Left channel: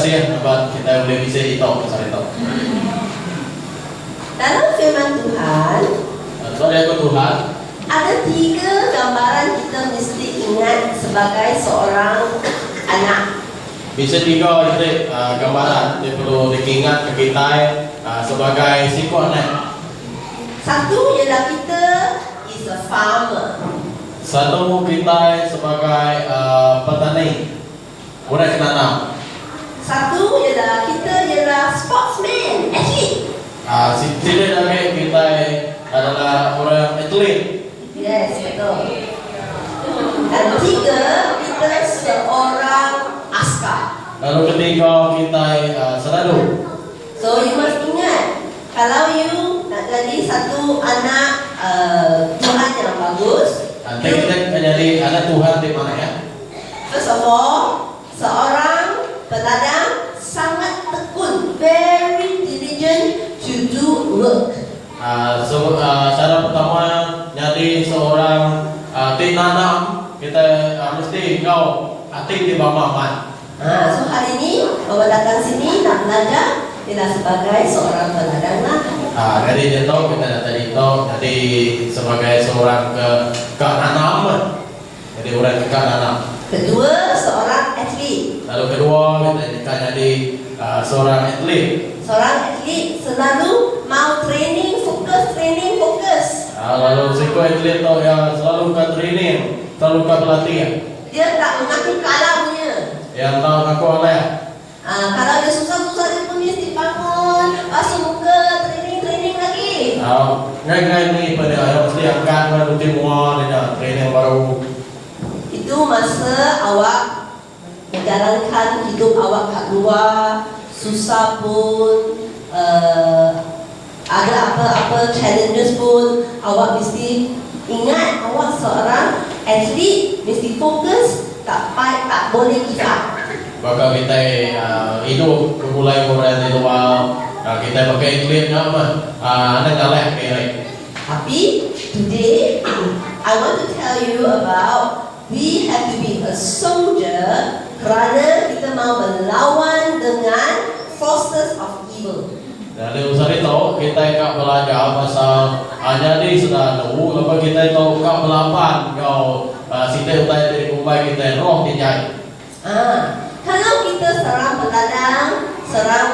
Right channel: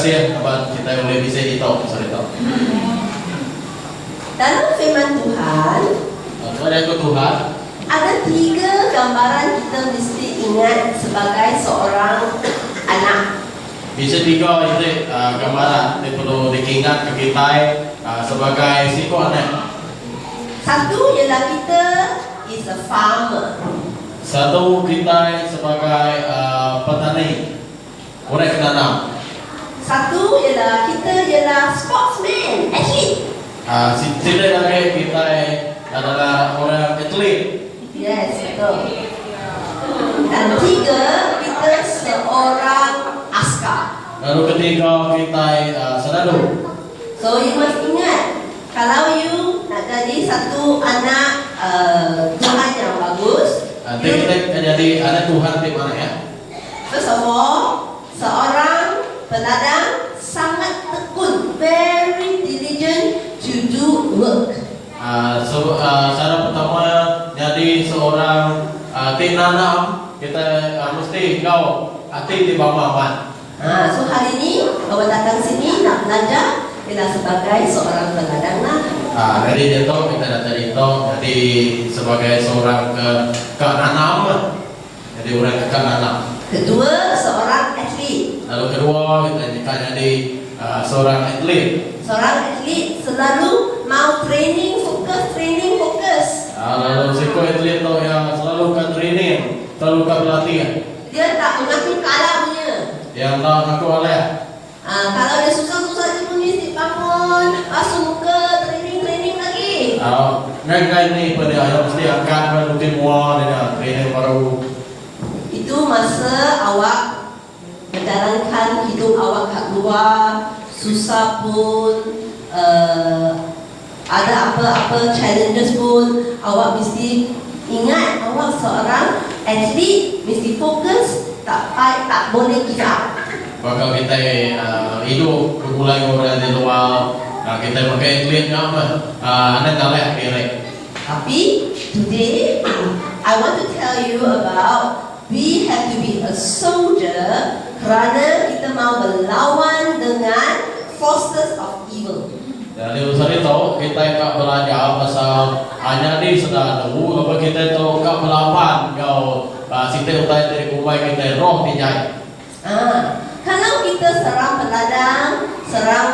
kasih abang kita boleh bisa itu pasal itu. Dalam firman Tuhan, Tuhan aku Tuhan. ada 3 gambaran kita mesti ingat sebagai seorang anak. Bisa 3 itu gambaran yang perlu diingat ke kita sebagai siko anak. Satu ialah kita is a farmer. Satu kita sebagai petani, orang penanam. Satu ialah kita ialah sportsman, athlete. Tidak lagi kita adalah orang atlet. Yes, betul. Dan 3, kita seorang askar. Lalu ketiga kita senadu. So you must ingat, kalau you nak jadi satu anak Tuhan yang bagus, Kita jadi anak Tuhan di mana ya? first of all, seorang peladang sangat tekun, very diligent to do work. Cara pertama jadi seorang tim nanam kita mesti kau tim di bawah man. So hari ini bawa datang sini nak belajar ialah sebagai seorang peladang lah. Dari itu kita datang itu jadi sebagai seorang ke nanam. Jadi orang ke nanam. Kedua, seorang atlet. Lalu kedua kita jadi seorang atlet. Seorang atlet selalu mau training fokus. Lalu siko atlet tu yang selalu ke training, selalu ke pelatihan. Dia tak mengaku kalah punya. Yang tahu aku oleh. Kalau dia susah-susah dia pun mesti bangun, basuh muka, training lagi. Ngai ni pada yang mesti angkat rutin mual dengan training baru. Itu masa awak menjalankan hidup awak kat luar, susah pun, ada apa-apa challenges pun, awak mesti ingat awak seorang atlet, mesti fokus, tak boleh give up. Maka kita hidup bermulai orang di luar, kita pakai atlet nama, anak galak kiri. Tapi today I want to tell you about we have to be a soldier kerana kita mau berlawan dengan forces of evil. Jadi usah itu kita tak belajar pasal hanya di senadu, kalau kita tahu tak melawan kau kita utai dari umai kita roh dijadi. Kalau kita seorang peladang, seorang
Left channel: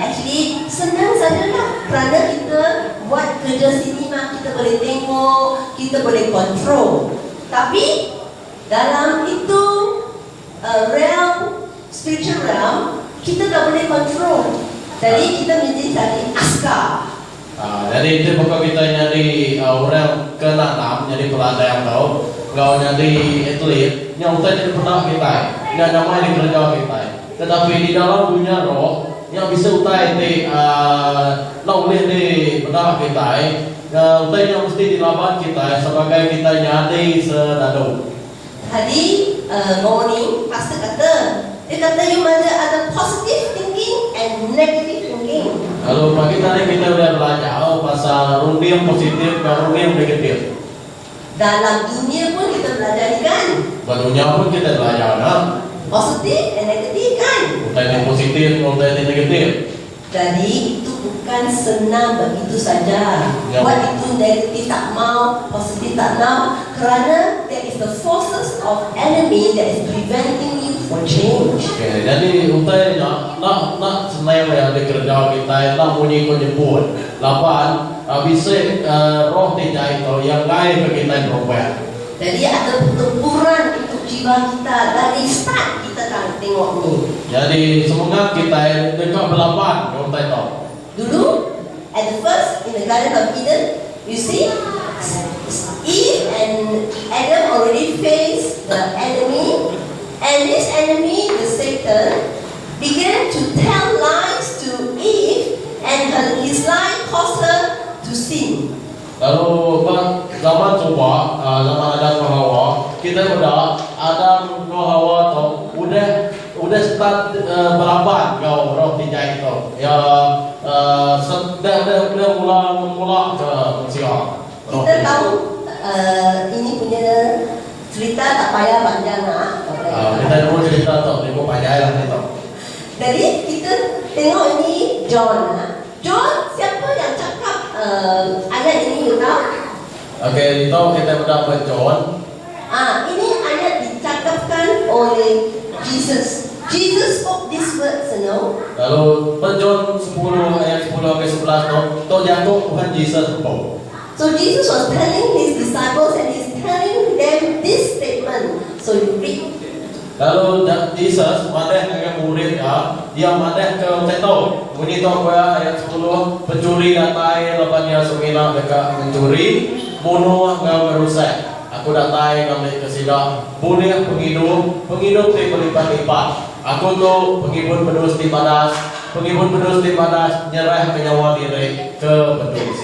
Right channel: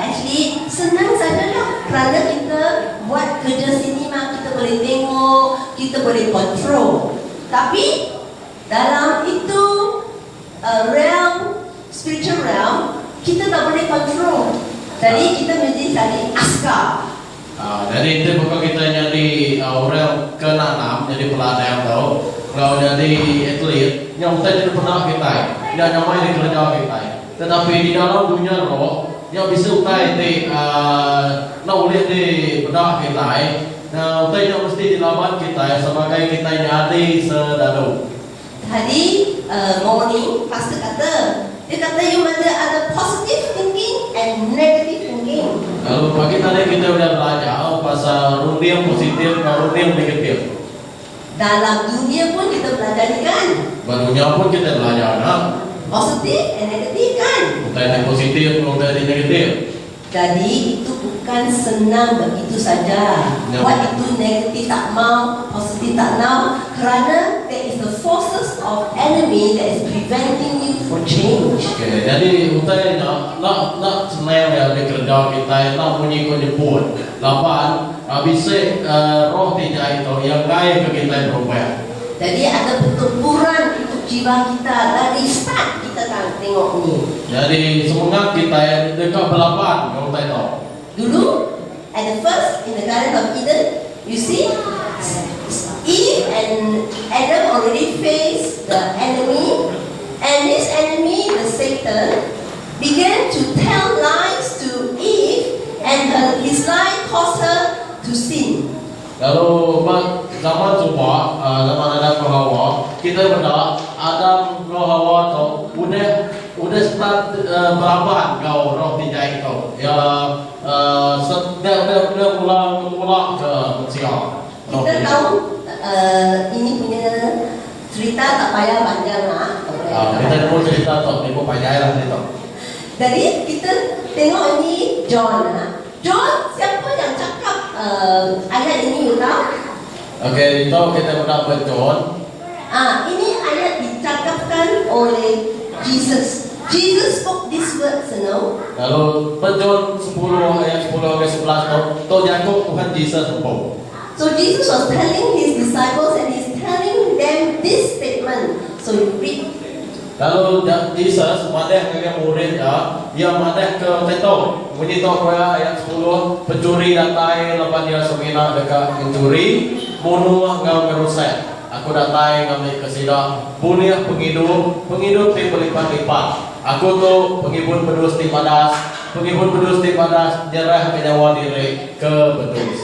atlet, senang sajalah kerana kita buat kerja sinema, kita boleh tengok, kita boleh control. Tapi dalam itu realm, spiritual realm, kita tak boleh control. Jadi kita mesti jadi askar. Jadi itu bukan kita jadi orang ke nanam, jadi peladang tau. Kalau jadi atlet, yang kita pernah kita, yang namanya kerja kita. Tetapi di dalam dunia roh, yang bisa utai di boleh di pernah kita, utai yang mesti dilawan kita sebagai kita jadi sedadu. Tadi morning pastor kata, dia kata you ada positive thinking and negative thinking. Lalu pagi tadi kita udah belajar pasal rundi yang positif dan rundi yang negatif. Dalam dunia pun kita belajar ni kan, Dunia pun kita belajar positif and negatif kan. utai yang positif, utai yang negatif. Jadi itu bukan senang begitu saja. Buat itu negatif tak mau, positif tak mau, kerana there is the forces of enemy that is preventing you for change. Okay, jadi utainya nak senang yang dikerja kita, nak bunyi kau nyebut, lawan bisa roh tidak itu yang lain ke kita berubah. Jadi ada pertempuran untuk jiwa kita dari start kita tengok ni. Jadi semangat kita dekat berlawan kalau kita tahu. Dulu, at the first in the Garden of Eden, you see, Eve and Adam already faced the enemy, and this enemy, the Satan, began to tell lies to Eve, and his lie caused her to sin. Lalu zaman coba, zaman Adam ke Hawa, kita berdak Adam ke Hawa tu udah start berlawan kau roh tidak itu. Ya, dia mula ke manusia. Kita tahu ini punya cerita tak payah panjang lah. Kita pun cerita tu, dia pun panjang lah itu. Jadi kita tengok ini John. John, siapa yang cakap ayat ini Yuna? Okey, itu kita mendapat John. Ini ayat dicakapkan oleh Jesus. Jesus spoke these words, you know. Lalu John 10 ayat 10 sampai 11 tu jatuh Tuhan Yesus sebut. So Jesus was telling his disciples and he's telling them this statement. So you read. Lalu Yesus madah dengan murid dia madah ke teto. Bunyi tu ayat 10, pencuri datai lepas dia semina dekat mencuri, bunuh ngau merusak. Aku datai ngambil kesidak, bunuh penghidup ti berlipat-lipat. Aku tu penghibur pedus ti padas, nyerah ke nyawa diri ke pedus.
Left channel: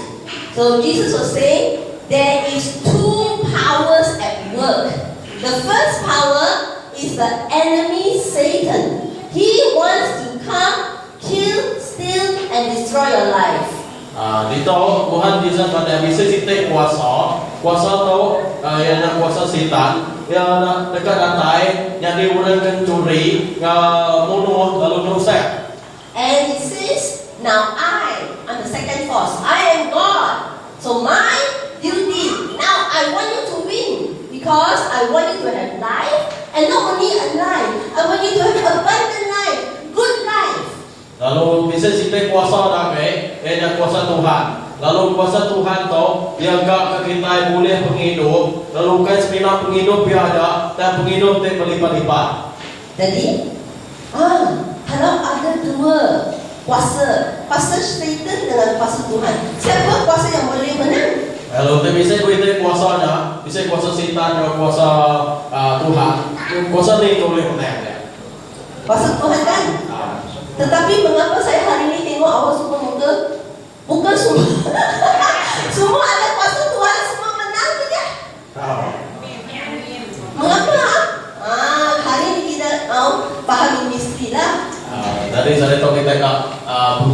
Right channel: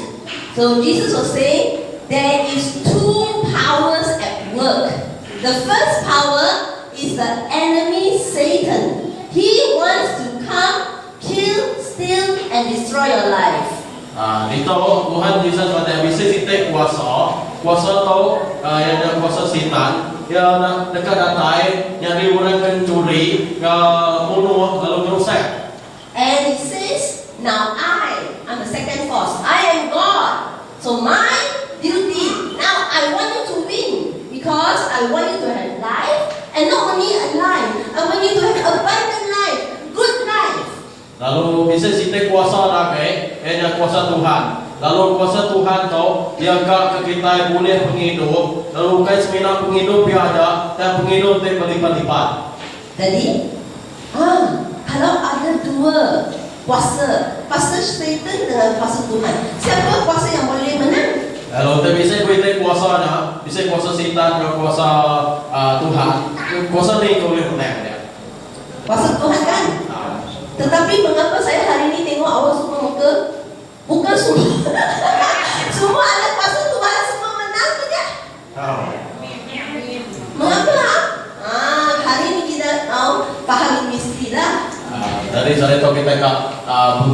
So Jesus was saying there is two powers at work. The first power is the enemy Satan. He wants to come, kill, steal and destroy your life. Dito Tuhan Yesus kata bisa kita kuasa tu yang nak kuasa setan yang nak dekat datai yang diurangkan curi bunuh lalu merusak. And it says, now I'm the second force. I am God. So my duty, now I want you to win. Because I want you to have life. And not only a life, I want you to have abundant life. Good life. Lalu bisa kita kuasa dagai yang kuasa Tuhan. Lalu kuasa Tuhan tu yang ke kita boleh penghidup. Lalu kai semina penghidup dia ada dan penghidup dia berlipat-lipat. Jadi, kalau ada dua kuasa Satan dengan kuasa Tuhan, siapa kuasa yang boleh menang? Lalu kita bisa kuasanya, bisa kuasa setan dan kuasa Tuhan. Kuasa ni kau boleh menang dia. Kuasa Tuhan kan? Tetapi mengapa saya hari ini tengok awak semua muka? Bukan semua. Semua ada kuasa Tuhan, semua menang tidak? Mengapa? Hari ini kita faham misteri lah. Tadi saya tahu kita nak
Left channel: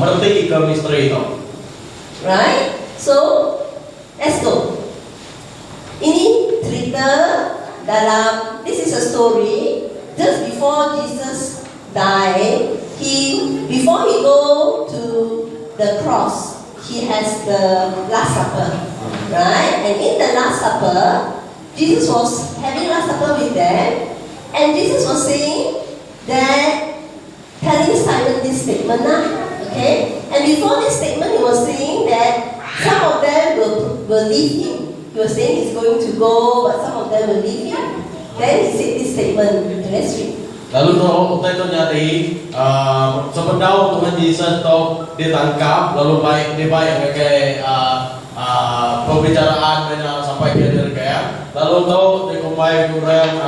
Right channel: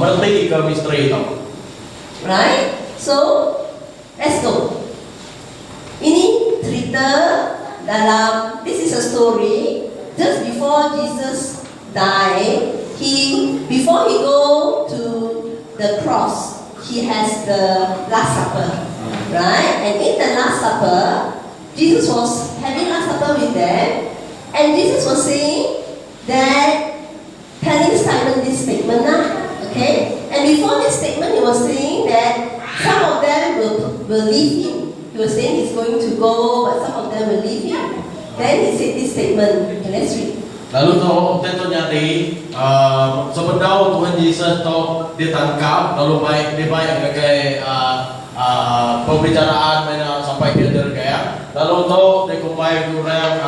berhenti ke misteri itu. Right? So, let's go. Ini cerita dalam, this is a story just before Jesus died. Before he go to the cross, he has the Last Supper, right? And in the Last Supper, Jesus was having Last Supper with them, and Jesus was saying that, telling Simon this statement, okay? And before this statement, he was saying that some of them will leave him. He was saying he's going to go, but some of them will leave him. Then he said this statement. Let's read. Lalu tu nyari sebenarnya Tuhan Yesus tu ditangkap lalu dia baik ke pembicaraan dengan sampai ke dergaya. Lalu tu dia kumpai orang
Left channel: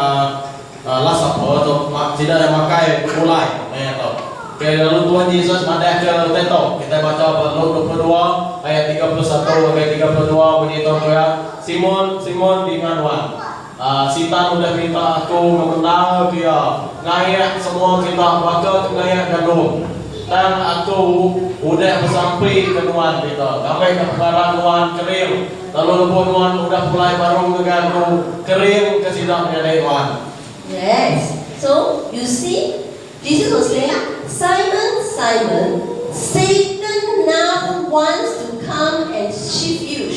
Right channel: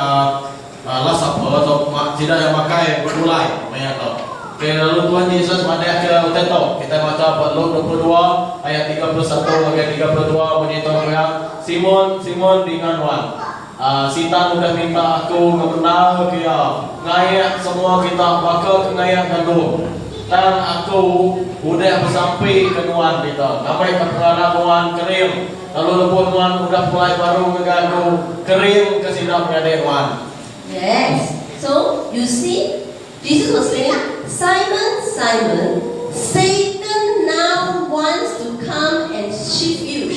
Last Supper atau tidak yang makai mulai macam tu. Okay, lalu Tuhan Yesus madah ke teto. Kita baca Luke 22 ayat 31 sampai 32 bunyi tu Simon dengan Wan. Setan udah minta aku mengenal dia, ngayak semua kita maka ngayak gandum. Dan aku udah bersampai ke nuan kita, sampai ke perada nuan kering. Lalu lepas nuan udah mulai baru ngeganggu kering ke sidang nyadai nuan. Yes. So you see, Jesus was saying, Simon, Simon, Satan now wants to come and shake you.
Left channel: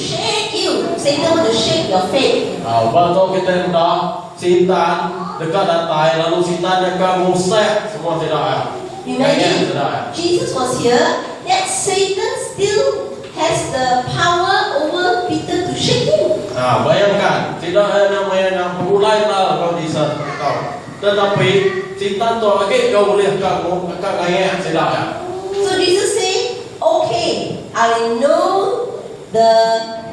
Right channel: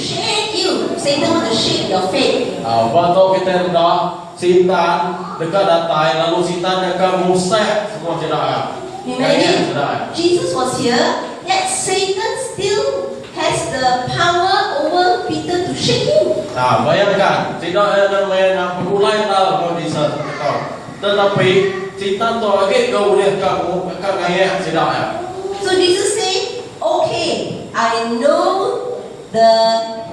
Satan wants to shake your faith. Waktu kita hendak setan dekat datai, lalu setan yang akan musik semua sedar. Imagine, Jesus was here, yet Satan still has the power over Peter to shake him. Bayangkan, tidak ada yang berulai lah kalau bisa tahu. Tetapi setan tu lagi kau boleh kamu akan ngayak sedar. So Jesus said, okay, I know the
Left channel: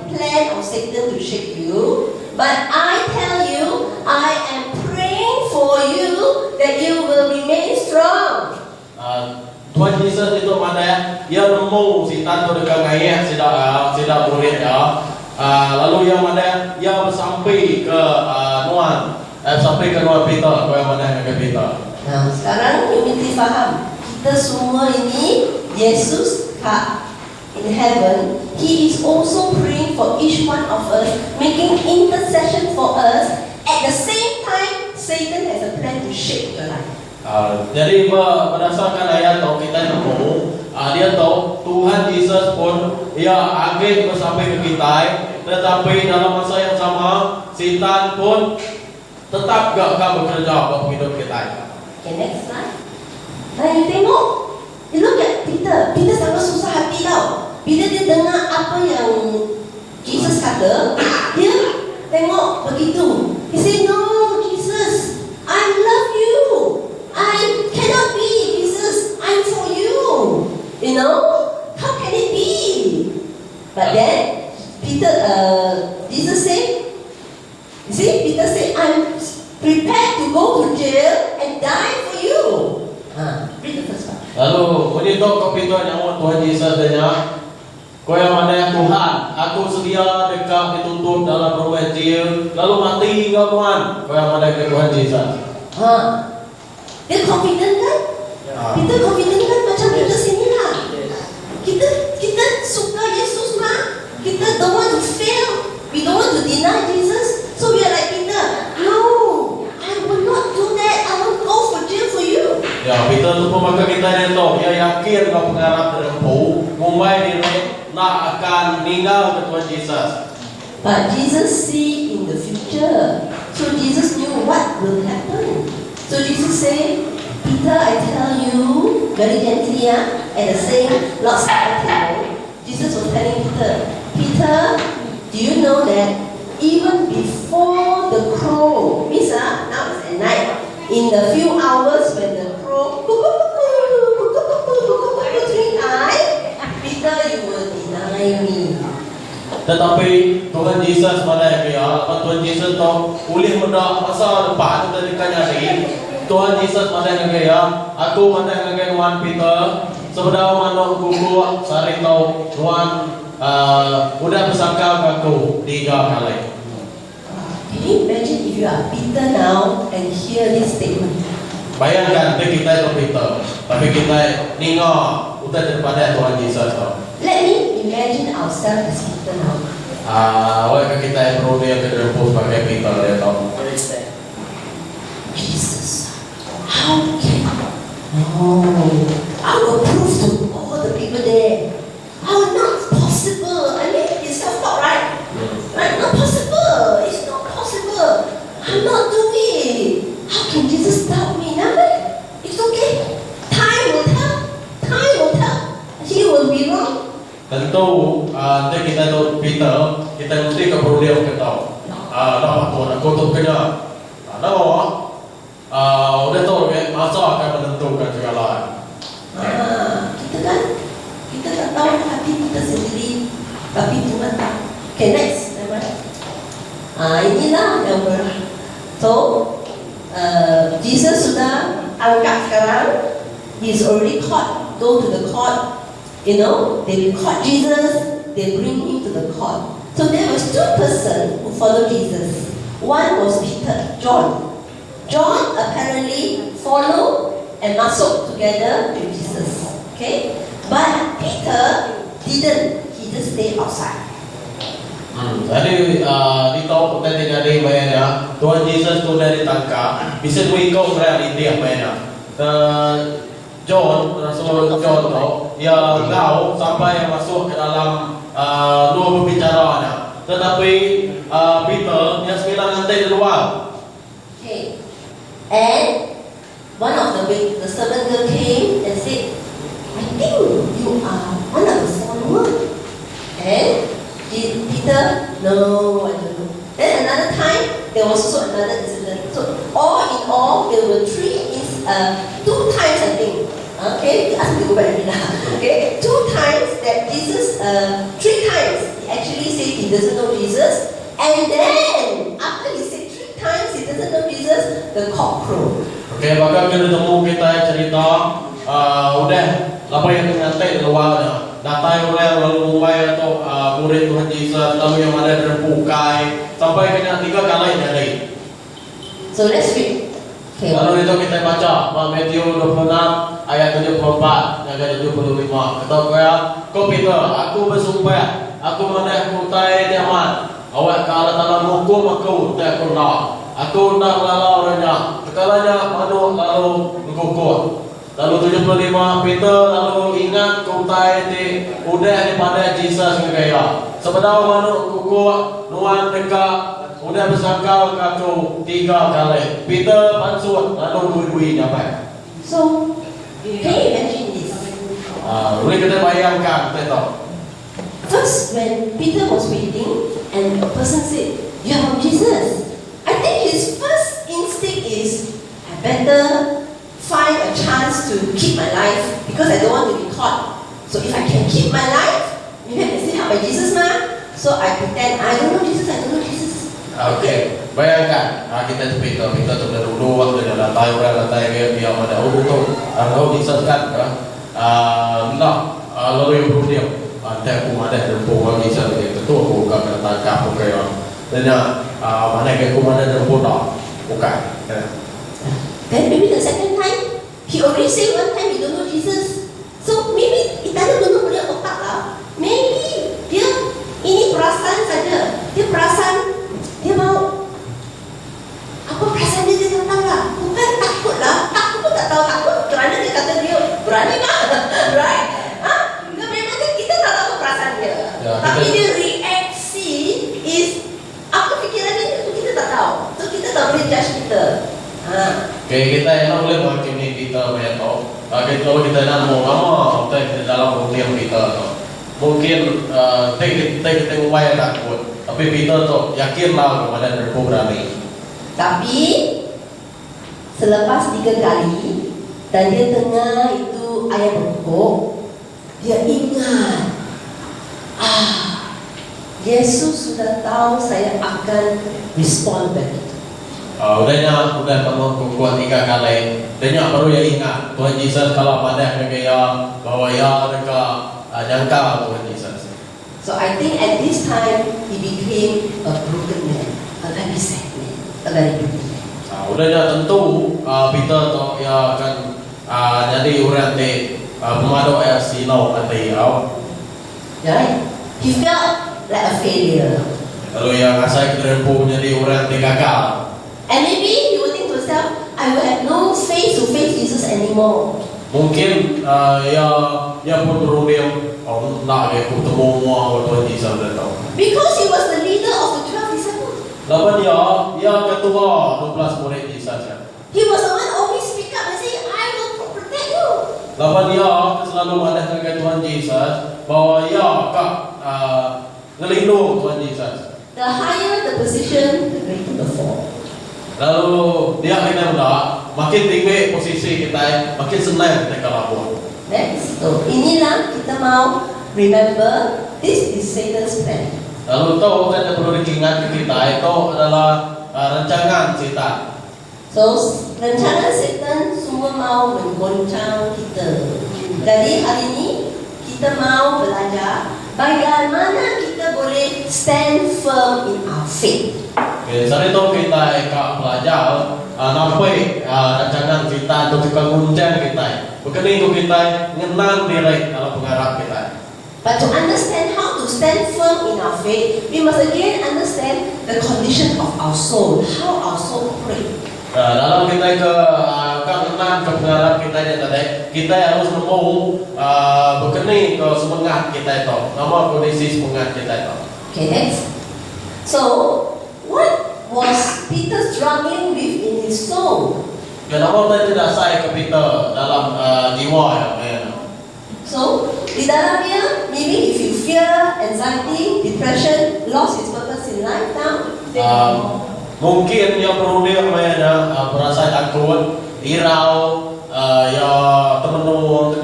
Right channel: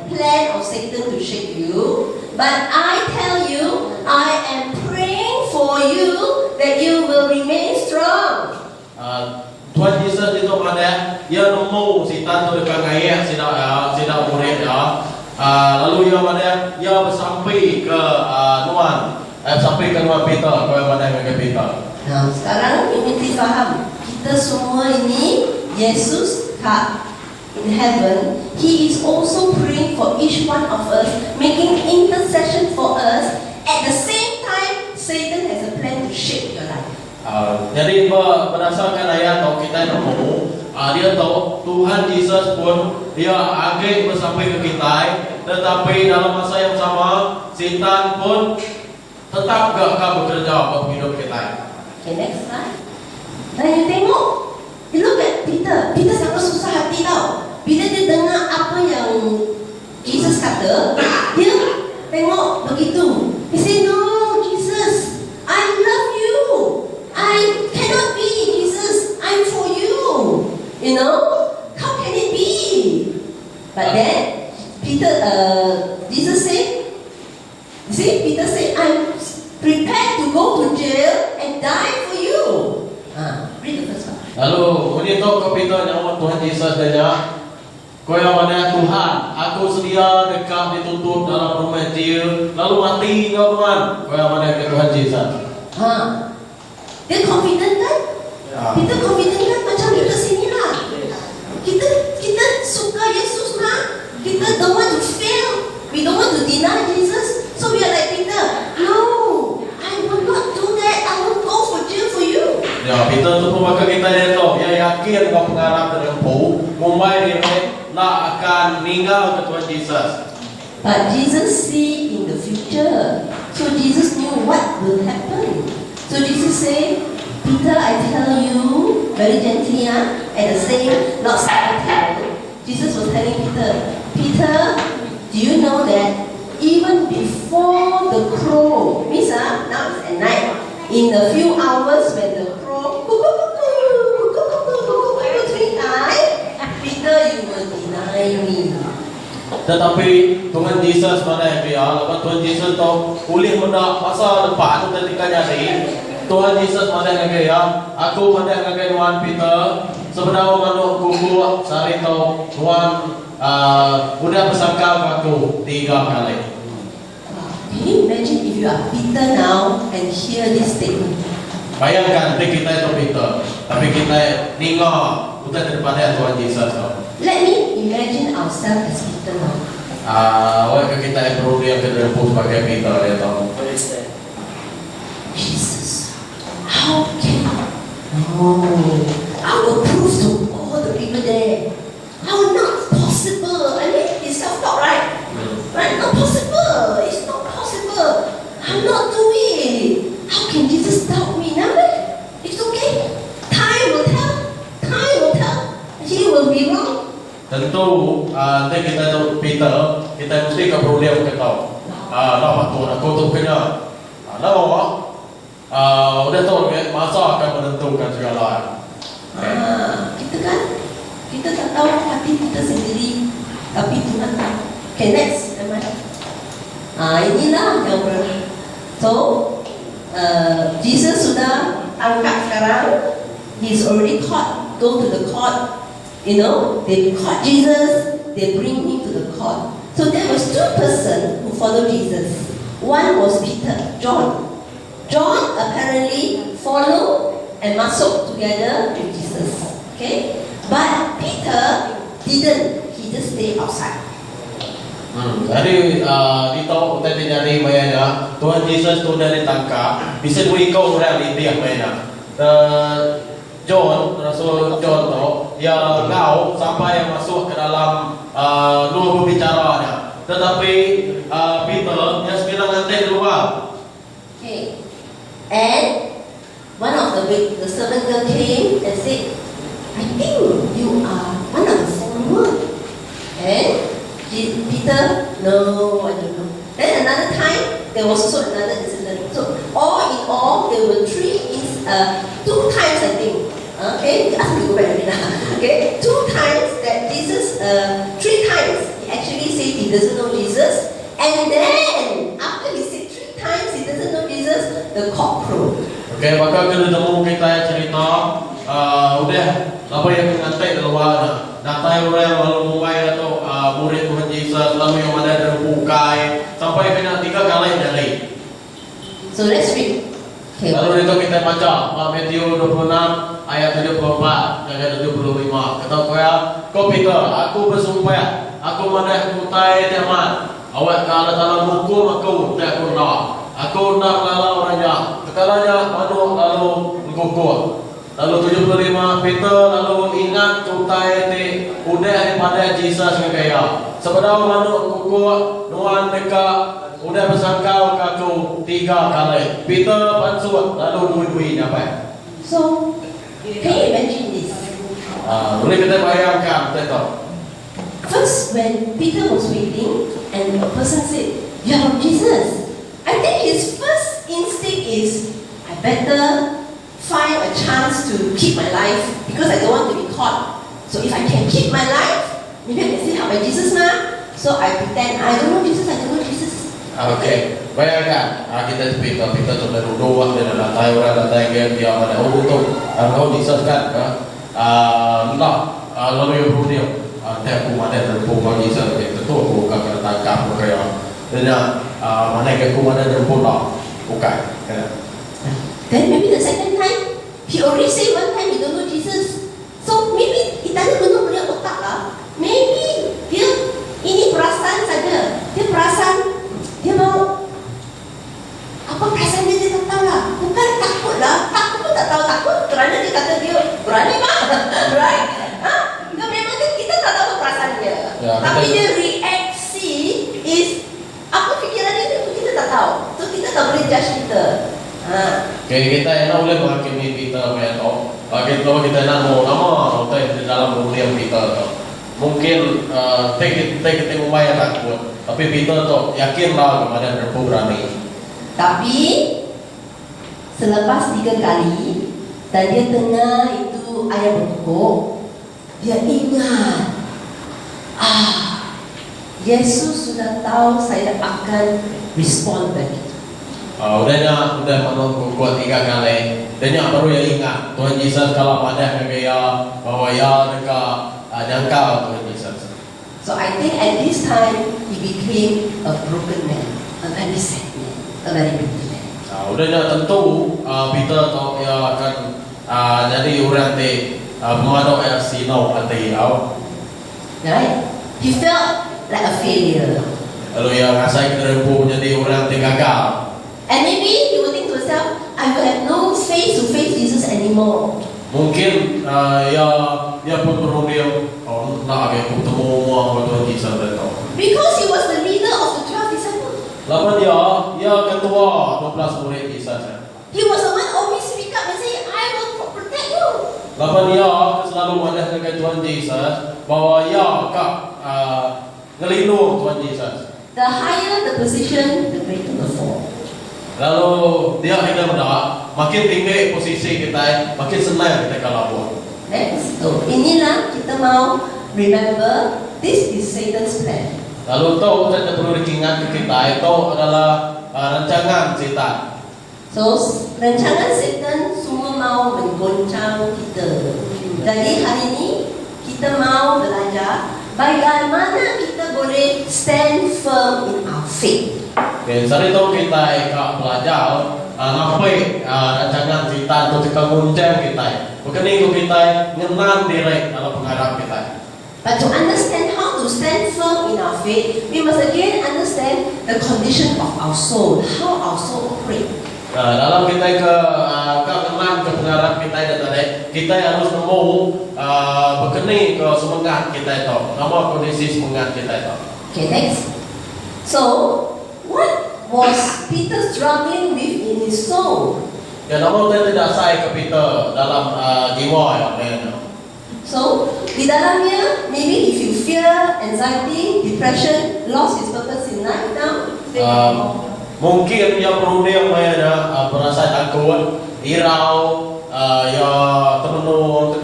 plan of Satan to shake you, but I tell you, I am praying for you that you will remain strong. Tuhan Yesus itu mana? Ia nemu setan tu dekat ngayak sedar murid ya. Lalu ia mana? Ia bersampai ke nuan, sampai ke nuan Peter, kau mana ke Peter. Nah, sekarang you mesti faham, kita semua ini Yesus in heaven, He is also praying for each one of us, making intercession for us. At the same time, Satan has a plan to shake your life. Jadi berdasarkan ayat tu kita nemu dia tahu Tuhan Yesus pun dia agak sampai ke kita, tetapi dalam masa yang sama setan pun tetap gak bekerja buat hidup kita. Okay, next slide. Nah, you tengok, you look at Peter. Peter sangat susah hati tau. Bila dia dengar apa yang Jesus kata, dia tengok begitu. He said, no, Jesus, I love you. I cannot be, Jesus. I'm for you. You know, how can it be? But then, Jesus said, see, Peter said, I'm prepared to go to jail and die for you. Read the first one. Lalu menito kapito yang Tuhan Yesus tanya, kau yang mana Tuhan, aku sedia dekat ditutup dalam rumah jail, lalu mati kau Tuhan. Kau yang mana ke Tuhan Yesus? Dia confident kan? Kita confident kan macam kita sini lah. Kita suka Yesus mah. Kita don't want to fail. We don't want to deny Jesus. So we are like Peter. No, I will not do that. I will go for jail for you. Ya, Peter tu pemakai kita ni tu. Dia yakin kau pengarap terempu, Mumbai ni nak akan meninggal ke Tuhan Yesus. But Jesus see in the future. So Jesus knew what will happen. So Jesus say, Peter, I tell you, very gently, at the same Lord's Supper table, Jesus was telling Peter, Peter, do you know that even before the crow, means now it's at night, in the few hours when the crow, three times, Peter, you will deny me. Tetapi Tuhan Yesus mana yang dia, lepas Tuhan Yesus tahu boleh mendak masa depan ketika jadi Tuhan Yesus mana yang dia, aku mana yang dia Tuhan Peter, sebenarnya manuk kuku sari tahu Tuhan udah bersangka aku 3 kali. Can you imagine if you are Peter now and hear this statement? Bayangkan kita itu Peter, tapi kita ningok udah daripada Tuhan Yesus tahu. Let me imagine ourselves as Peter now. Walaupun kita yang perlu yang kedua sebagai Peter dia tahu. Jesus, how can? No, I will prove to all the people there. How not possible? I mean, it's self-taught, right? Right? Not possible. It's not possible. I'm not doing. How can Jesus doubt me? Now, it's okay. Time will tell. Time will tell. He will be wrong. Tentu nanti kita tu Peter, kita mesti perlu dia tahu. Nama Tuhan aku tu kena. Udah tahu kan masa akan menentukan segala. Kita kan, kita tak tahu hati kita sendiri, tapi Tuhan tahu. Okay, next. Inilah yang so Jesus sudah angkat sekarang. He's already caught. Go to the court. You know, they caught Jesus, they bring him to the court. So there was 2 persons who followed Jesus. One was Peter, John. John apparently followed and masuk together with Jesus. Okay? But Peter didn't. He just stayed outside. Jadi dito kita jadi banyak Tuhan Yesus tu dari tangka bisa ikut realiti apa ya. John, Rasul John tu, ia tahu siapa yang masuk ke dalam dua pembicaranya. Tetapi Peter yang 9 lantai di luar. Okay. And one of the servant girl came and said, I think you are one of the followers. And Peter, no, I don't know. Then another time, there was also another incident. So all in all, there were 2 times I think. Okay, ask me to go back again. Okay, 2 times that Jesus, 3 times he actually said he doesn't know Jesus, and then after he said 3 times he doesn't know Jesus, the cock crowed. Okay, maka kita temu kita yang cerita, udah apa yang nanti di luar datang orang lalu Mumbai atau murid Tuhan Yesus lalu yang mana terbukai sampai kena 3 kali jadi. So let's read. Okay. Lalu itu kita baca Matthew 26 ayat 74 dan 75. Kata kau Peter, aku bersumpah, aku mana kutai diaman. Awak kalau dalam hukum aku tak aku nak. Aku nak lalu orangnya Sekalanya Manu lalu gugur. Lalu 75 Peter lalu ingat kutai di udah daripada Jesus yang kaya. Sebenarnya Manu gugur nuan dekat udah bersangkau kaku 3 kali. Peter pansut lalu dua-duanya apa? So, can you imagine this? Boleh kita bayangkan betul. First, when Peter was waiting and a person said, "You are from Jesus," I think his first instinct is, I better find a chance to keep my life because I don't want to be caught. So if I can keep my life, maybe I can still help by Jesus ma. So I pretend I don't know Jesus, I don't know Jesus. Okay, bayangkan kita tu Peter sudah duduk waktu dalam tahu dia pada tu, kalau disesatkan ke, lalu yang berdiam. Tapi aku ada terpukul lagi saya tu aku akan tangkap kaya. Dan mana aku ada terpukul bukan. Then maybe the second time, he already say one time he don't know Jesus. So maybe itanya belum punya otak lah. Maybe dia ini perasaan saja. Dia perasan dia mau apa perasaan dia tak tahu lah. Bukan takut lah. Takut pun tak tahu takut kerana dia kata dia berani mah. Right? Dia memang kita tak tahu perasaan dia. Ya, tapi kita, dia reaksi is apa fikiran dia tu kita tak tahu. So kita tak boleh judge kita. Okay, kita nak boleh menghakimi Peter mereka. Kalau kita nak mau lama di dalam dunia Peter tu, mungkin kita mulai takut. Tapi Peter tu yakinlah kepada mereka berani. Tapi selepas 3 kali dan dia dengar itu ayam berkokok, dia ingat, Yesus sudah tahu saya akan respond begitu. Udah penuh kuat 3 kali. Dan baru ya ingat Tuhan Yesus kalau pada kaya bahwa ya mereka jangka Tuhan Yesus. So I think at this time he became a broken man, a very sad man, a very bitter man. Udahnya tentu Peter tu ya akan jadi orang di pemadam yang silau hati awak. Right? He felt like a failure. Kalau yang asal kita punya jadi orang di gagal. And maybe he would think to himself, I will have no space to face Jesus anymore. Mungkin ya pun berunding nak aku temu mau Tuhan Yesus datang. Because he was the leader of the 12 disciples. Lapan ya ketua 12 murid Yesus ya. He was the one always speak up and say, I will protect you. Lapan ya selalu ada dengan Tuhan Yesus bahwa ya kak ngelindung Tuhan Yesus. The higher the position, the greater the fall. Lalu dia kita pula makin tinggi posisi kita, makin senang kita kalahkan. Next, inilah kita mau remember this is Satan's plan. Lalu tahu kita perlu diingat kita itu adalah rancangan setan. So rancangan setan semua mau menggoncang kita. Jadi hari ini kita mau belajar bagaimana kita boleh stand firm in our faith. Okay, saat itu kita akan belajar nampai rancangan kita untuk menguncang kita. Bukan itu kita ngenal diri dalam pengharap kita. But to understand how to stand firm in our faith, we must again understand the condition of our soul, how our soul operates. Dalam kita ke enam ke pengharap kita tadi, kita harus mau berkening ke semangat kita itu, nama kondisi semangat kita itu. Okay, next. So, what was Peter struggling with in his soul? Dan nama kita tidak saya ke Peter dalam jiwa yang lainnya. So, di dalamnya, maybe if you fear, anxiety, depression, lost his purpose in life now, mungkin dia berunding mana perasaan takut, irau, ya terkenung,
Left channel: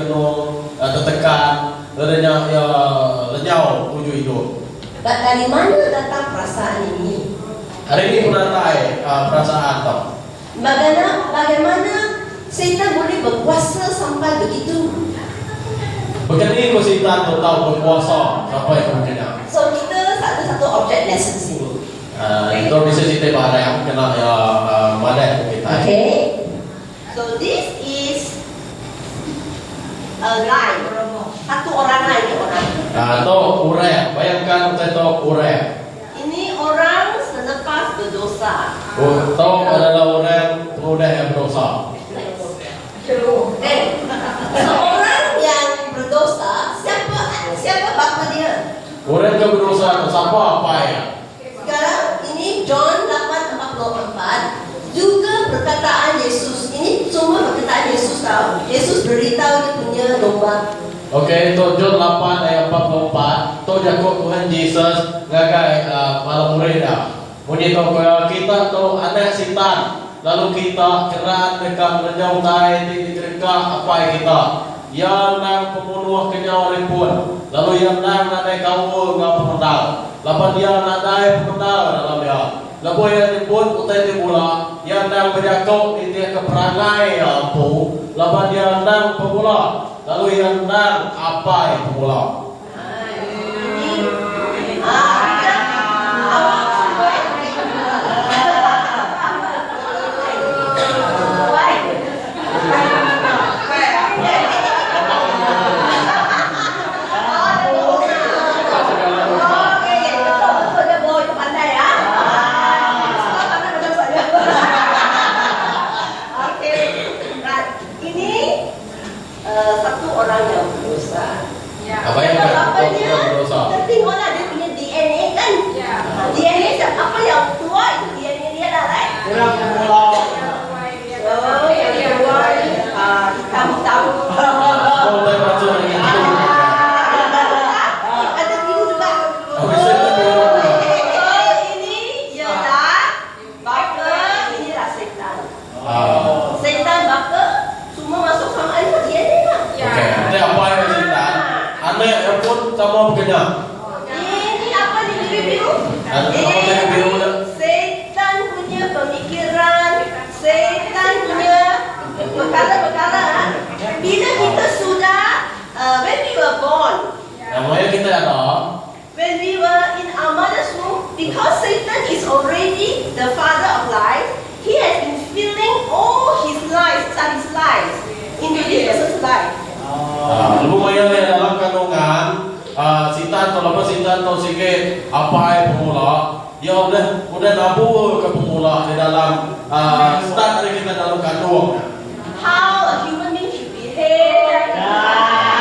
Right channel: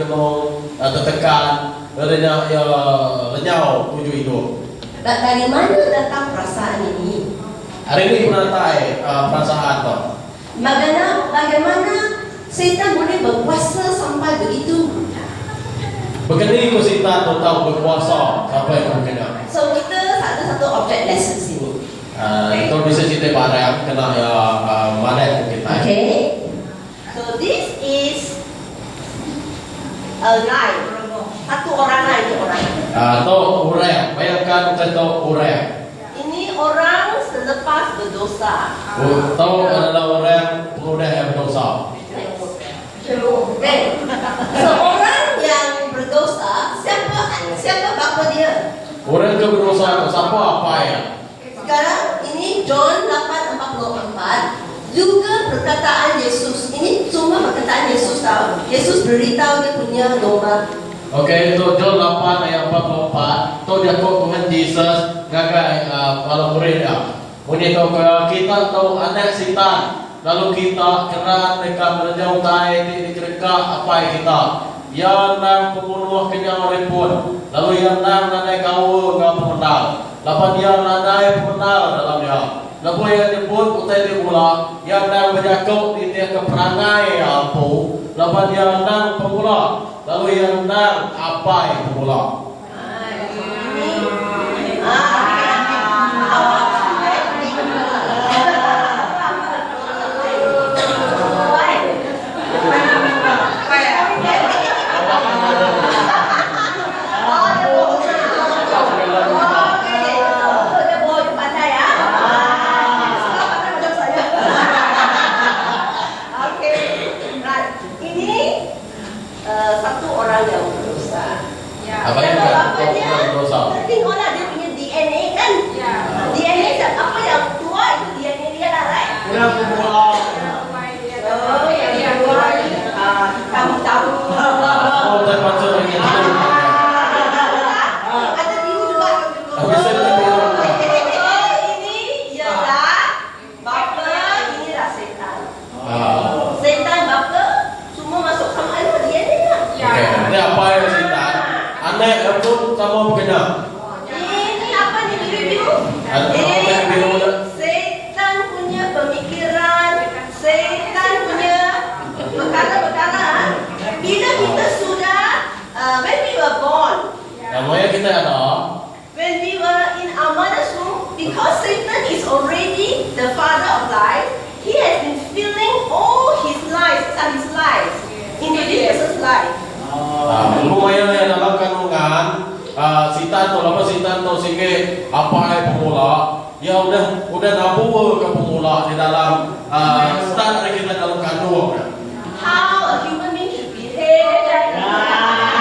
tertekan, adanya ya lenyau tujuh hidup. Dari mana datang perasaan ini? Hari ini penatai perasaan tu. Bagaimana setan boleh berkuasa sampai begitu? Begini kita tahu berkuasa sampai kemungkinan. So kita ada satu object lesson sini. Itu bisa cerita barang kena ya mana kita. Okay. So this is a guy. Satu orang lagi orang. Itu orang. Bayangkan itu orang. Ini orang selepas berdosa. Itu adalah orang mudah yang berdosa. Dan seorang yang berdosa, siapa bapa dia? Orang yang berdosa itu siapa apa ya? Sekarang ini John 8:44 juga perkataan Yesus. Ini semua perkataan Yesus tahu. Yesus beritahu dia punya domba. Okey, itu John 8 ayat 44. Itu dia kau Tuhan Yesus ngakai para muridnya. Bunyi tu kita tahu anak setan. Lalu kita kerat dekat menjauh tai di dekat apa kita. Yang nang pembunuh kenyawa pun. Lalu yang nang nanai kau ngap pemendal. Lapan dia nanai pemendal dalam dia. Lalu yang dipun utai di pula. Yang nang berjakau di dia keperangai ampu. Lapan dia nang pemula. Lalu yang nang apa yang pemula. Satu orang yang berdosa. Apa yang berdosa? Tengoklah dia punya DNA kan? DNA apa yang tua itu DNA dia lah, right? Hitam-hitam. Oh, termasuk lagi itu. Ada biru juga. Bisa betul. Ini ialah bapa, inilah setan. Ah. Setan bapa semua masuk sama air DNA lah. Okey, itu apa yang setan? Anak yang pun sama berkena. Ini apa ni biru-biru? Biru. Setan punya pemikiran, setan punya perkara-perkara. Bila kita sudah, when we were born, Namanya kita ada. when we were in our mother's womb, because Satan is already the father of life, he has been filling all his life into this person's life. Lumayan yang dalam kandungan setan tu lama setan tu sige apa yang pemula. Ya udah nabur ke pemula di dalam start dari kita dalam kandung. How a human being should behave.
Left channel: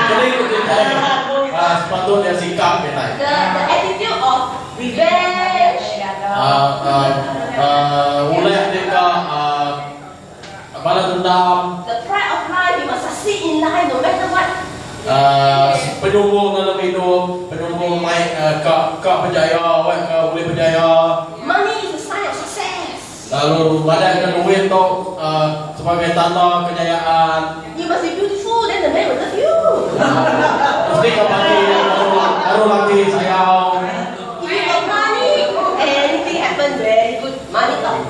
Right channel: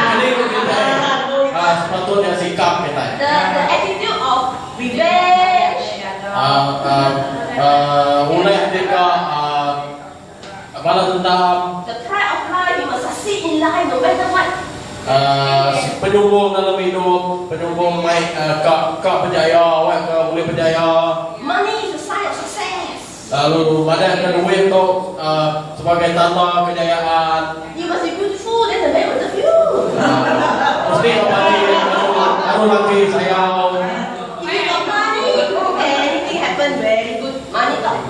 Jadi kita sepatutnya sikap kita. The attitude of revenge. Mulai kita balas dendam. The pride of life, you must succeed in life no matter what. Penyumbung dalam hidup, penyumbung naik ke berjaya, awak ke boleh berjaya. Money is a sign of success. Lalu badan ke duit tu sebagai tanda kejayaan. You must be beautiful, then the man will love you. Mesti kau mati, baru lagi sayang. If you got money, anything happen very good. Money talk.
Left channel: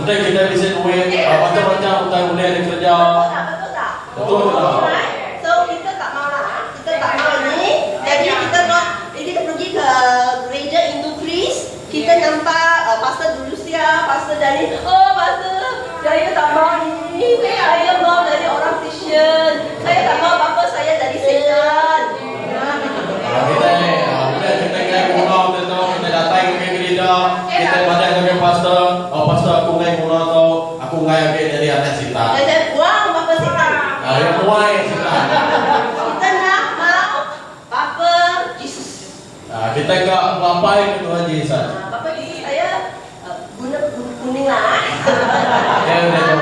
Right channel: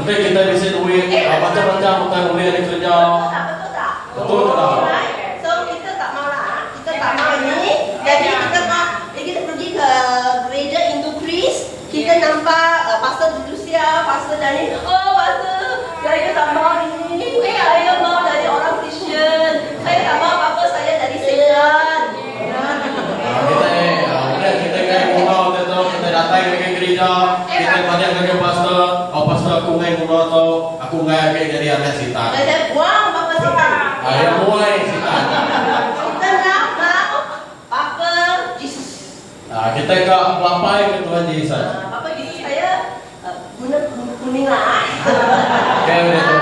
Nanti kita bisa duit, macam-macam kita boleh ada kerja. Betul tak? Betul tak? Alright. So kita tak mau lah. Kita tak mau ni. Jadi kita pergi ke gereja Hindu Kris. Kita nampak pastor Dulusia, pastor dari, oh pastor, saya tak mau ni. Saya mau dari orang Kristian. Saya tak mau apa-apa, saya dari setan. Kita ingat pulau tu, kita datang ke gereja, kita banyak dengan pastor, pastor aku ingat pulau tu, aku ingat jadi anak setan. Saya buang apa setan. Yang muai setan. Kita nak mau apa Jesus. Kita kat apa yang Tuhan Yesus. Apa Jesus saya guna kuning lah. Okey, boleh tu.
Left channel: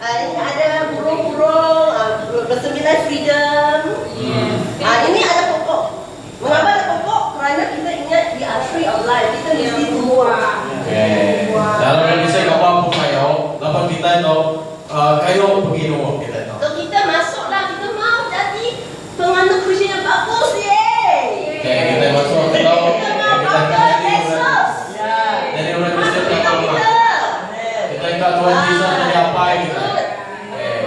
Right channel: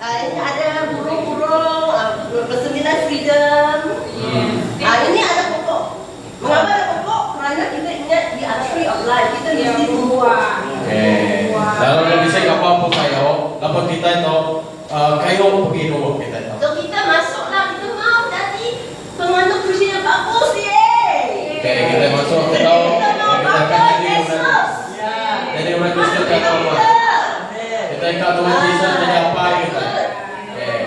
Ini ada burung-burung, bersembilan freedom. Ini ada pokok. Mengapa ada pokok? Kerana kita ingat di tree of life. Kita mesti tumbuh. Okey. Dalam kondisi apa pun kayo, lepas kita itu kayo pergi rumah kita itu. So kita masuklah, kita mau jadi penganut Kristian yang bagus ye. Okey, kita masuk ke dalam. Kita mau apa? Yesus. Jadi orang Kristen yang tahu. Kita kat Tuhan Yesus jadi apa kita?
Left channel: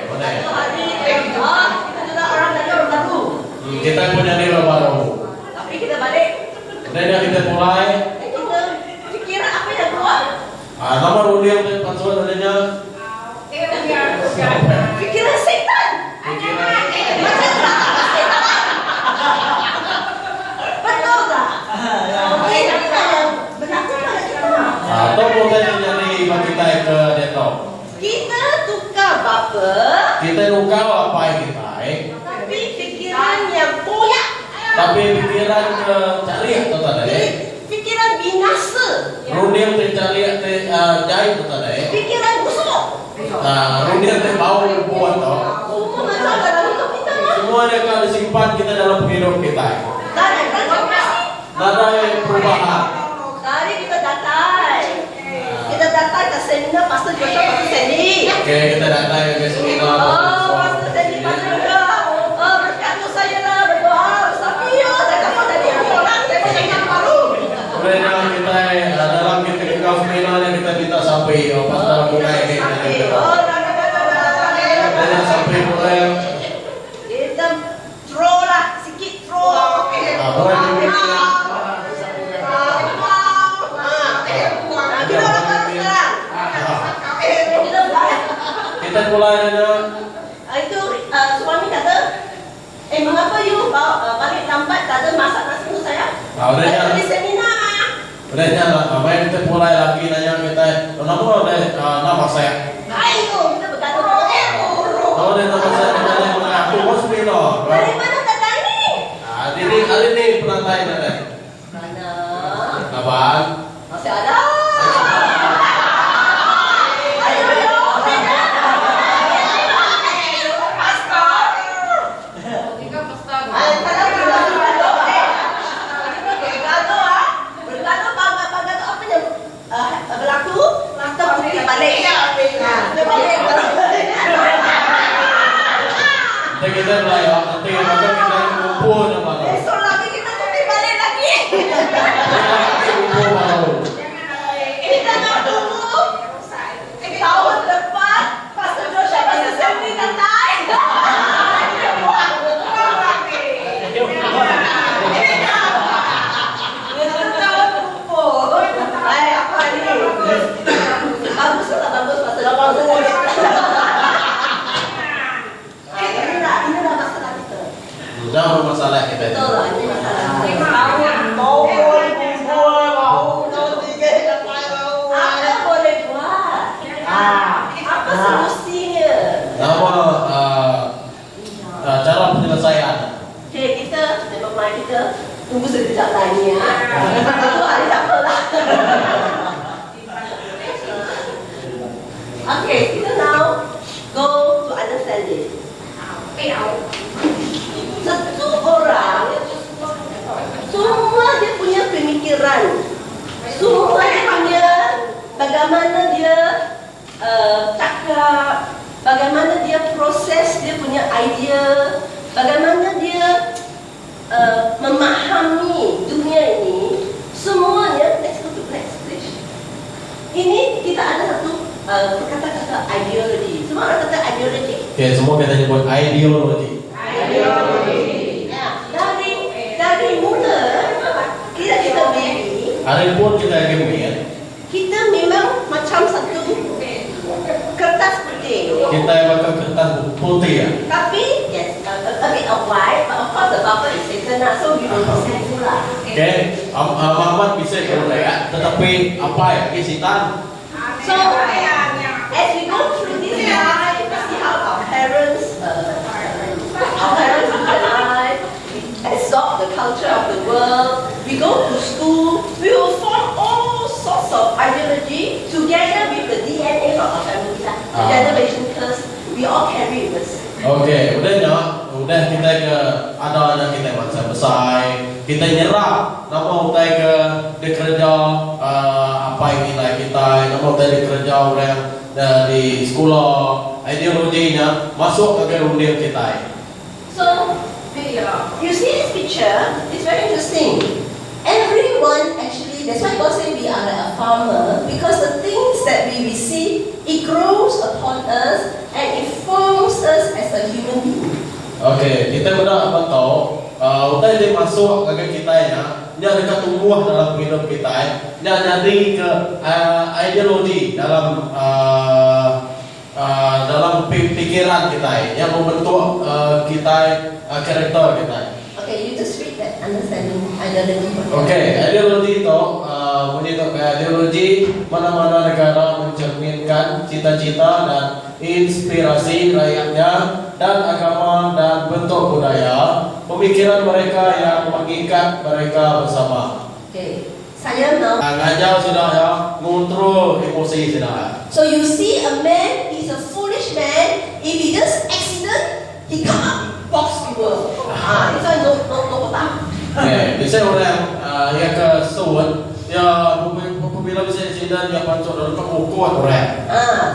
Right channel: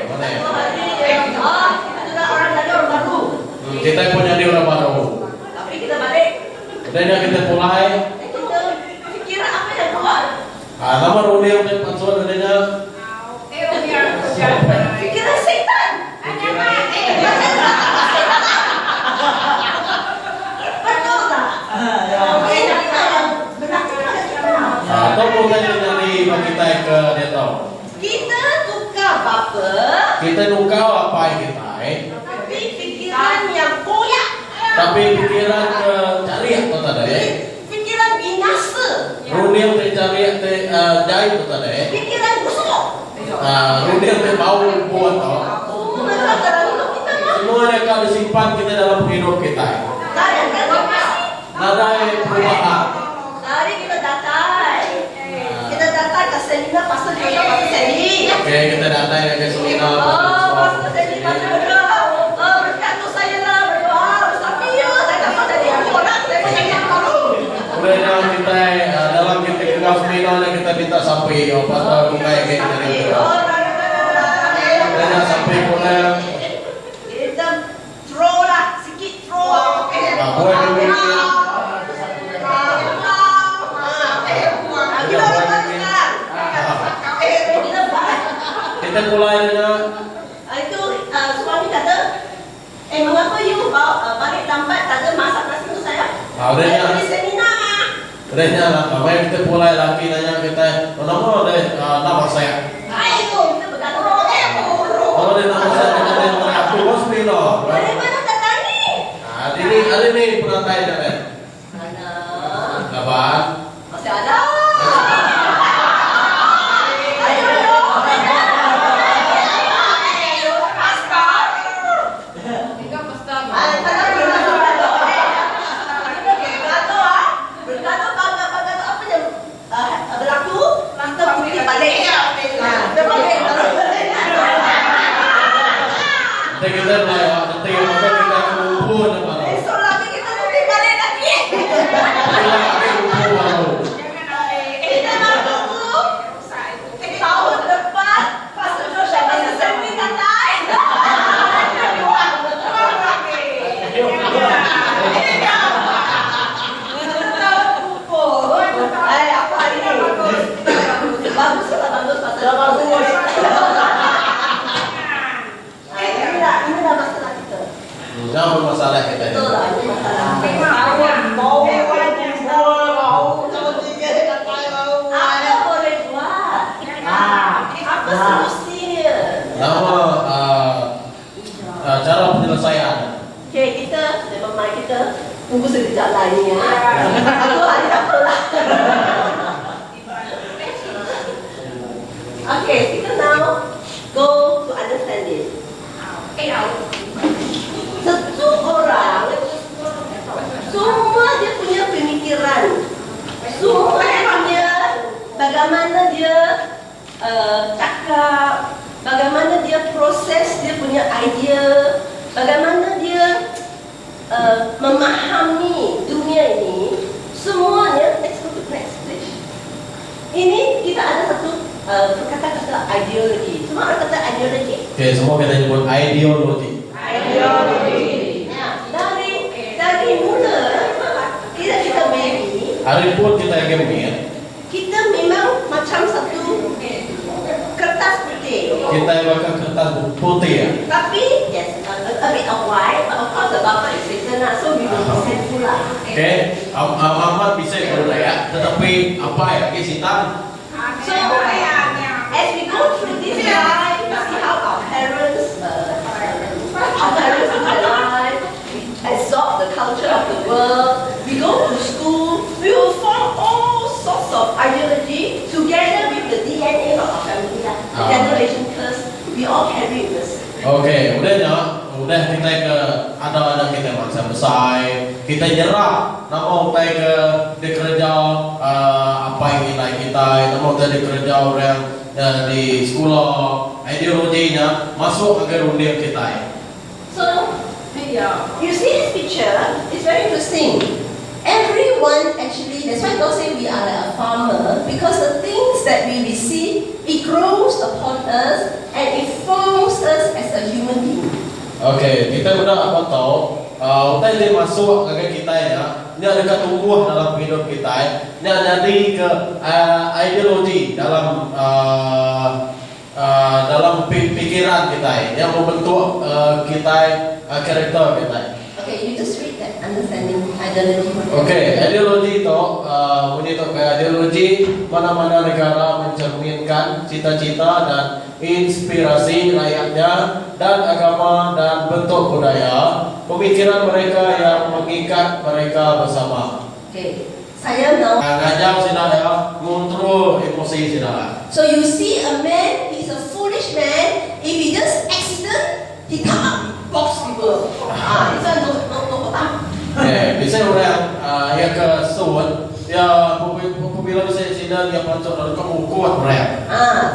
Boleh. Kita juga orang dari orang baru. Kita pun jadi orang baru. Tapi kita balik. Kemudian kita mulai. Kita fikir apa yang keluar. Nomor ulian dan pansulan adanya. Fikiran setan. Betul tak? Ini yang berlaku pada kita. Atau mulai menjadi bagi kita ke dia tahu. apa? Kita nukau apa kita Tapi fikiran yang koyak. tapi pikiran ke cari atau tak ada Fikiran binasa. Rudiang te cari te jahit atau tak ada Fikiran busuk. Rudiang te bau buat toh Semua masalah dalam hidup kita mah. semua ada akan disimpan kita dalam hidup kita. Tak ada transformasi. Ada perubahan. Mari kita datang. Kita datang ke seminar Pastor Joshua, Pastor Sandy. Oke, kita datang ke seminar. Oh, Pastor Sandy, Pastor Joshua. Oh, berkatu saya lah, berdoa bersama. Iya, saya dapat dari orang. Saya banyak yang malu. Kemudian kita dalam kita seminar kita minta sampai pastor bungai kita. Oh, Dan sampai bungai. kita throw lah, sikit throw. Boleh dibikin. Kita orang sekarang. Kita buat. Kita mulai dengan Itu suami kata, mengapa you balik lambat, tak ada masak nasi untuk saya? Saya pergi seminar. Kemudian namanya kita mulai lagi nanya kita, nama nama saya. Ayo, kita berkata, Nama saya kita mulai aku seminar. dari mana datang ni? Hari ini pernah tanya kan? Mana? Abang. Masih ada? Ayo, Kita mulai nanti maka kita kumpul sama. esok lagi kita cuti balik lagi. Kumpul baru. Kita nak tunggu tahun depan Pastor Joshua, Pastor Sandy datang. Tahun kumpul. Apa ni? Bagus lah, bagus Pastor Joshua. Inilah masalah kita. Jangan masalah kita. Betul lah, ini masalah. Apa boleh buat? Apa solusinya? Nama cara penyelesaian. Okay, kita memang mari kita tunggu sekejap lagi ya. Satu hari tak apalah. Okay, kita now go to understand this. Satu orang semua dia punya pemikiran, semua dia punya bagaimana dia cakap, bagaimana dia proses dia punya idea, bagaimana dia memahami dunia ini, semuanya. Let's go to next page. Ini kita ada satu kata-kata ideologi. Semua orang kata ideologi. Oke, semua kita nyebut ideologi. Nah, dari mula kita berdiri, Hari pun kita gini, kita memang macam satu kertas putih. kita makan kertas putih ya. Tapi yes, a bit of white, but of course the buffer is written up, so we don't send pula. Oke, Muhammad bisa kalau ya, tetapi apa ya? Hitam. So as we go through this life, we see how our parents live their life, we absorb the culture of the world. We go to school, we will form all sorts of ideology together with the DNA of our family. The generation curse, we all carry this. Oke, udah kita ke ada kita bangsa besar, kita nyerah, nama kita ke dikerja apa yang nilai kita, nama kita dikerja orang di sekolah, ideologinya masuk ke dunia kita. So, you see this picture, it's very interesting. Everyone actually, that's why God said we are like a farmer, because the things that we receive, it grows upon us and it forms us as a human being. Oke, kita benar betul. Kita dia masuk ke kita ya, dia ada tumbuh dalam hidup kita. Dia jadi ke ideologi dalam dalam pikiran kita yang membentuk kita karakter kita. Okay, you just read that understanding ideology. Okey, ideologi itu menyentuh ke ideologi mana-mana negara mencerminkan cita-cita dan inspirasi rakyatnya dan agama dan bentuk budaya pemikiran mereka yang mengikat mereka bersama. Okay, saya now. Ngajak sudah ya, ngontrol emosi sudah ya. So you see a man, he's a foolish man. If he just accident, he come up box people. This one no hutang. Bisa orang yang ke suat, dia apabila bisa insiden dia masuk dalam kekuatan berat.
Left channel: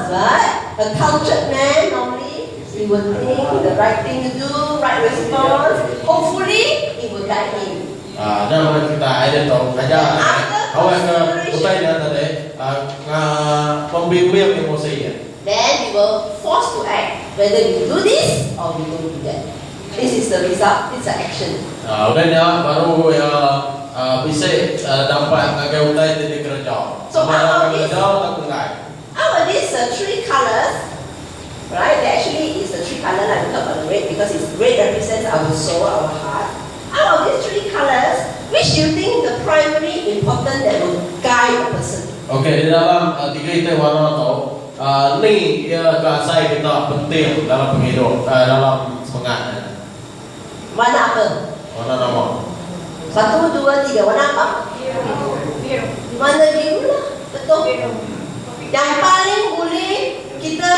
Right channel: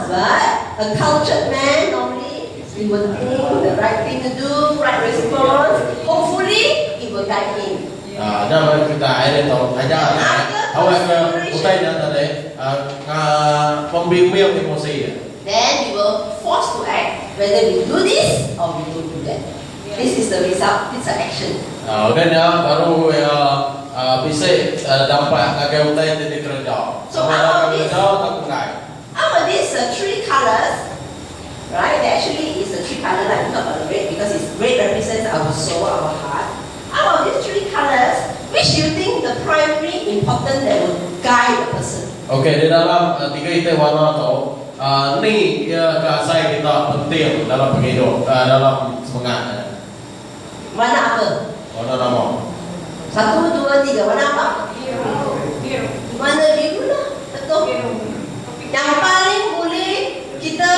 Right. A cultured man normally he will think the right thing to do, right response. Hopefully, it will guide him. Dan kita ada tahu aja. Awak ke utainya tadi, pembimbing emosi ya. Then we will force to act whether we do this or we don't do that. This is the result. It's an action. Dan ya baru ya bisa dapat agak utai titik kerja. Sama ada kerja tak enggak. Out of these three colors, right? There actually is a three color like we talk about red because red represents our soul, our heart. Out of these three colors, which you think the primary important that will guide a person? Okey, di dalam tiga itu warna tu, ni ya kasai kita penting dalam penghidup, dalam semangat. Warna apa? Warna nama. 1, 2, 3. Warna apa? Biru. Warna biru lah. Betul. Yang paling boleh kita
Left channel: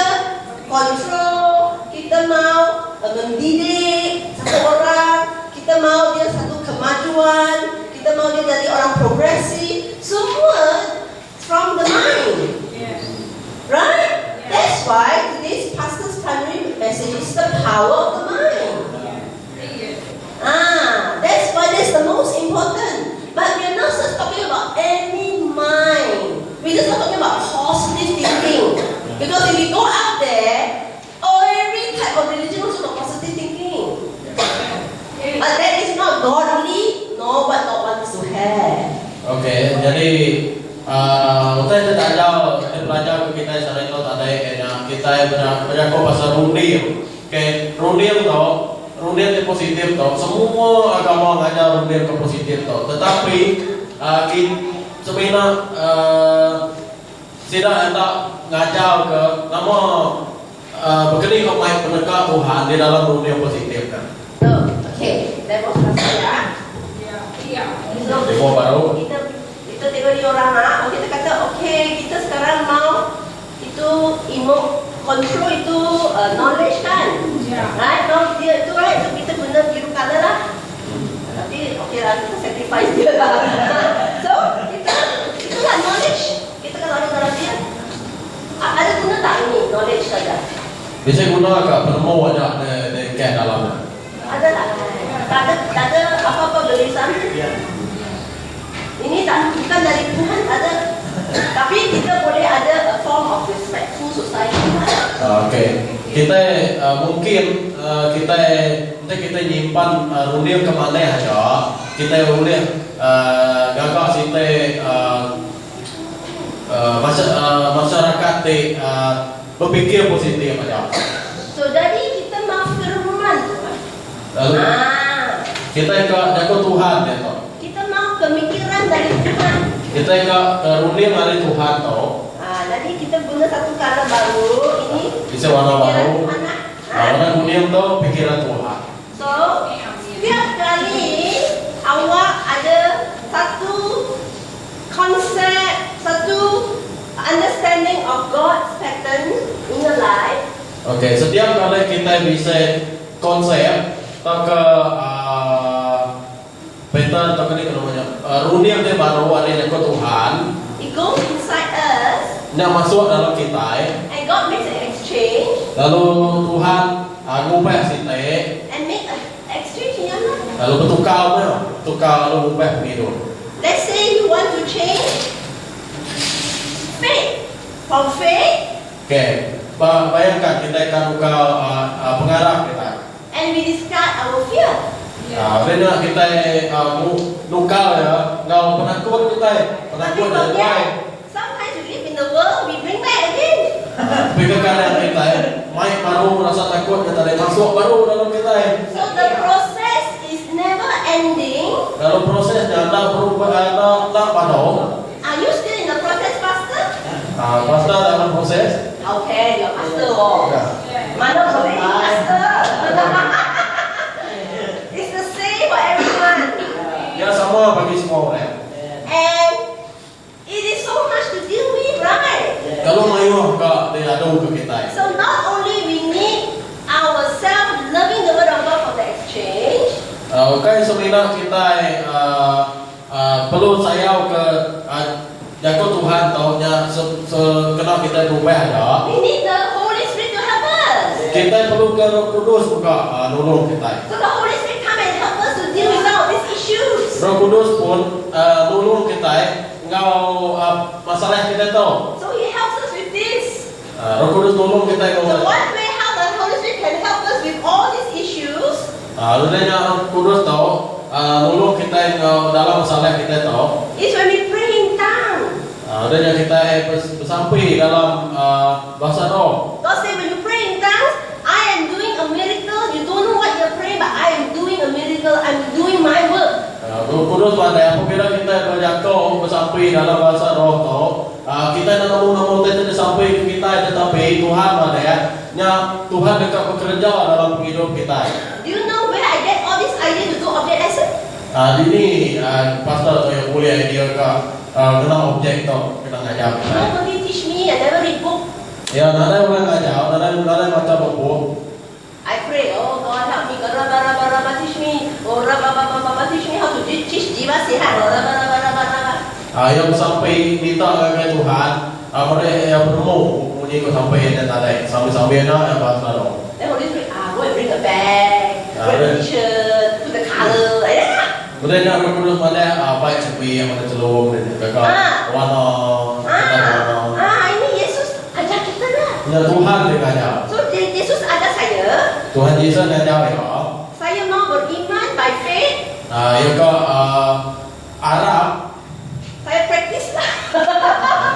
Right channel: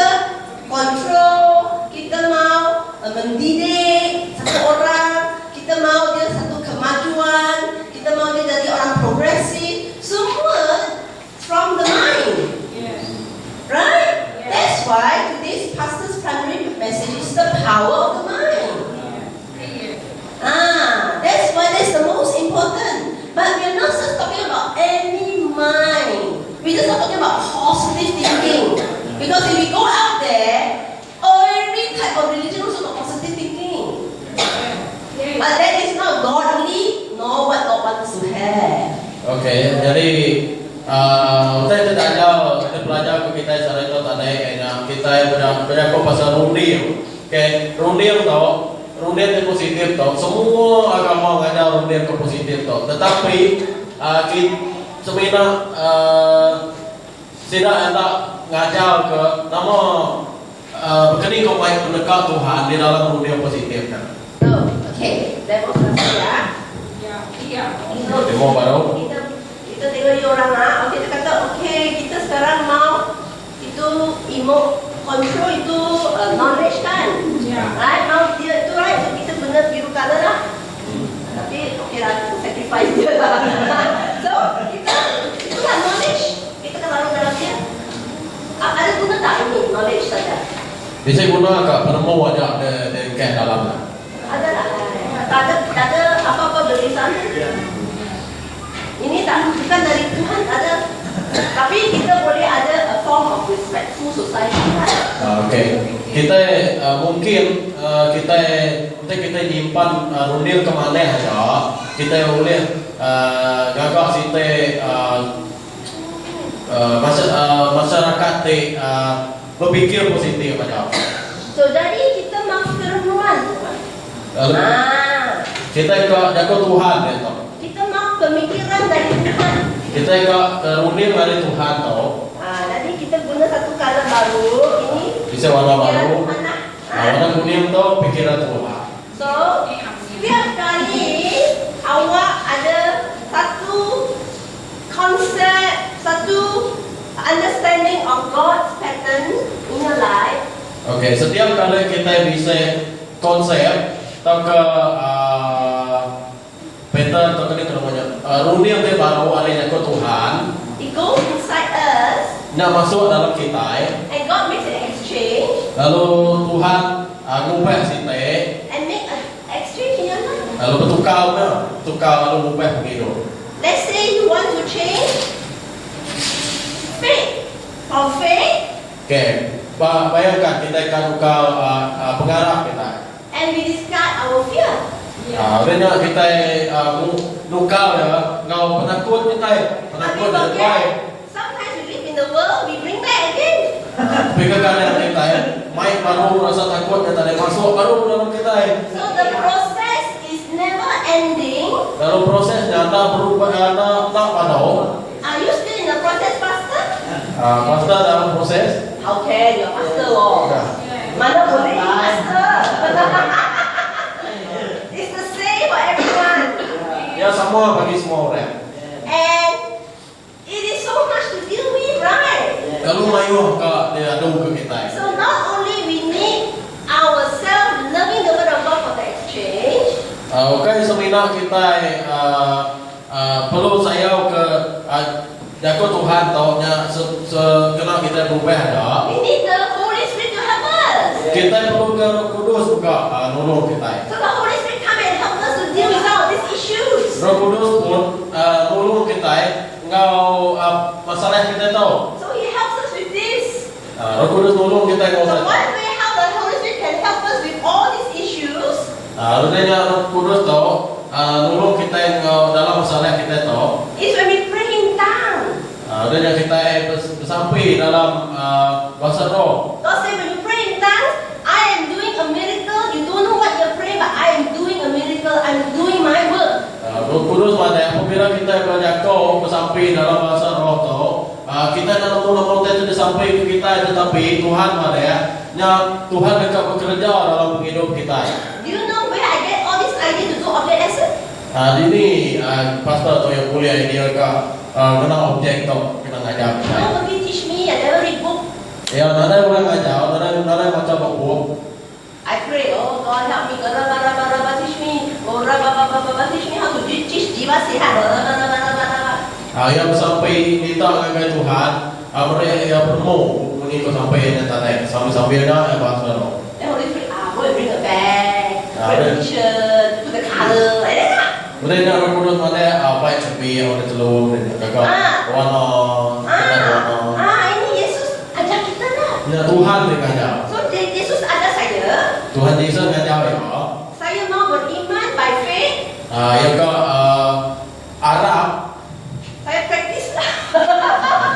kontrol, kita mau mendidik satu orang, kita mau dia satu kemajuan, kita mau dia dari orang progresif, semua from the mind. Right? That's why today's pastor's primary message is the power of the mind. That's why that's the most important. But we're not just talking about any mind. We're just not talking about positive thinking. Because if we go out there, every type of religion also got positive thinking. But that is not godly, nor what God wants to have. Okey, jadi kita tidak jauh kita belajar ke kita secara itu tadi, kita banyak pasal rundian. Okey, rundian tu. Rundian yang positif tau, semua agama mengajar rundian ke positif tau. Tetapi sebenarnya tidak ada ngajar ke nama begini kau baik pendekat Tuhan di dalam rundian positif kan. So, okay, demonstrasi ya. Iya. Demo baru. Kita tengok dia orang nak, kita kata okay, kita sekarang mau itu control itu knowledge kan. Right, mau dia itu right, so kita guna biru color lah. Tapi okay lah, kita sacrifice dia lah. So itulah knowledge. Kita kan lalu dalam dia. Ada guna tak ini knowledge saja? Bisa guna ke penemu ada dari ke dalamnya. Ada tak? Tak ada apa-apa berisan. Ini tak bukan dari Tuhan, ada. Tapi kita boleh ada a form of respectful society lah. Okey, kita mungkin kita nyimpan rundian ke mana aja. Kita boleh gagak kita masyarakat berpikir positif aja. So jadi kita mau firman. Lalu kita jaga Tuhan itu. Kita mau pemikiran dari Tuhan. Kita rundian dari Tuhan tu. Jadi kita guna satu kata baru ini. Bisa warna baru. Warna kuning tu pikiran Tuhan. So setiap kali awak ada satu konsep, satu understanding of God's pattern in your life. Okey, setiap kali kita bisa konsep atau ke pattern atau ke namanya rundian dia baru ada ke Tuhan. It goes inside us. Nak masuk dalam kita. And God makes an exchange. Lalu Tuhan ngubah kita. And make an exchange in your life. Lalu tukar lalu ngubah begitu. Let's say you want to change faith. From faith. Okey, bayangkan kita akan tukar pengarah kita. And we discard our fear. Sebenarnya kita nukar ya, kau penakut kita, But we penakut dari forget. baik. Sometimes we live in the world, we bring back again. Pikirkan kita, main baru rasa takut kita dari masuk baru dalam kita. So the process is never ending? Kalau prosesnya tak berubah, tak padau. Are you still in the process, Pastor? Pastor dalam proses. Okay, you're Pastor. Oh. Mana boleh Pastor? It's the same for everyone. Ya semua bagi semua orang. And it is so much to deal with, right? Kalau mayu ka dia ada ke kita. So not only we need ourselves loving the word of God for the exchange, Okay, semina kita perlu saya ke jaga Tuhan taunya kena kita berubah ada. we need the Holy Spirit to help us. Kita perlu ke Roh Kudus juga nolong kita. So the Holy Spirit come and help us to deal with all these issues. Roh Kudus pun nolong kita ngau masalah kita tahu. So He helps us with this. Roh Kudus nolong kita So ngau. one way how the Holy Spirit can help us with all these issues Adanya Roh Kudus tahu nolong kita ngau dalam masalah kita tahu. is when we pray in tongues. Adanya kita bersampai dalam bahasa roh. God say when you pray in tongues, I am doing a miracle. You don't know what you're praying, but I am doing a miracle. I'm doing my work. Roh Kudus pada apabila kita berjatuh bersampai dalam bahasa roh tahu, kita dalam umur itu sampai ke kita tetapi Tuhan pada nya Tuhan dekat bekerja dalam hidup kita. Do you know where I get all this idea to do object lesson? Ini pastor tu yang boleh idea ke guna objek tu kita ngajar kita. Nobody teach me. I never read book. Ya, nada orang ngajar, nada macam buku. I pray, oh God help me. Raba teach me. Oh raba teach me how to teach jiwa sihat. Raba. Yang sampai kita dengan Tuhan, mereka yang bertemu bunyi ko sampai dan tadi sampai na bahasa roh. Then Holy Spirit, go and bring a bag, bring a t-shirt, put the color, like that. Kemudian nak Roh Kudus ada baik sepi yang ada celur dan kakak warna warna. Ini Yesus ajar kita lah. Ya Tuhan dia ngajar. So Yesus ajar saya. Tuhan Yesus ngajar ya. Saya mau beriman by faith. Yang ke Arab. Saya praktis lah.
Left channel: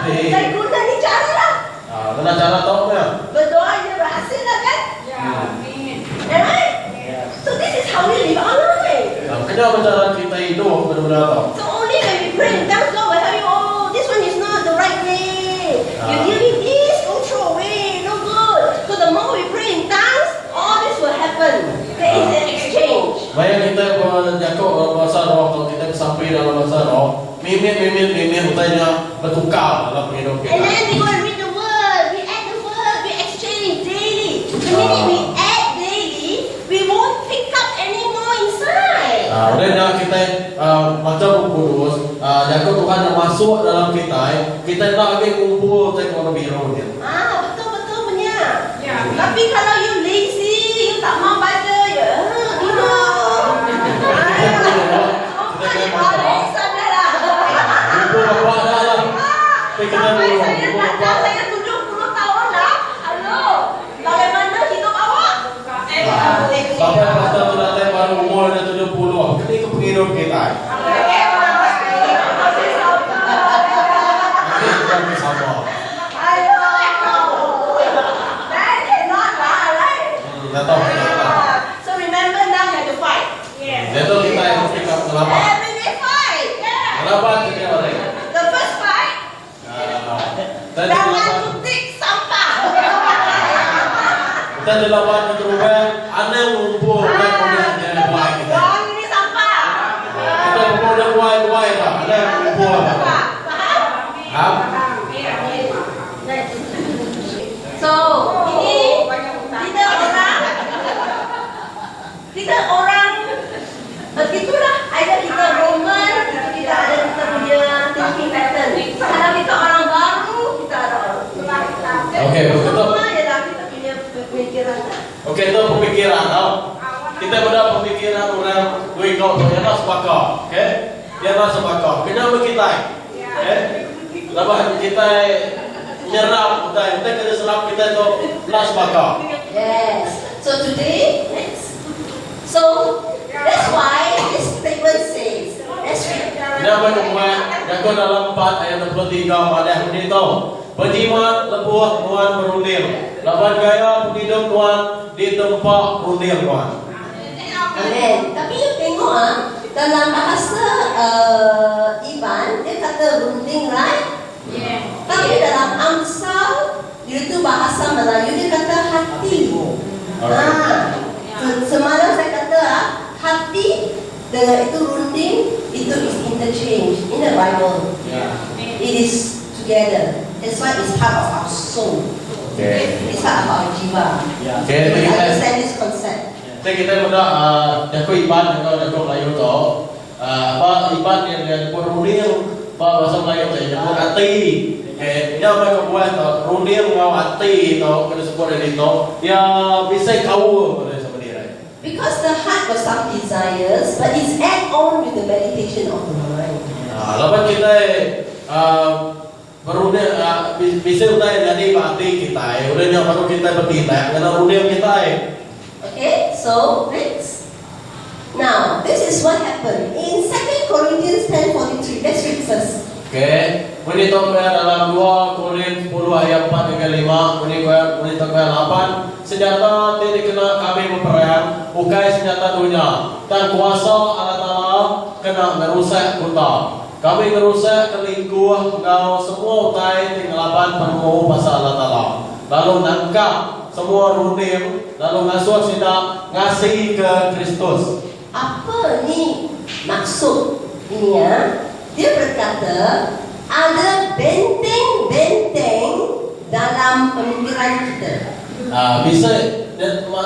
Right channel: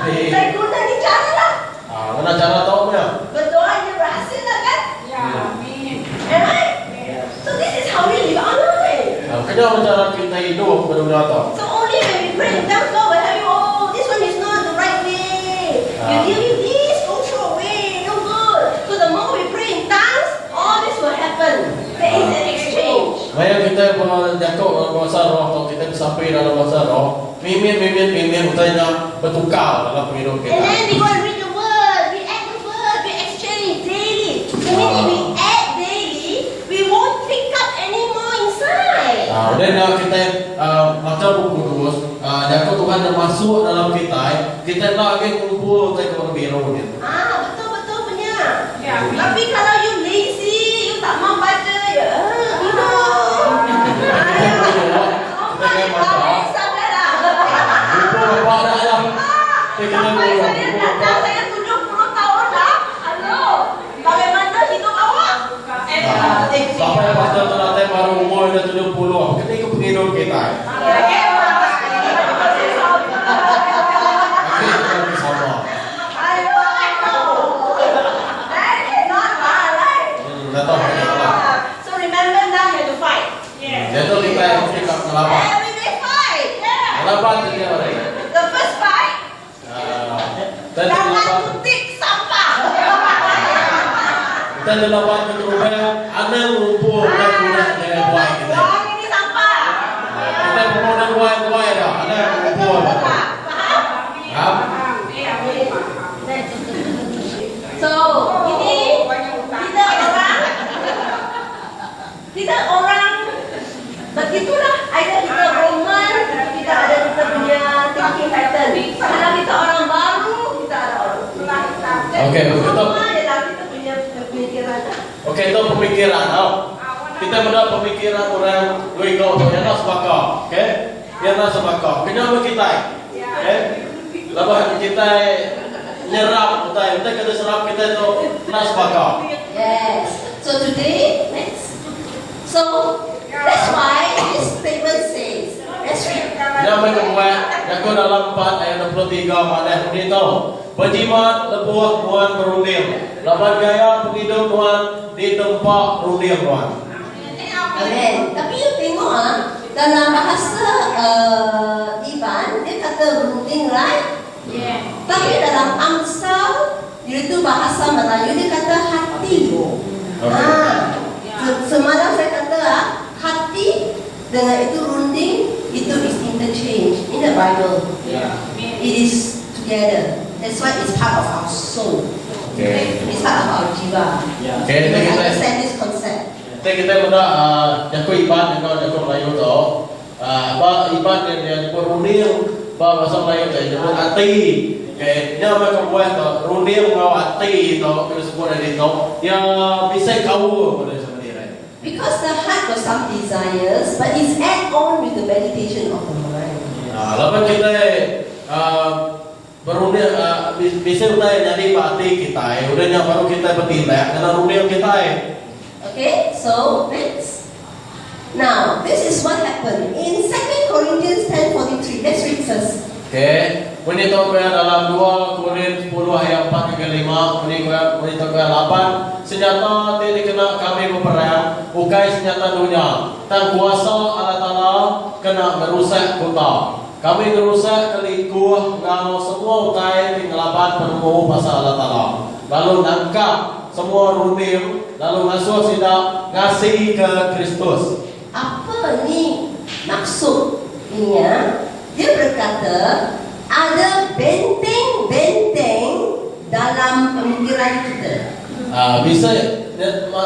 Saya guna ni cara lah. Kena cara tahu ya. Berdoa dia berhasil lah kan? Am I? So this is how we live our life. Kena cara kita hidup berdunia tahu. So only when we pray in tongues, God will tell you, oh, this one is not the right way. You deal with this, don't throw away, no good. So the more we pray in tongues, all this will happen. There is an exchange. Maya kita berjatuh bahasa roh atau kita sampai dalam bahasa roh, mimin utanya bertukar dalam hidup kita. And then we go and read the word, we add the word, we exchange daily. And then if we add daily, we won't pick up any more inside. Udah kita macam Kudus, jatuh Tuhan yang masuk dalam kita tak lagi kumpul saya kepada biru ni. Betul punya. Tapi kalau you lazy, you tak mau baca, ya, Kita bapak dah lah. Kita Sampai bapak. saya datang, saya 70 tahun dah. Halo, bagaimana hidup awak? Sampai pastor tu datang baru umur dah 70. Ketika penghidup kita. Kita bersama. Datang kita. So remember now you have to fight. Datang kita yang kita melawan. Every day fight. Melawan setiap hari. The first fight, Dan lawan suntik sampah. kita dilawan keteruban, ada yang mengumpul dan kemudian buat kita. Buang ini sampah. Kita kemudian buat dah, ada yang mengumpul. Faham? So ini kita orang begitulah. Ada kita Roman, kita ada kita punya thinking pattern. Kalau kita orang baru, kita ada orang. Okey, betul. Semua adalah kita punya pemikiran. Okey, itu pemikiran. Kita benda pemikiran orang duit kau tu yang nak sebakar. Okey? Yang nak sebakar. Kenapa kita? Okey? Lepas kita nyerap, kita kena serap kita tu nak sebakar. Yes. So today, next. So that's why this statement says, let's read. Dia berbuat, jaga dalam 4 ayat 23 madah ini tu. Berjimat lebuh Tuhan berunding. Lapan gaya penghidup Tuhan di tempat runding Tuhan. Amen. Tapi you tengok dalam bahasa Iban dia kata runding, right? Yeah. Tapi dalam Amsal iaitu bahasa Melayu dia kata hati. Semalam saya kata hati dengan itu runding itu is interchange in the Bible. It is together. That's why it's part of our soul. Okay. It's part of our jiwa. Okay, We kita understand this concept. kita muna jago Iban jago Melayu to. Apa Iban yang runding bahasa Melayu tu jago hati. Okay, dia macam buat tu runding ngau hati tu kalau sebut dari tu dia bisa kau pada sebenarnya. Because the heart got some desires, but it's add on with the meditation of the mind. Lepas kita berunding bisa udah jadi hati kita, udahnya baru kita bertindak karena runding kita. Okay, so next. Now, this is what happened in 2 Corinthians 10:43. Let's read first. Okay, ini tu dalam 2 Korintus 10 ayat 4 hingga 5. Ini tu 8. Senjata tidak kena kami berperang, bukan senjata dunia. Dan kuasa Allah Taala kena merusak kota. Kami merusak kelingkuh ngau semua utai pengelapan penuh pasal Allah Taala. Lalu nangkap semua runding, lalu masuk sidak ngasih ke Kristus. Apa ni maksud ini ya? Dia berkata ada benteng-benteng dalam pemikiran kita. Bisa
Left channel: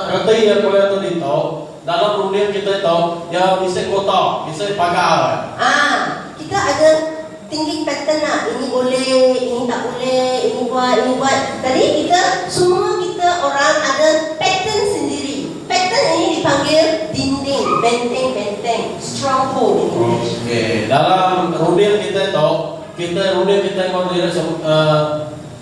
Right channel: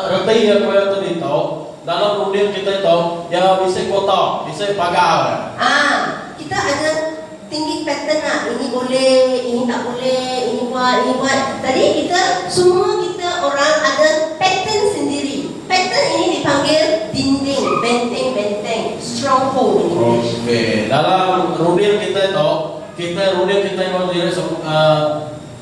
reti yang kau yang tadi tahu dalam runding kita tahu ya bisa kota, bisa pagar. Kita ada tinggi pattern lah. Ini boleh, ini tak boleh, ini buat. Jadi kita semua kita orang ada pattern sendiri. Pattern ini dipanggil dinding, benteng, stronghold in English. Okey, dalam runding kita tahu runding kita yang diri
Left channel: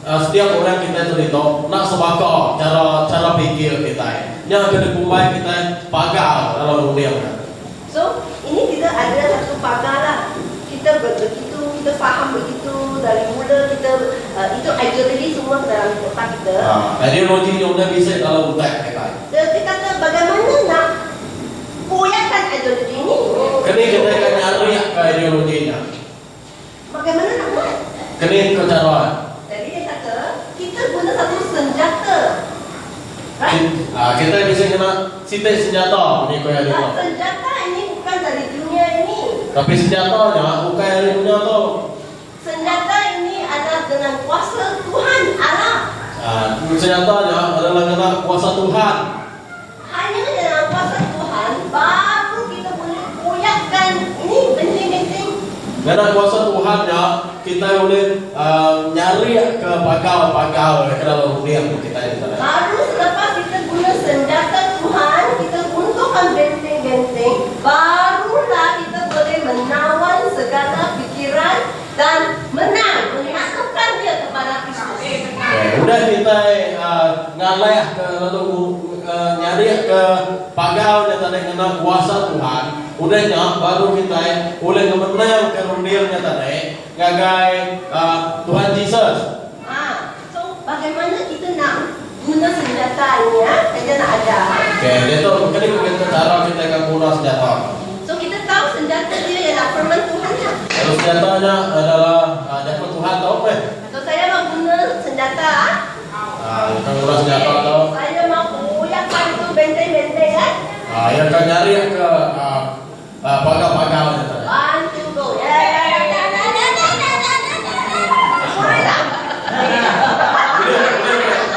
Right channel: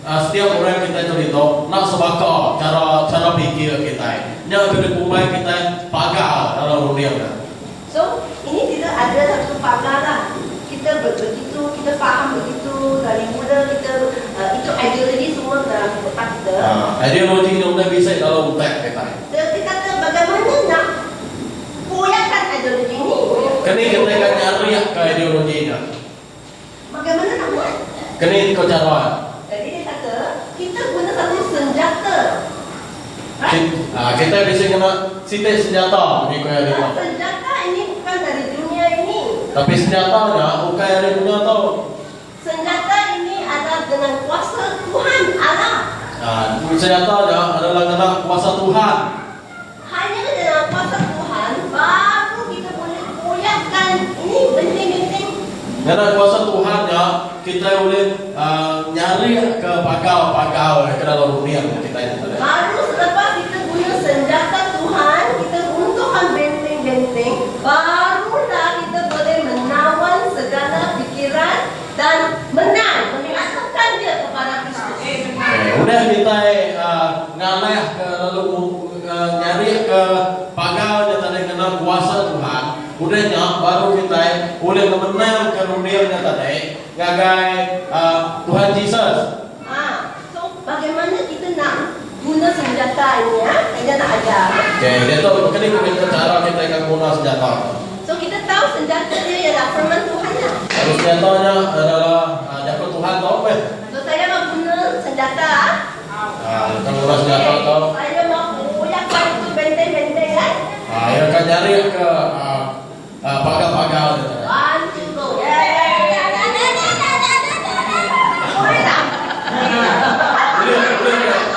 setiap orang kita itu nak sebakar cara fikir kita. Yang kena kumai kita pagar dalam runding. So ini kita ada satu pagar lah. Kita begitu, kita faham begitu dari mula kita itu ideologi semua dalam otak kita. Ideologi yang sudah bisa dalam otak kita. Dia kata bagaimana nak koyakkan ideologi ini? Kini kita akan nyari ke ideologinya. Bagaimana nak buat? Kini ke cara. Jadi dia kata kita guna satu senjata. Kita bisa kena sitik senjata ni kau ada. Senjata ini bukan dari dunia ini. Tapi senjatanya bukan dari dunia tu. Senjata ini adalah dengan kuasa Tuhan Allah. Senjatanya adalah dengan kuasa Tuhan. Hanya dengan kuasa Tuhan baru kita boleh koyakkan ini benteng-benteng. Dengan kuasa Tuhannya kita boleh nyari ke pagar ke dalam dunia kita itu. Baru selepas kita guna senjata Tuhan, kita runtuhkan benteng-benteng, barulah kita boleh menawan segala pikiran dan menang, menyatukan dia kepada Kristus. Udah kita ngalih lalu nyari ke pagar yang tadi kena kuasa Tuhan. Udahnya baru kita boleh menang ke dunia tadi ngagai Tuhan Yesus. So bagaimana kita nak guna senjata ini ya? Saya nak ajar. Dia tu kita cara kita akan guna senjata. So kita tahu senjata dia ialah firman Tuhan ya. Lalu senjatanya adalah jago Tuhan tu apa? So saya mau guna senjata. Kita guna senjata tu. Saya mau koyakkan itu benteng-benteng ya. Yang akan nyari ke pagar-pagar tu. One, two, go.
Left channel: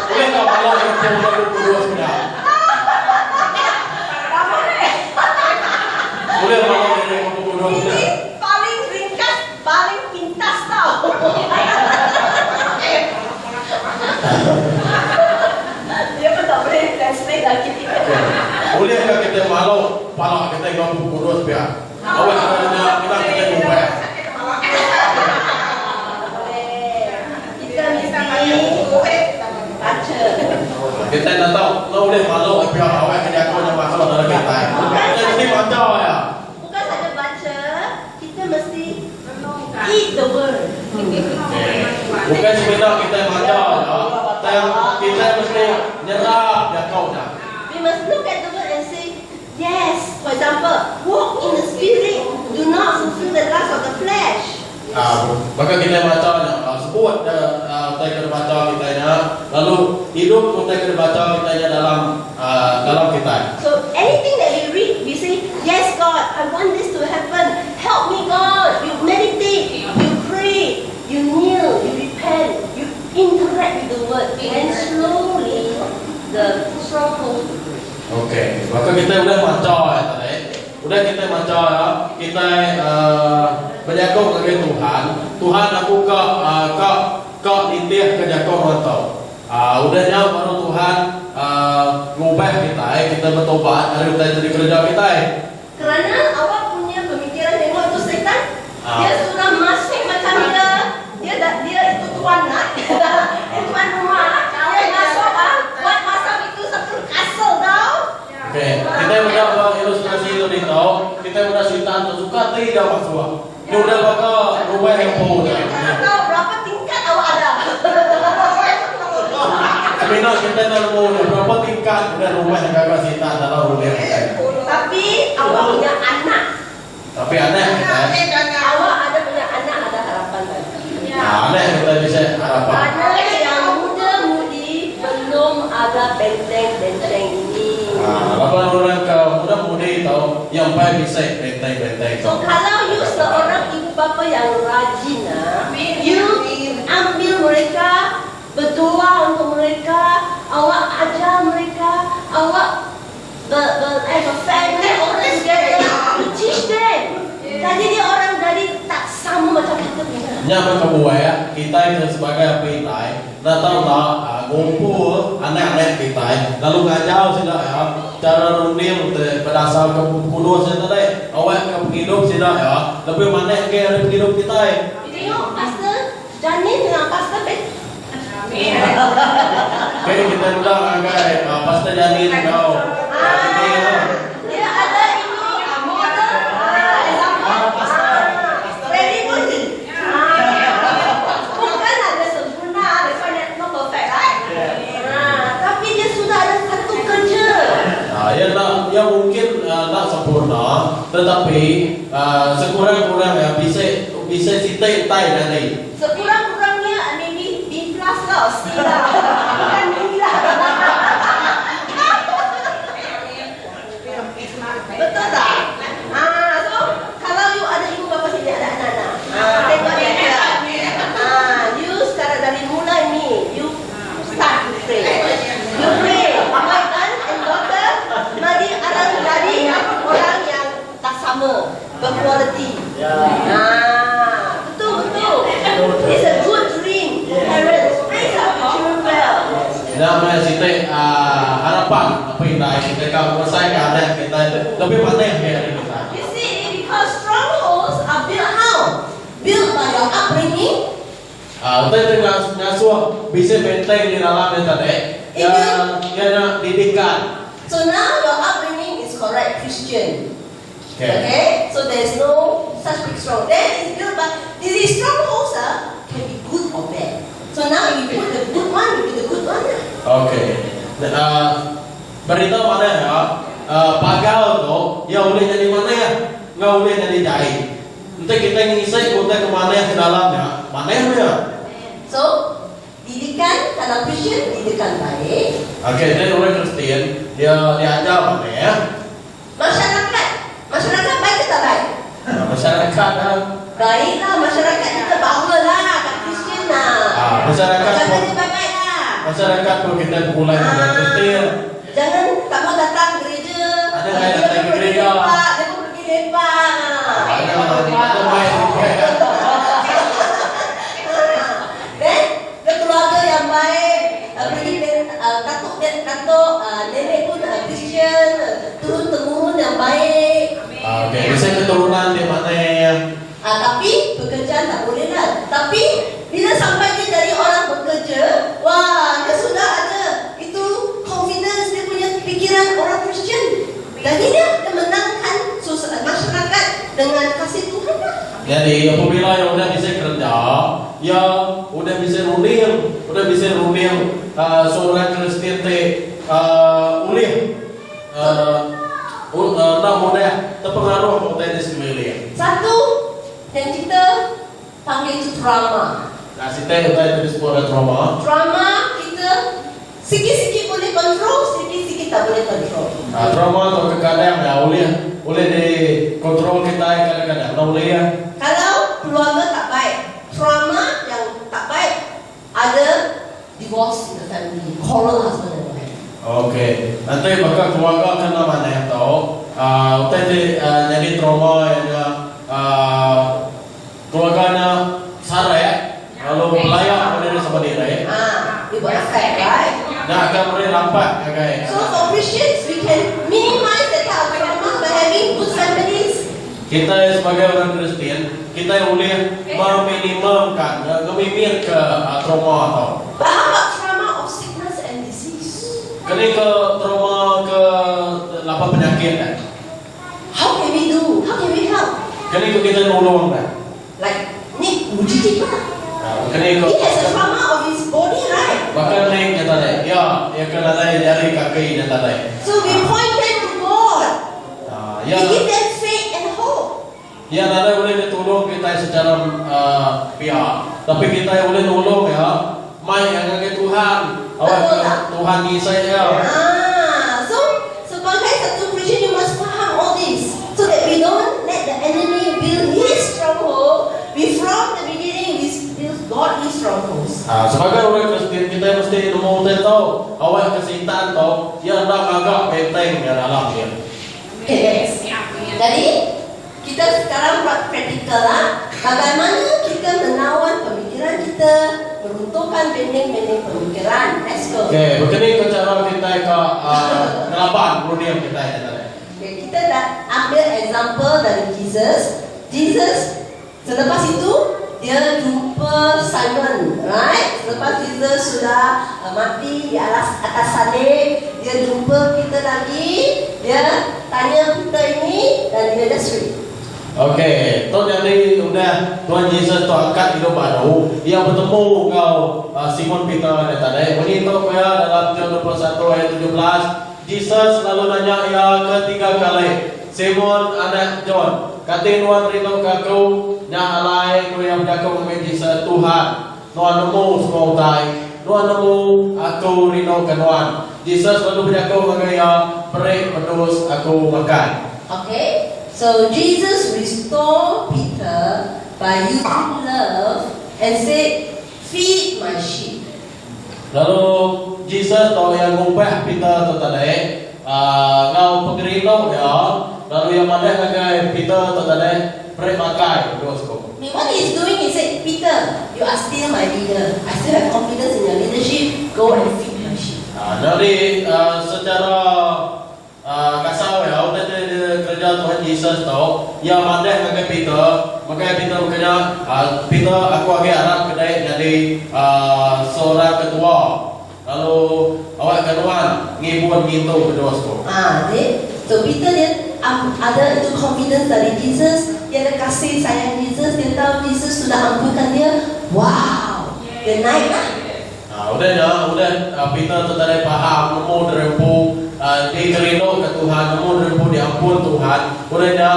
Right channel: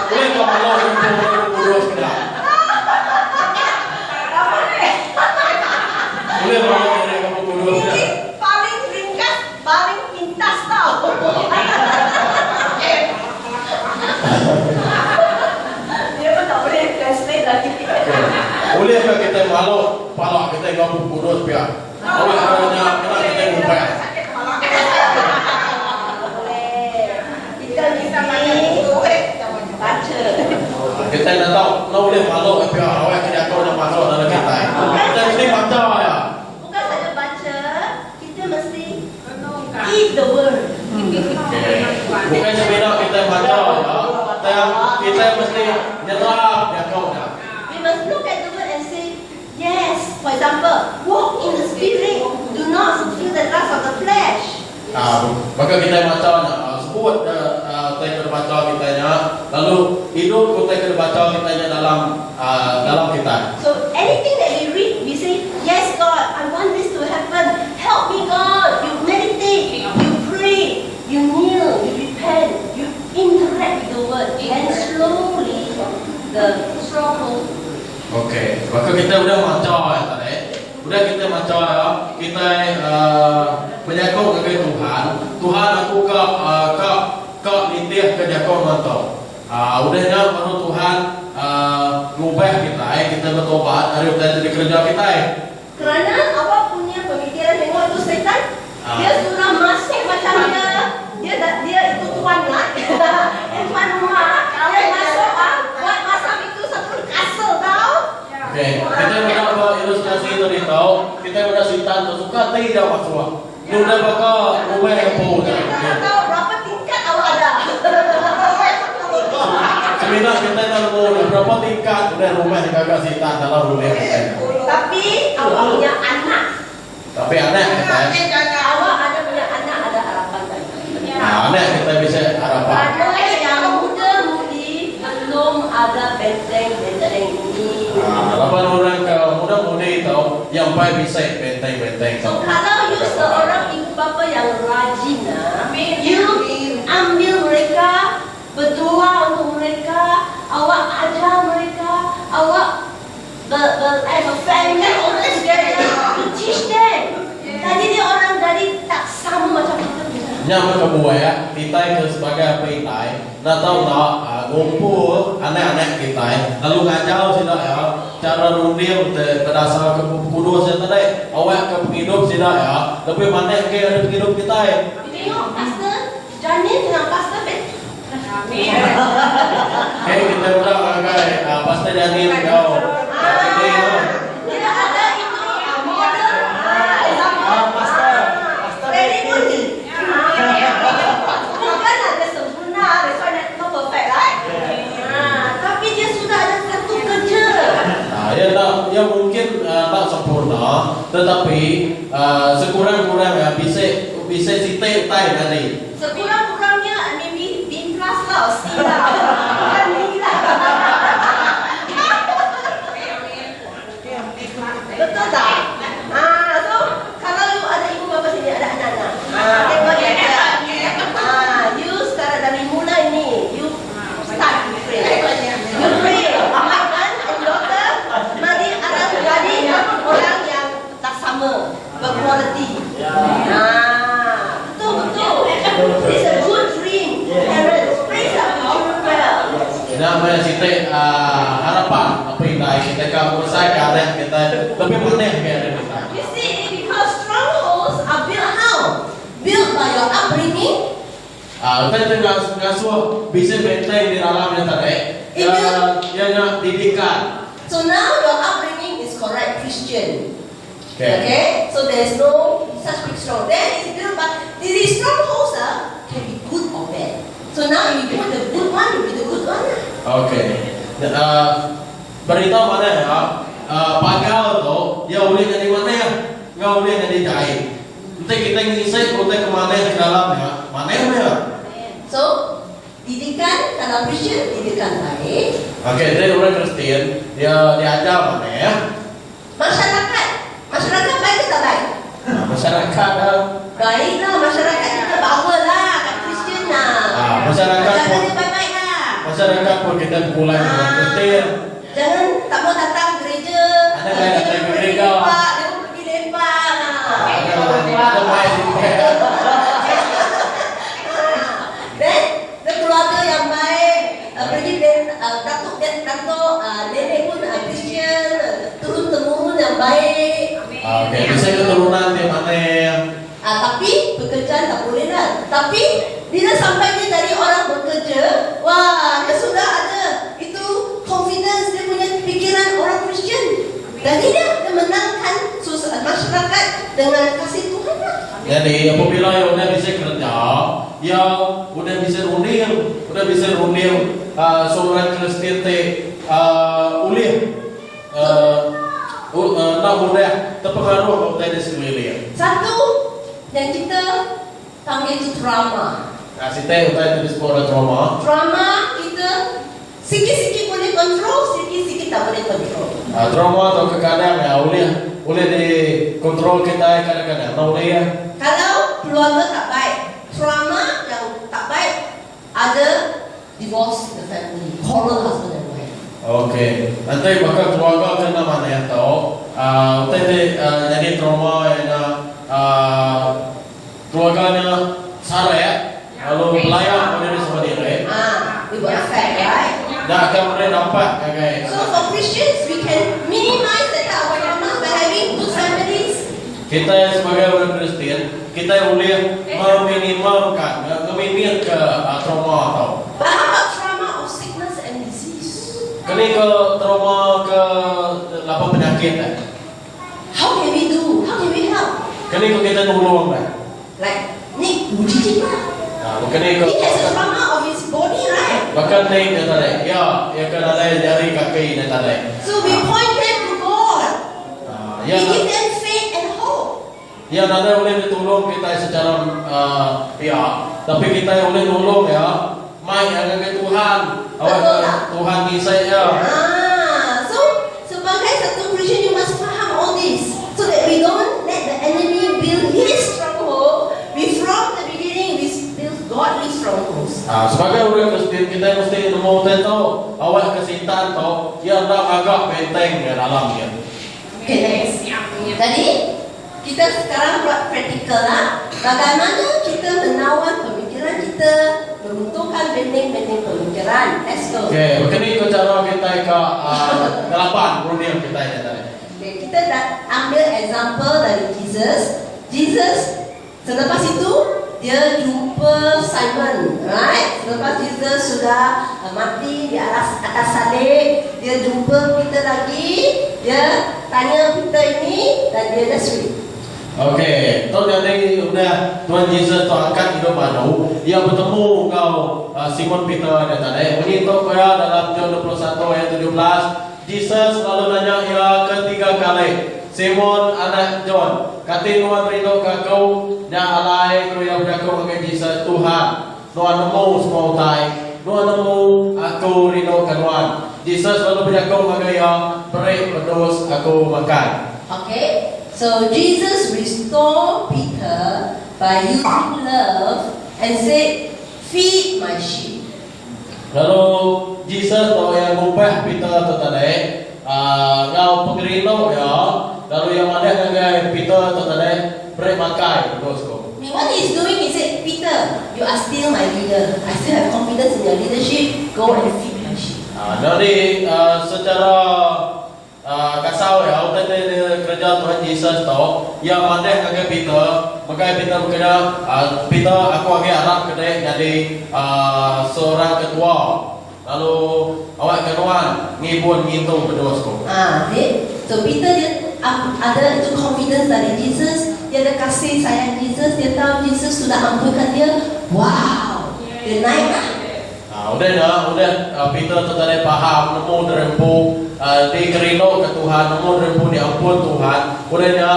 Boleh kau malau yang kurus sudah. Boleh malau yang kurus sudah. Ini paling ringkas, paling pintas tau. Dia pun tak boleh translate lagi. Bolehkah kita malau palak kita yang kurus biar? Awak kerana kita ubah. Kita mesti baca. Kita nak tahu, nak boleh malu biar awak kerja kau nak masuk dalam kita. Kita mesti baca ya. Bukan saja baca, kita mesti eat the word. Bukan sebenarnya kita baca ya, dan kita mesti nyerap ya kau dah. We must look at the word and say, yes. For example, walk in the spirit. the lust of the flesh. Maka kita baca sebut kita kena baca kita lalu hidup kita kena baca kita dalam kita. So anything that we read, we say, yes God, I want this to happen. Help me God. You meditate, you pray, you kneel, you repent, you interact with the word, and slowly the stronghold. Okey, maka kita udah baca tadi. Udah kita baca kita berjaga dengan Tuhan. Tuhan aku ke nitih ke jaga mantau. Udahnya baru Tuhan ngubah kita bertobat dari dari kerja kita. Kerana awak punya pemikiran tengok itu setan, dia sudah masuk macam dia itu tuan nak, dia tuan rumah, dia masuk buat masa itu satu kasut tau. Okey, kita udah ilustrasi tadi tahu, kita udah cerita suka tidak masuk. Dia udah bakal ngubah yang pun. Kita tahu berapa tingkat awak ada. Sebenarnya kita tahu berapa tingkat dan rumah yang kakak cerita dalam rumah kita. Tapi awak punya anak. Tapi anak kita, Awak ada punya anak, ada harapan lagi. anak kita bisa harapan. Anak yang muda-mudi belum ada benteng-benteng ini. Harapan orang ke muda-mudi tahu yang baik bisa benteng-benteng. So kalau you seorang ibu bapa yang rajin, you ambil mereka, berdoa untuk mereka, awak ajar mereka, awak as a family all together, you teach them. Tadi dia orang dari tak sama macam kita. Yang kedua kita itu sebagai pintai, dah tahu tak ngumpul anak-anak kita, lalu ngajar sila cara rundir berdasar kedua saya tadi, awak ke penghidup sila lebih mana ke ada penghidup kita. Tengok pastor Janin dengan pastor Ben. Okay, kita ulang agak pastor Janin kau. Dia ada ini model example ready money. Bukan ada sempurna, ada financial perfect right? Tapi dia sudah ada satu kerja. Ya mungkin tak sempurna, tetapi sekurang-kurangnya bisa sitai dari. Sekurang-kurangnya maybe B+ lah, C lah, bukan B lah. Betul tak? So kalau you ada ibu bapa sini ada anak-anak, tengok dia. You sekarang dari mulai ni, you start to pray. You pray, my son and daughter, mari akan jadi orang yang tak sama, berkualiti. Betul. It's a good dream. Parents, raise up your children well. Nama sitai harapan apa yang kita kau selesaikan dan kita lebih mana yang kita. You see, because strongholds are built how? Built by your upbringing. Kita tengah ngasuh bisa benteng di dalam yang tadi. Ya didikan. So now your upbringing is correct Christian. Okay. Okay? So there is no such big strong. Then it's built by these strongholds can be good or bad. So now if you put the good one, you be the good one. Okay. Berita mana ya? Pagal tu, ya boleh jadi mana ya? Nggak boleh jadi jahit. Nanti kita ngisi kita kemana di dalamnya? Mana ya? So didikan kalau Christian didikan baik. Okay, dia orang Kristen, dia ajar mana ya? Masyarakat baik ke tak baik? Masyarakat Baiklah, masyarakat kita bawalah kat Kristian lah. masyarakat pun dia baik-baik lah. masyarakat pun kita mulai dengan Kristen. Jangan tak mau datang gereja. Ada yang datang ke gereja. Dia pun pergi lepak lah. Itu main. Dan keluarga yang baik, pergi datuk nenek pun Kristian, turun-temurun yang baik. Okay, bisa keturunan di mana ya? Tapi pekerjaan tak boleh lah. Tapi bila sampai dia dari orang bekerja, wah dia sudah ada itu confidence, dia punya pikiran orang Kristian. Jadi dia menangkan masyarakat dengan kasih Tuhan lah. Jadi apabila ya udah bisa kerja, ya udah bisa rundir seorang Kristen ulih nak mudah terpengaruh oleh sekeliling. Satu, yang kita panggil itu trauma. Nah, kita utai tulis sebuah trauma. Trauma kita sikit-sikit boleh kontrol, sikit-sikit tak boleh kontrol. Trauma atau kadang-kadang ya boleh dikontrol kita kadang-kadang. Nah, boleh ya. Kalau keluarga tak baik, trauma yang tak baik, ada divorce in the family, quarrel husband and wife. Okey. Nanti bakal keluarga kena mana yang tahu. Utai jadi trauma yang keluarganya sare, lalu melayang boleh sama diri. We got affect, right? Dah akan boleh nampak guys. So for Christians, we can minimize that type of trauma by having good families. Kita sebagai orang Kristian, kita boleh meminimumkan, ngemimit ke trauma atau. But how about trauma of sickness and disease? Kini ke trauma ke lapar penyakit kan? How can we do? How can we help? Kini ke kita nolong kan? Like Nick Bujiji lah. Kini ke He has a trauma of his body, right? bahkan naik yang tadi, ya kan ada jari kaki yang tadi. So we point them to God. We Ya, give them faith and hope. ya ada boleh ditolong kita secara pihak, tapi kita boleh nolong ya. Mai yang ke Tuhan, awak Betul ke tak? Tuhan ni saya. So sebagai satu Christian, you must faham all this, so that we don't let the enemy build his stronghold. We from the beginning we build godly strongholds. Sebagai orang Kristian kita mesti nemu tahu awak kesihatan tahu yang agak penting dalam dia. Okay, next. Jadi kita sekarang buat praktikal lah. Bagaimana kita menawan pemikiran kita, meruntuhkan benteng-benteng pemikiran. Let's go. Okey, begini cara kita ke kelapan dunia kita ini tadi. Okay, kita dah ambil example dari Jesus. Jesus selepas itu dia jumpa Simon, right? Selepas Jesus sudah mati di atas salib, dia jumpa Peter lagi, dia tanya Peter ini dan dia dah sweet. Okey, tu jadi udah Tuhan Yesus tu angkat hidup baru, dia bertemu kau Simon Peter ada tadi. Ini tu ya dalam John 21 ayat 17, Jesus lalu nanya ya ketiga kali, Simon anak John, kata Tuhan rindu kau dah alai kau yang kau mengenai Jesus Tuhan. Tuhan nemu semua utai, Tuhan nemu aku rindu Tuhan. Jesus lalu berjaga mengenai beri pedus aku makan. Okay, so Jesus restore Peter by using love and say, feed my sheep. Lalu Jesus tahu yang ngumpah Peter tu tadi, kau pengerino ya. Lalu yang mana yang Peter tu tadi beri makan terus kau. What he's doing, he said, Peter, you are still my leader. I still have confidence in your leadership. Go and feed my sheep. Jadi secara kasau ya, udah kerja Tuhan Yesus tahu yang mana yang Peter, maka Peter berkata, Peter aku agak harap kedai jadi seorang ketua. Lalu awak ketuan ngibun ngintu berdoa kau. So Peter dia ada itu confidence dari Jesus, dia ada kasih sayang Jesus, dia tahu Jesus sudah ampunkan dia. Wow, dia naik lah. Udah Peter tu tadi faham nemu derempu dikerino ke Tuhan, nemu derempu diampun Tuhan. Udahnya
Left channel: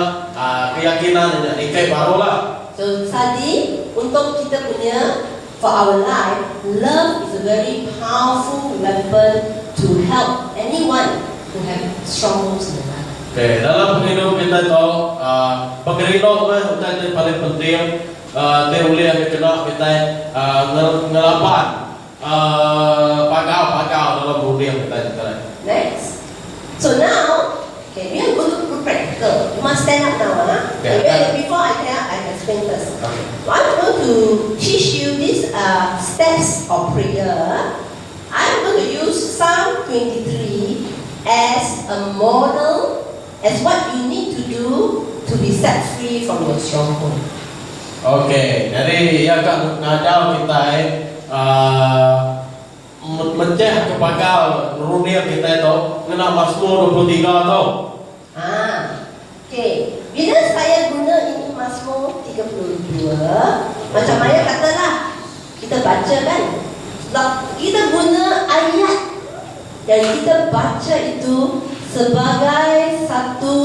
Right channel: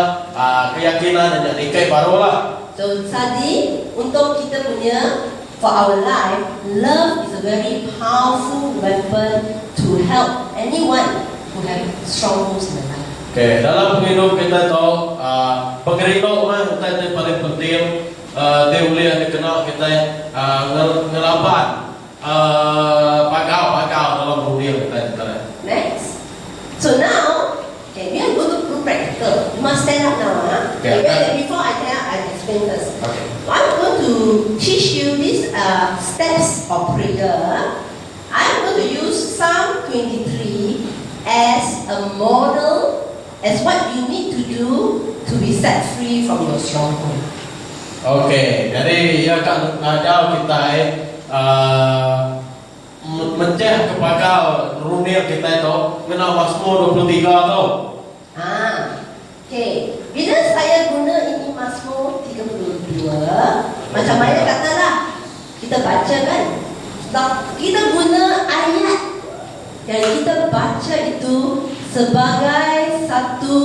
keyakinan jadi kayak baru lah. So tadi untuk kita punya for our life, love is a very powerful weapon to help anyone who have strongholds in the life. Okay, dalam penghidup kita tahu pengerino mah kita yang paling penting dia boleh dikenal kita ngelapan pagau dalam dunia kita tadi. Next. So now, okay, we are going to do practical. You must stand up now, huh? Yeah. Okay, before I tell, I explain first. Okay. I'm going to teach you these steps of prayer. I'm going to use Psalm 23 as a model, as what you need to do to be set free from your stronghold. Okay, jadi yang akan ngajar kita menceh kepada dunia kita itu mina Mazmur 23 tu. Okay. Bila saya guna ini Mazmur 32, macam Maya katalah, kita baca kan, kita guna ayat dan kita baca itu sebagai satu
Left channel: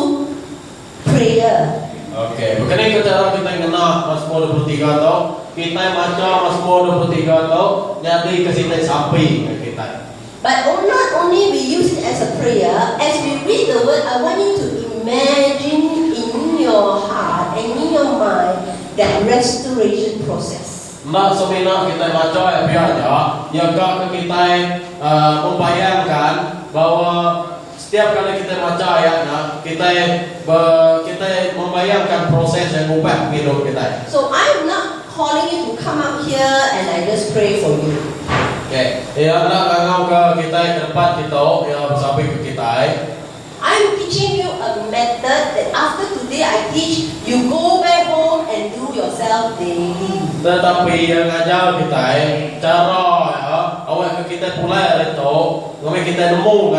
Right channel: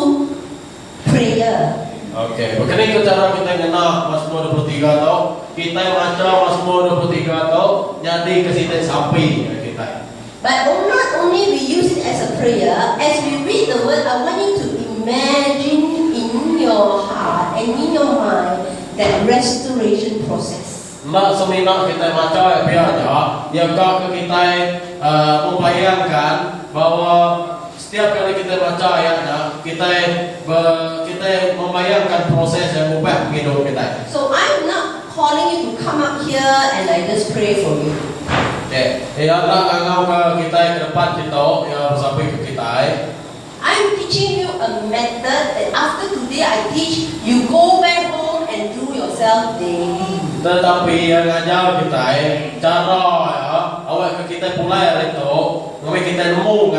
prayer. Okey, begini ke cara kita kena Mazmur 23 tau. Kita baca Mazmur 23 tau, jadi ke situ sapi kita. But not only we use it as a prayer, as we read the word, I want you to imagine in your heart and in your mind that restoration process. Nak semina kita baca ya biarnya, yang kita membayangkan bahwa setiap kali kita baca ayatnya, kita membayangkan proses yang ubah hidup kita. So I'm not calling you to come up here and I just pray for you. Ya, nak ngau ke kita ke depan kita, ya sampai ke kita. I'm teaching you a method that after today I teach, you go back home and do yourself daily. Tetapi yang ngajar kita, cara ya, awak ke kita pulai itu, kami kita nemu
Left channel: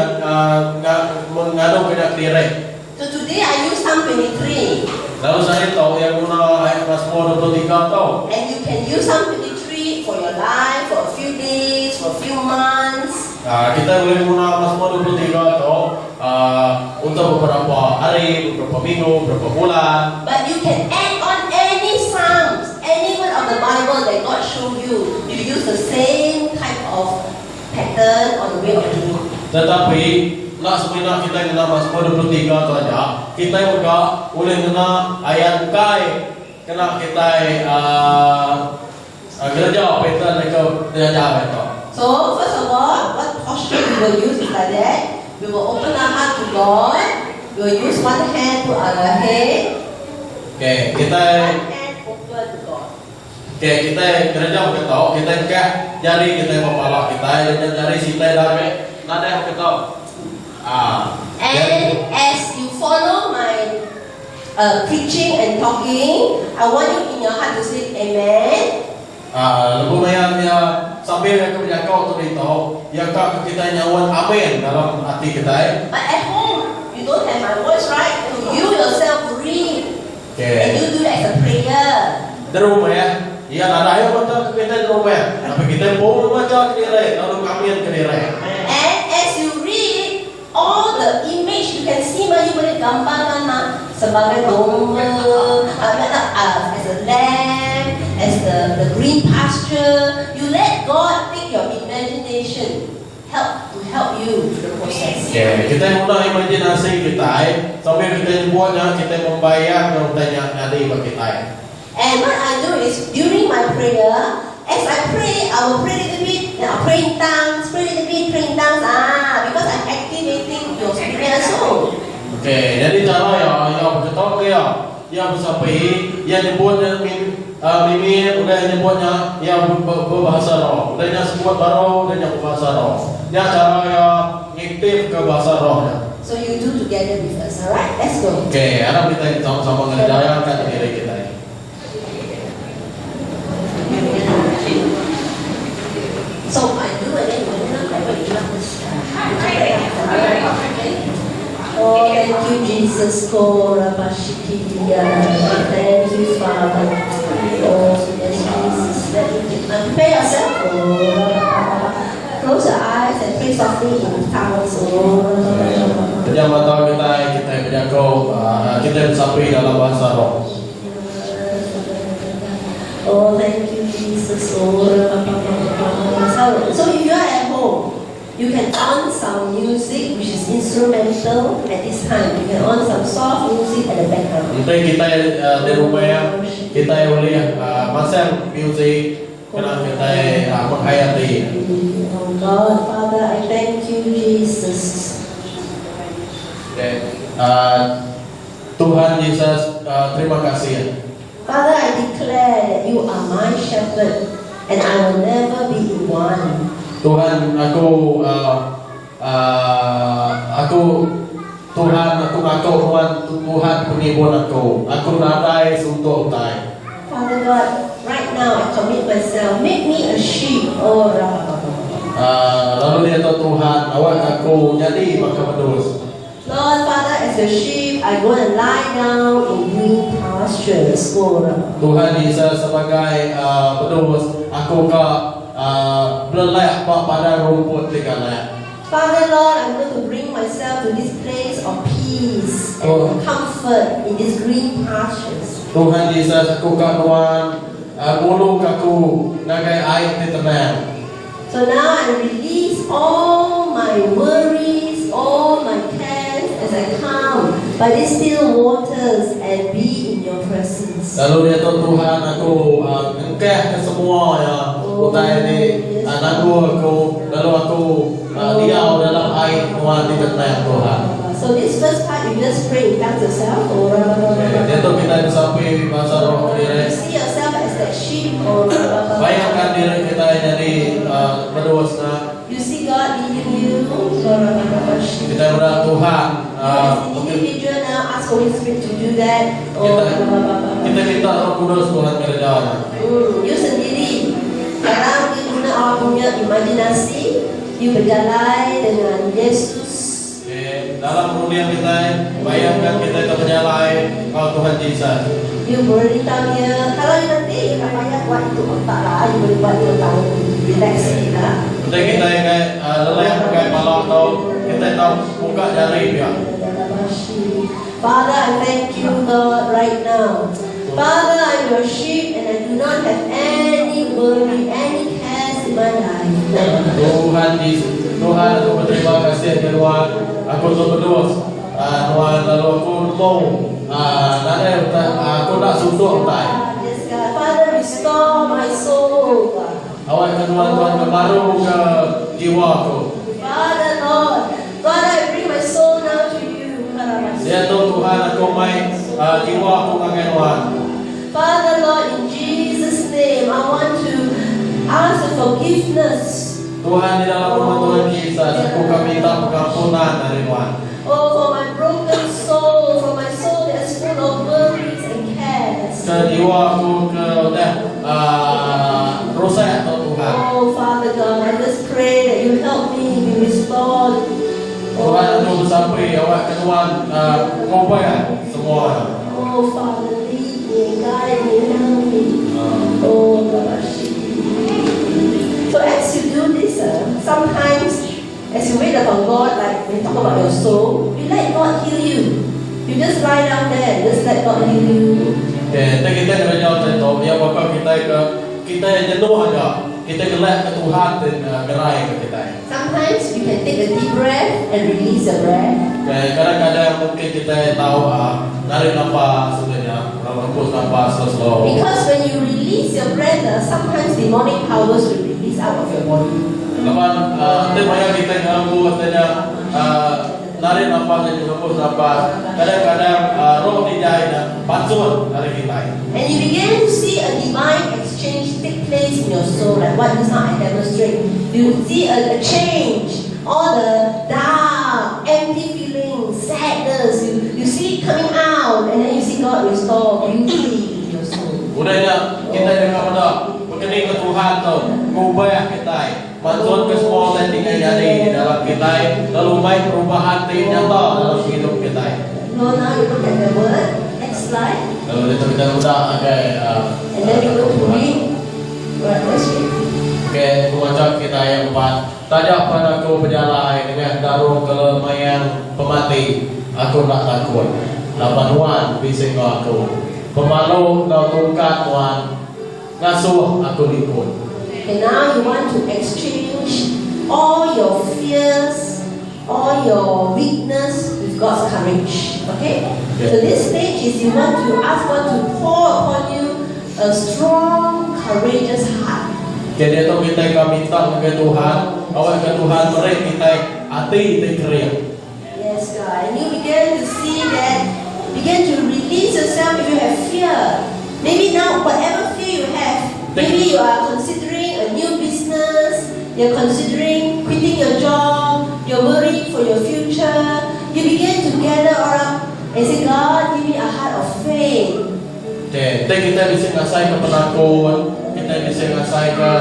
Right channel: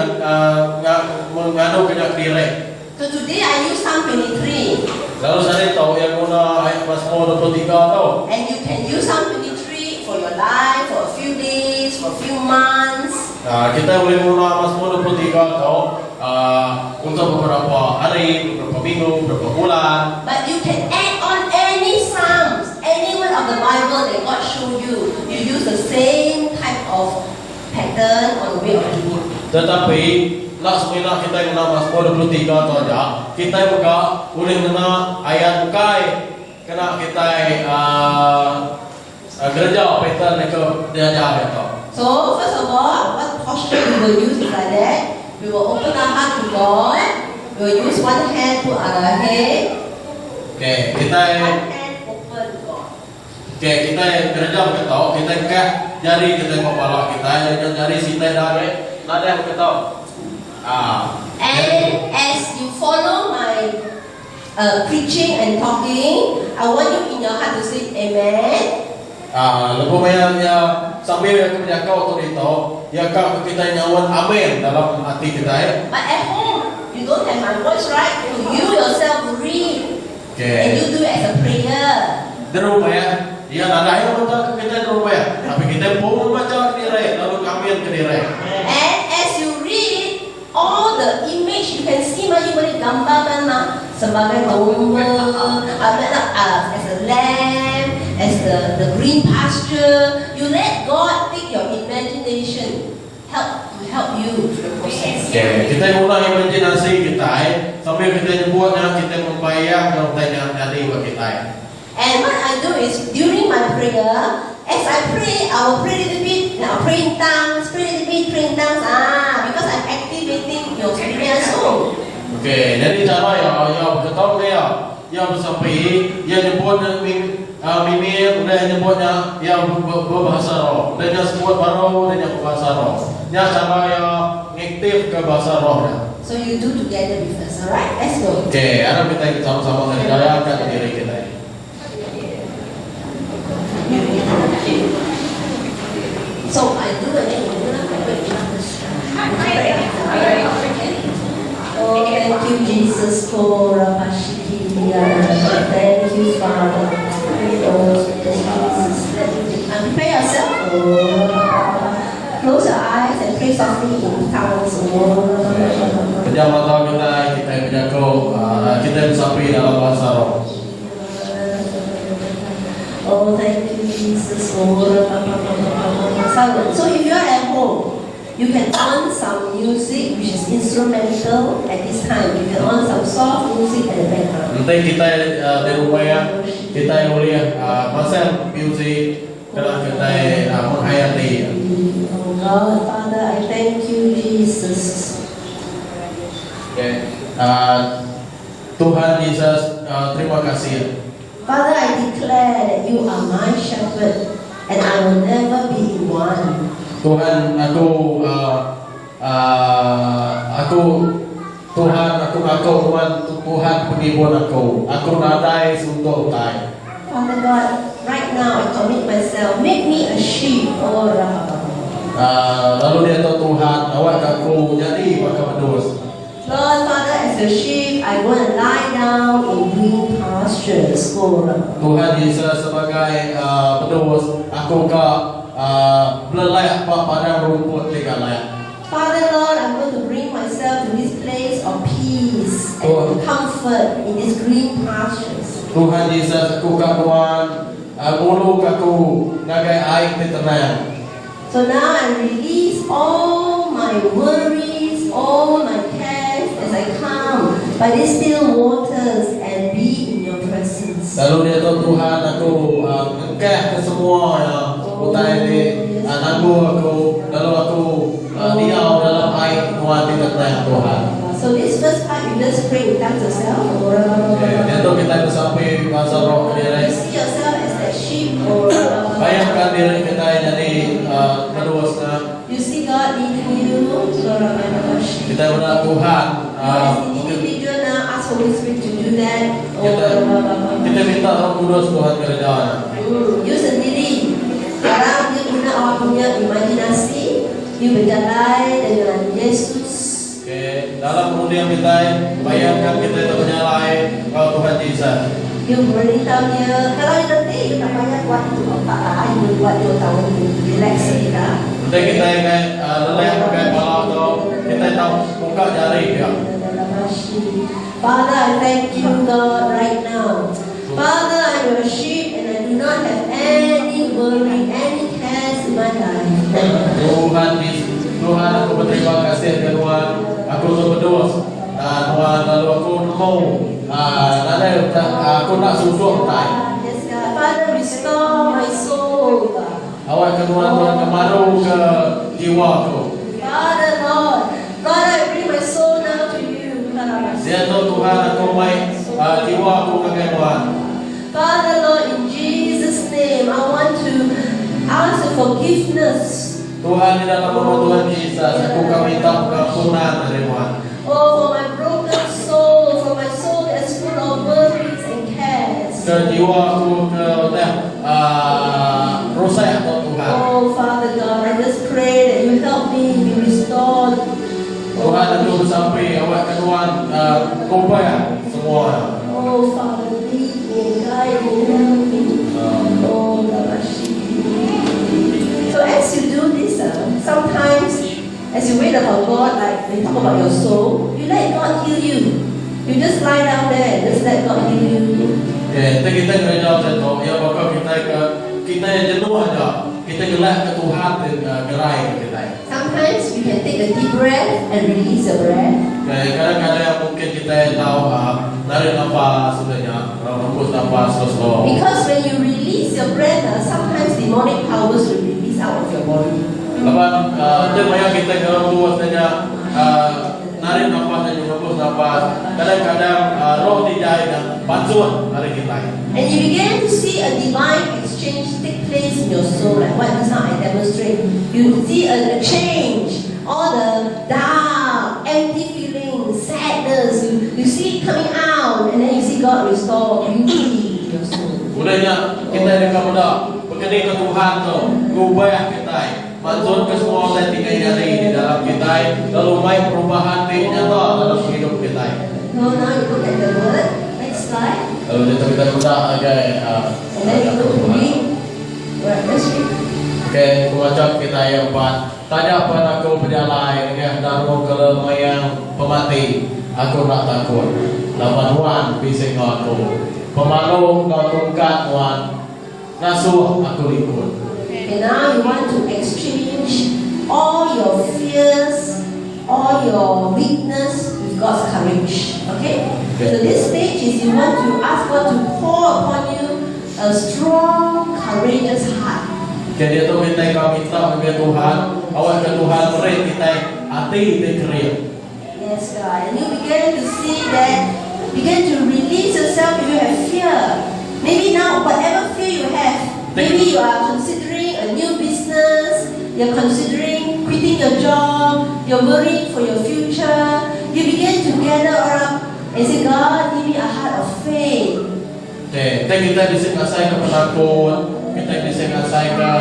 mengadu kena diri. So today I use Psalm 23. Lalu saya tahu yang guna ayat Mazmur 23 tahu. And you can use Psalm 23 for your life, for a few days, for a few months. Kita boleh guna Mazmur 23 tahu untuk beberapa hari, beberapa minggu, beberapa bulan. But you can add on any Psalms, any one of the Bible that God showed you. You use the same type of pattern on the way of doing. Tetapi nak sebenarnya kita guna Mazmur 23 tu aja. Kita juga boleh guna ayat kai kena kita kerja pattern dia aja itu. So first of all, what posture we will use is like that. We will open our heart to God. We will use one hand to our head. Okay, kita One hand open to God. okay, kita kerja betul. Kita angkat jari kita kepala kita, dan jari sitai dari nada yang betul. And as you follow my preaching and talking, I want you in your heart to say Amen. Lepas yang sambil yang kemudian kau tu itu, yang kau kita nyawan amin dalam hati kita. But at home, you don't have my voice, right? You yourself read. And you do it as a prayer. Di rumah ya nada yang betul kita di rumah. Tapi kita pun baca kiri, lalu amin kiri. And as you read, all the image you can see, you boleh gambarkan sebagai domba, as a lamb, as the green pasture. You let God take your imagination, to help you through the process. Kita mulai imajinasi kita, sambil kita buatnya kita membayang kalau tanya jadi bagi kita. And what I do is during my prayer, as I pray, I will pray a little bit, then I'll pray in tongues, pray a little bit, pray in tongues. Because I'm activating your spirit soul. Okay, jadi cara yang betul dia, yang bersapi, yang dibuatnya mimir, udah yang dibuatnya yang berbahasa roh, udah yang sebut baru, udah yang berbahasa roh. Yang cara yang aktif ke bahasa rohnya. So you do together with us, alright? Let's go. Okay, harap kita sama-sama menjalankan diri kita ini. So I do it then you know like what you want to say. Oh, thank you, Jesus. Thank you, Father. Oh, yes, Jesus. And prepare yourself. Close your eyes and pray softly in tongues. Pejam mata kita menjangkau, kita bersapi dalam bahasa roh. Oh, thank you, Jesus. So if you are at home, you can on some music which is instrumental at this time. You can on some soft music at the background. Nanti kita di rumah kita boleh pasang music kerana kita menghayati. Oh God, Father, I thank you, Jesus. Tuhan Yesus, terima kasih. Father, I declare that you are my shepherd and I will never be in want. Tuhan, aku ngaku Tuhan penibun aku. Aku nadai untuk utai. Father God, right now I commit myself. Make me a sheep. Oh, Lalu dia tahu Tuhan, awak aku jadi maka pedus. Lord, Father, as a sheep, I want to lie down in green pastures. Tuhan Yesus sebagai pedus, aku beleleh pada rumput segala. Father, Lord, I'm going to bring myself to this place of peace and comfort. comfort in these green pastures. Tuhan Yesus aku karuan mulung aku ngagai air di tenang. So now I release all my worries, all my cares as I come by these still waters and be in your presence. Lalu dia tahu Tuhan aku engkeh ke semua ya utai di nanggu aku lalu aku diau dalam air Tuhan di tenang Tuhan. So this first part you just pray with tongues yourself. Dia tahu kita sampai bahasa roh You diri. see yourself as that sheep. Bayangkan diri kita jadi berdosa. You see God leading you. Kita berdoa Tuhan. As an individual now, ask Holy Spirit to do that. Kita minta Roh Kudus Tuhan kerja. You sendiri. Sekarang you guna awak punya imajinasi. You berjalan dengan Yesus. Dalam kemudian kita bayangkan kita berjalan kalau Tuhan Yesus. You beritahu dia. Kalau you nanti you tak payah buat itu otak lah. You boleh buat dia tahu relax lah. Kita kayak leleh kayak malam tu kita tahu buka jari dia. Father, I thank you, Lord, right now. Father, I'm your sheep and I do not have any worry, any cares in my life. Tuhan Yesus, Tuhan aku berterima kasih Tuhan. Aku tu berdoa. Tuhan lalu aku mau aku nak susuh tay. Yes, God. Father, restore my soul, God. Awak Tuhan kemaru ke jiwa aku. Father, Lord, God, I bring my soul now to you. Dia tahu Tuhan aku mai jiwa aku dengan Tuhan. Father, Lord, in Jesus' name, I want to ask for forgiveness. Tuhan di dalam nama Tuhan Yesus, aku minta pengampunan dari Tuhan. Oh, for my broken soul, for my soul that's full of worries and cares. Ke jiwa aku ke rosak Tuhan. Oh, Father God, I just pray that you help me be restored. Tuhan itu sampai awak ke Tuhan kompaya semua. Oh, Father, lead me, guide me, help me. Oh, gosh. So as you do this, sometimes as you wait upon God, like we talk about your soul, you let God heal you. You just lie down there, just let God heal you. Kita kena jawab satu. Ya bakal kita yang jenuh aja. Kita gelak ke Tuhan dan gerai kita. Sometimes you can take a deep breath and release your breath. Kadang-kadang yang mungkin kita tahu narik nafas sebenarnya, hembus nafas slow. Because when you release your breath, sometimes demonic powers will release out of your body. Lepas tema yang kita ganggu katanya narik nafas dan hembus nafas. Kadang-kadang roh dijahit bantuan dari kita. And you begin to see a divine exchange take place in your soul, like what just now I demonstrate. You see a change, all the dark, empty feelings, sadness, you see it coming out, and then you see God restore beauty in your soul. Udahnya kita yang kepada begini ke Tuhan tu, ubah kita, bantuan ke semua yang tinggal jadi di dalam kita, lalu main perubahan nyata dalam hidup kita. So now you look at the word. Next slide. Lalu kita agak And then you go to read. Let's read. Okay, kumacap kita yang empat. Tidak pernah aku berjalan dengan daru kelemaian pemati. Aku nak takut. Lapan Tuhan bising aku. Pemalu kau tungkat Tuhan. Ngasuh aku ikut. And now you want to exchange all your fears, all your weakness with God's courage. Okay? So this stage is you want to ask God to pour upon you a strong, courageous heart. Jadi itu kita minta ke Tuhan, awak ke Tuhan beri kita hati dikering. Yes, God. And you begin to see that, begin to release yourself if you have fear. Maybe now, whatever fear you have, maybe you are considering a new business, you're considering quitting your job, you're worried for your future. You begin to gather up and say, God, give me a heart of faith. Okay, kita bisa ngasai ke penakut, kita bisa ngasai ke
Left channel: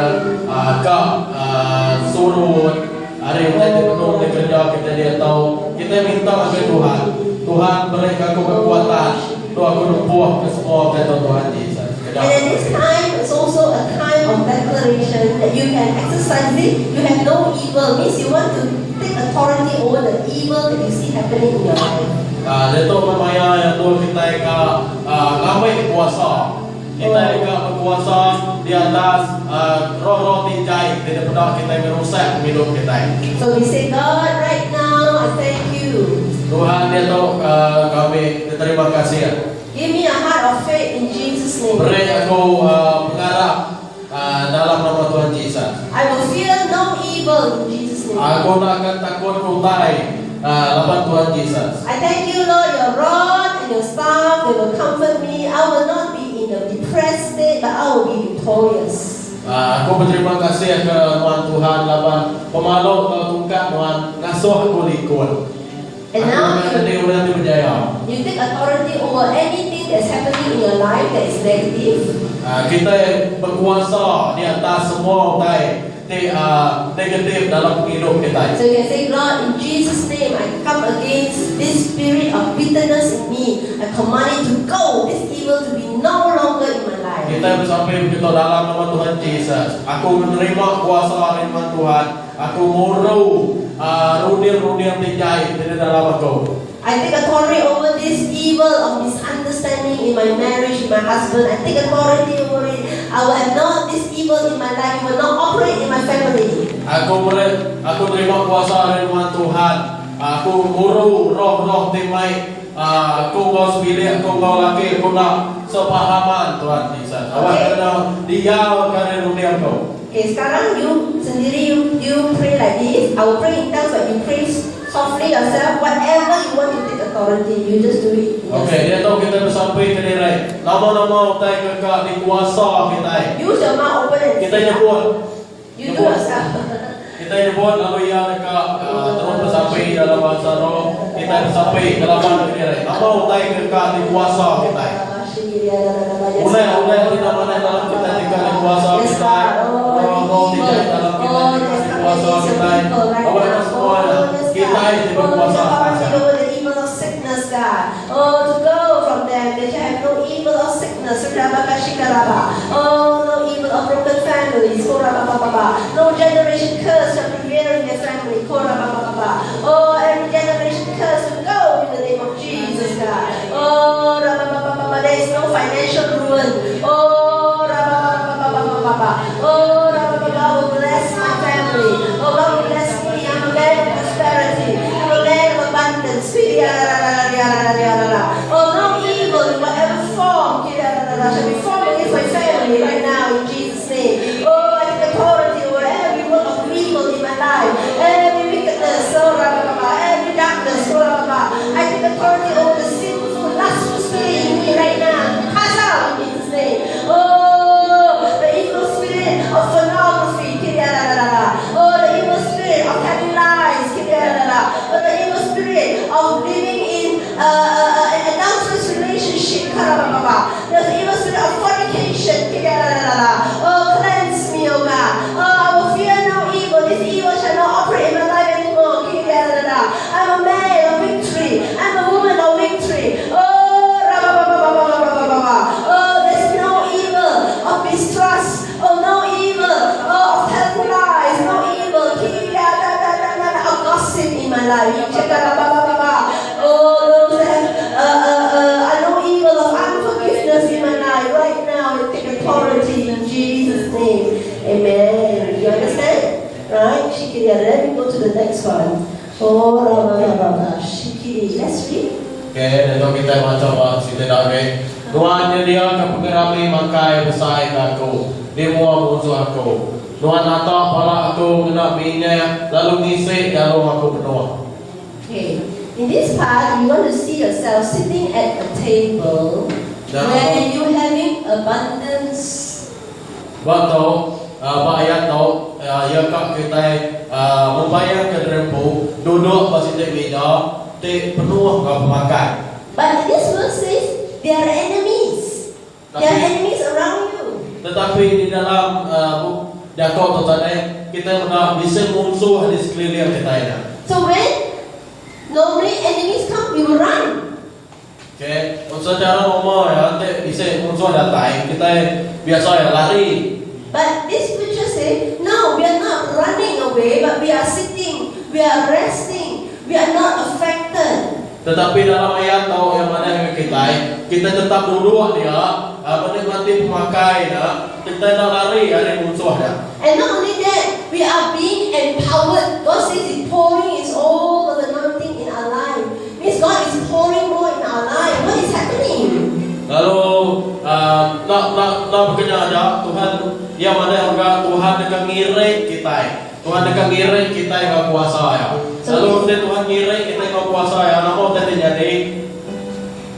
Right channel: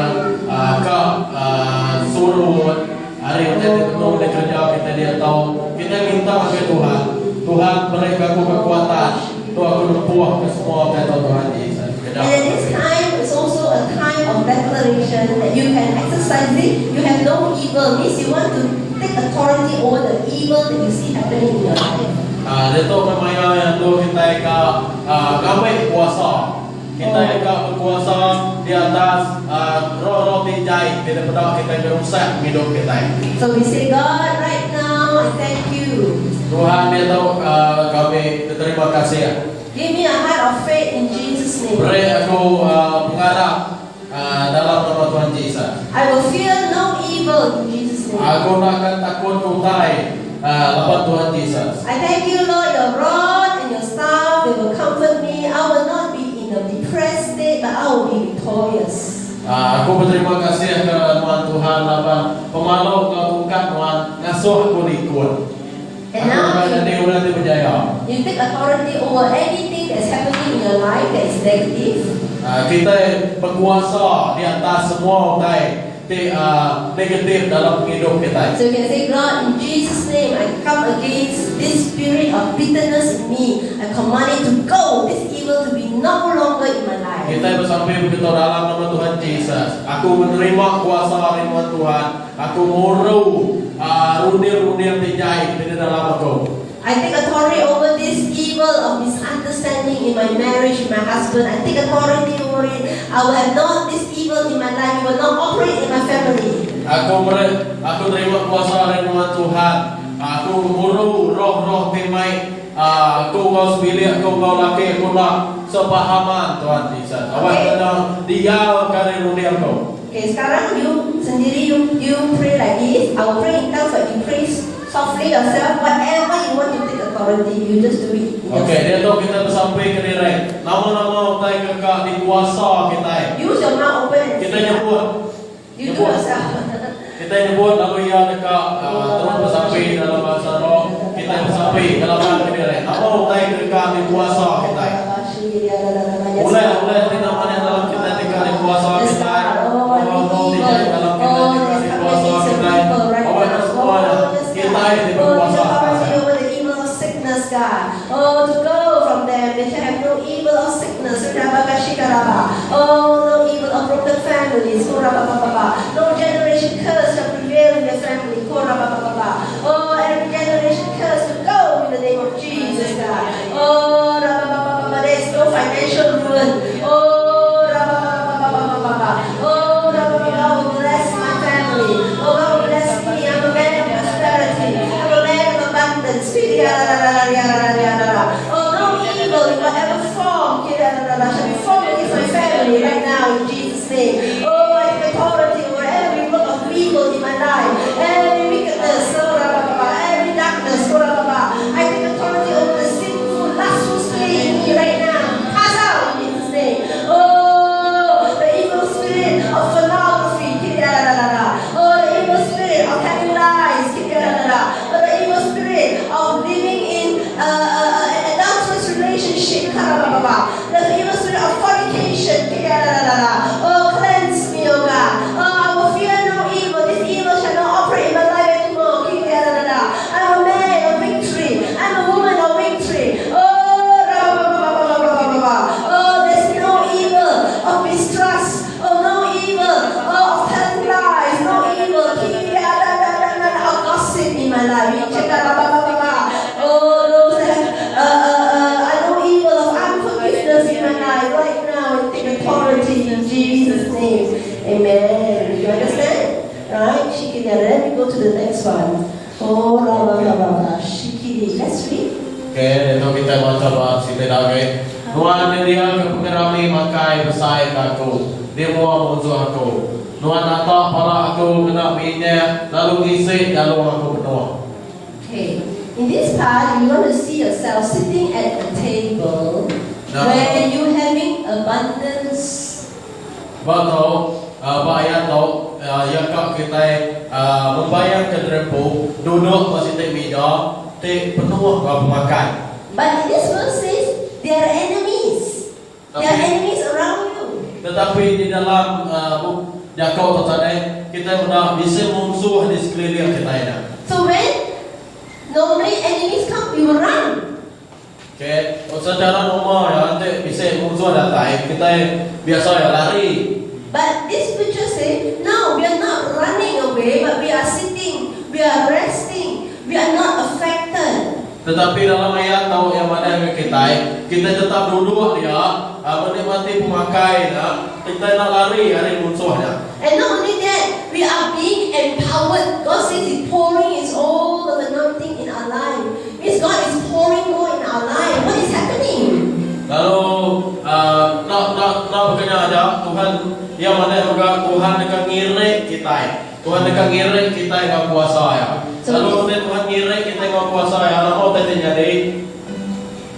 surut. Hari kita dipenuh oleh kerja kita dia tahu. Kita minta ke Tuhan, Tuhan beri aku kekuatan, Tuhan aku lumpuh ke semua kata Tuhan Yesus. And at this time, it's also a time of declaration that you can exercise it. You have no evil. Means you want to take authority over the evil that you see happening in your life. Dia tu memang yang tu kita ngambil kuasa. Kita berkuasa di atas roh-roh tinjai. Kita pedak kita merusak hidup kita. So we say, God, right now, I thank you. Tuhan dia tahu kami terima kasih. Give me a heart of faith in Jesus' name. Beri aku pengarah dalam nama Tuhan Yesus. I will fear no evil in Jesus' name. Aku tak akan takut kutai lawan Tuhan Yesus. I thank you, Lord, your rod and your staff, they will comfort me. I will not be in a depressed state, but I will be victorious. Aku berterima kasih ke Tuhan lawan pemaluk kungkat Tuhan ngasuh aku likun. And now you take authority over anything that's happening in your life that is negative. Kita berkuasa di atas semua negatif dalam hidup kita. So you can say, God, in Jesus' name, I come against this spirit of bitterness in me. I command it to go, this evil to be no longer in my life. Kita bersampai begitu dalam nama Tuhan Yesus. Aku menerima kuasa firman Tuhan. Aku muruh runir-runir tinjai di dalam aku. I take authority over this evil of misunderstanding in my marriage with my husband. I take authority over it. I will have not this evil in my life. It will not operate in my family. Aku terima kuasa firman Tuhan. Aku muruh roh-roh timai. Aku mau bilik, aku mau laki, aku nak sepahaman Tuhan Yesus. Awak kena dialkan runir aku. Okay, sekarang you sendiri you pray like this. I will pray in tongues, but you pray softly yourself. Whatever you want to take authority, you just do it. Okay, dia tahu kita bersampai ke diri. Nama-nama utai kekak di kuasa kita. Use your mouth open and Kita say, nyebut. you do yourself. Kita nyebut lalu ia dekat terus bersampai dalam bahasa roh. Kita bersampai dalam ke diri. Nama utai kekak di kuasa kita. Oleh tidak mana dalam kita dekat di kuasa kita. Roh tidak dalam kita di kuasa kita. Awak semua kita yang berkuasa. Oh, to go from them, they shall have no evil of sickness. Oh, no evil of broken families. No generation curse shall prevail in their family. Oh, every generation curse will go in the name of Jesus, God. Oh, there is no financial ruin. Oh, oh, God will bless my family. Oh, God will bless me. I'm a man of prosperity. I'm a man of abundance. Oh, no evil in whatever form shall be formed against my family right now in Jesus' name. Oh, I take authority over every work of evil in my life, every wickedness, every darkness. I take authority over the sinful, lustful spirit in me right now. Cast out in Jesus' name. Oh, the evil spirit of pornography. Oh, the evil spirit of telling lies. Oh, the evil spirit of living in an adulterous relationship. The evil spirit of fornication. Oh, cleanse me, oh God. Oh, I will fear no evil. This evil shall not operate in my life anymore. I'm a man of victory. I'm a woman of victory. Oh, there's no evil of mistrust. Oh, no evil of telling lies. No evil of gossip in my life. Oh, those I know evil of unforgiveness in my life right now. I take authority in Jesus' name. Amen. You understand? Right? Let me go to the next one. Oh, Shikiri. Let's read. Okay, itu kita baca bahasa kita lagi. Tuhan dia ke pengerami makai besar aku. Dia mau musuh aku. Tuhan atak pala aku kena minyak lalu ngisi jalur aku penuh. Okay. In this part, you want to see yourself sitting at a table where you having abundance. Betul. Bayar tu, ya kak kita membayar ke drempu, duduk masih di meja, di penuh kau makan. But in this verse says they are enemies. They are enemies around you. Tetapi di dalam Yakub tadi kita sudah bisa musuh di sekeliling kita ini. So when normally enemies come, you will run. Okay, secara normal ya, nanti bisa musuh datang, kita biasa ya lari. But this scripture say, no, we are not running away, but we are sitting, we are resting, we are not affected. Tetapi dalam ayat tahu yang mana kita tetap duduk dia, menikmati pemakai, kita nak lari dari musuhnya. And not only that, we are being empowered. God says He's pouring His all of anointing in our life. Means God is pouring more in our life. What is happening? Lalu nak bekerja ada Tuhan yang mana juga Tuhan akan ngirik kita. Tuhan akan ngirik kita yang kuasa ya. Lalu Tuhan ngirik kita yang kuasa ya. Nama tadi jadi.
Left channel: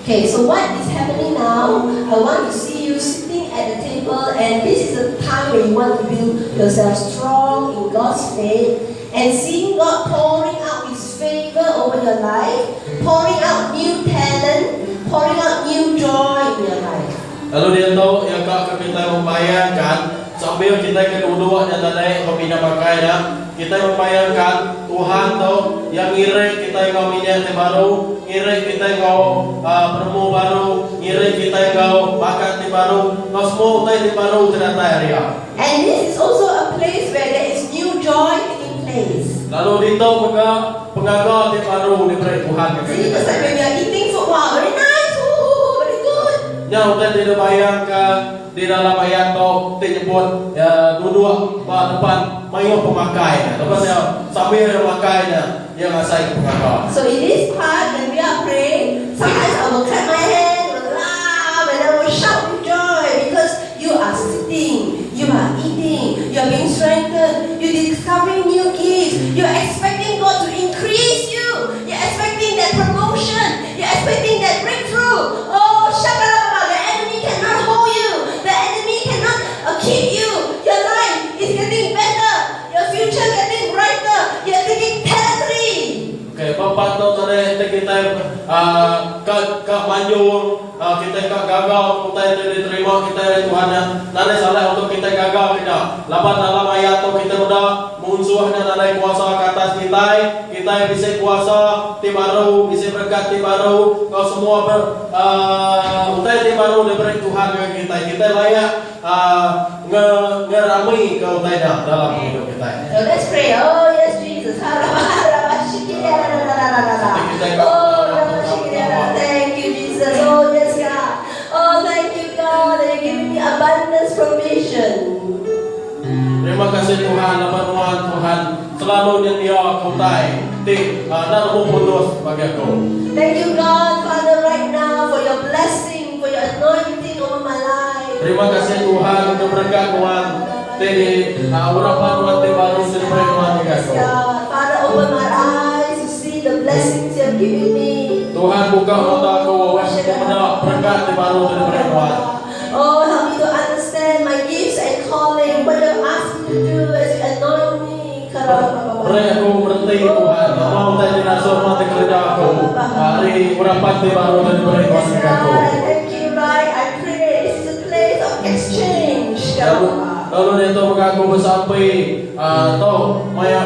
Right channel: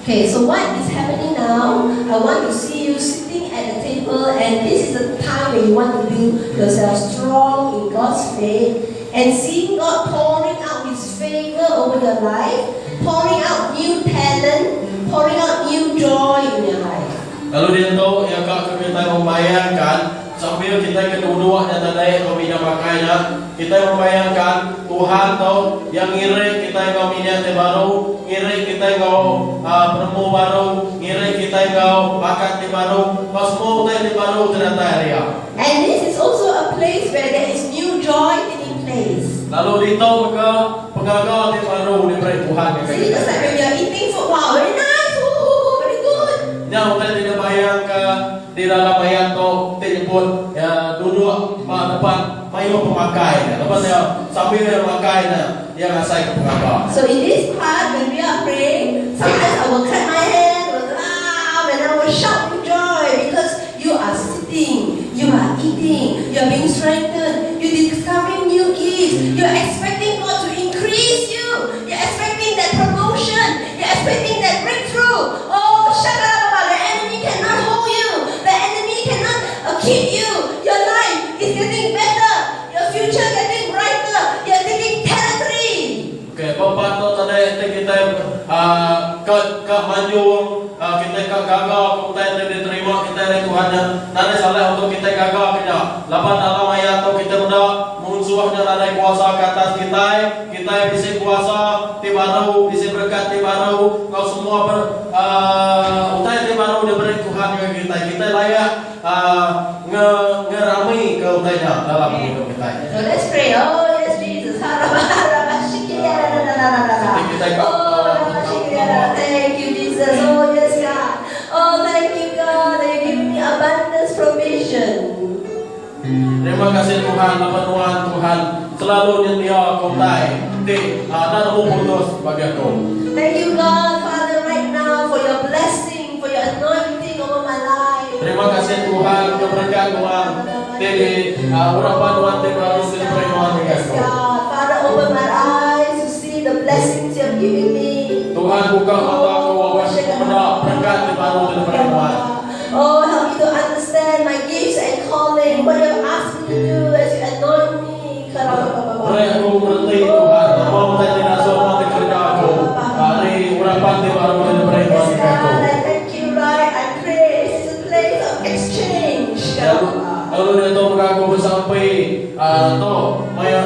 Okay, so what is happening now? I want to see you sitting at the table, and this is the time where you want to build yourself strong in God's faith and seeing God pouring out His favor over your life, pouring out new talent, pouring out new joy in your life. Lalu dia tahu yang kita membayangkan sambil kita kedua yang tadi kami dah makainya, kita membayangkan Tuhan tu yang ngirik kita yang kami yang baru, ngirik kita yang bermu baru, ngirik kita yang bakat baru, semua kita baru ternyata hari ya. And this is also a place where there is new joy taking place. Lalu ditahu mereka pengagal yang baru diberi Tuhan. See, just like when we are eating food, wow, very nice, ooh, very good. Yang kita tidak bayangkan di dalam ayat tu disebut duduk depan mayu pemakai. Lepas dia sambil yang pakai yang asai pengagal. So in this part, when we are praying, sometimes I will clap my hands, and I will shout with joy because you are sitting, you are eating, you are being strengthened, you are discovering new gifts, you are expecting God to increase you, you are expecting that promotion, you are expecting that breakthrough. Oh, shut up, the enemy cannot hold you, the enemy cannot keep you. Your life is getting better, your future getting brighter, you are taking territory. Okay, patut tadi kita ke manjur, kita ke gagal, kita diterima kita dari Tuhannya. Nanti salah untuk kita gagal kita. Lapan dalam ayat tu kita sudah musuhnya ada kuasa ke atas kita bisa kuasa ti baru, bisa berkat ti baru. Kau semua ti baru diberi Tuhan yang kita layak ngerami kau tanya dalam hidup kita. So let's pray. Oh yes, Jesus. Thank you, Jesus. Oh yes, God. Oh thank you, God, that you're giving me abundance provision. Terima kasih Tuhan, Tuhan selalu nyetia kau tay di dan putus bagi aku. Thank you, God, Father, right now for your blessing, for your anointing over my life. Terima kasih Tuhan untuk berkat Tuhan di urapan Tuhan di baru diberi Tuhan di Yes, God. Father, open my eyes to see the blessings you're giving me. Tuhan buka mataku kepada berkat di baru diberi Tuhan. Oh, help me to understand my gifts and calling, what you asked me to do as you anoint me. Beri aku mengerti Tuhan, mau mulai dengan semua kerja aku hari urapan di baru diberi Tuhan Yes, di aku. God, I thank you, right? I pray this is a place of exchange, God. Lalu dia tahu aku bersampai tahu maya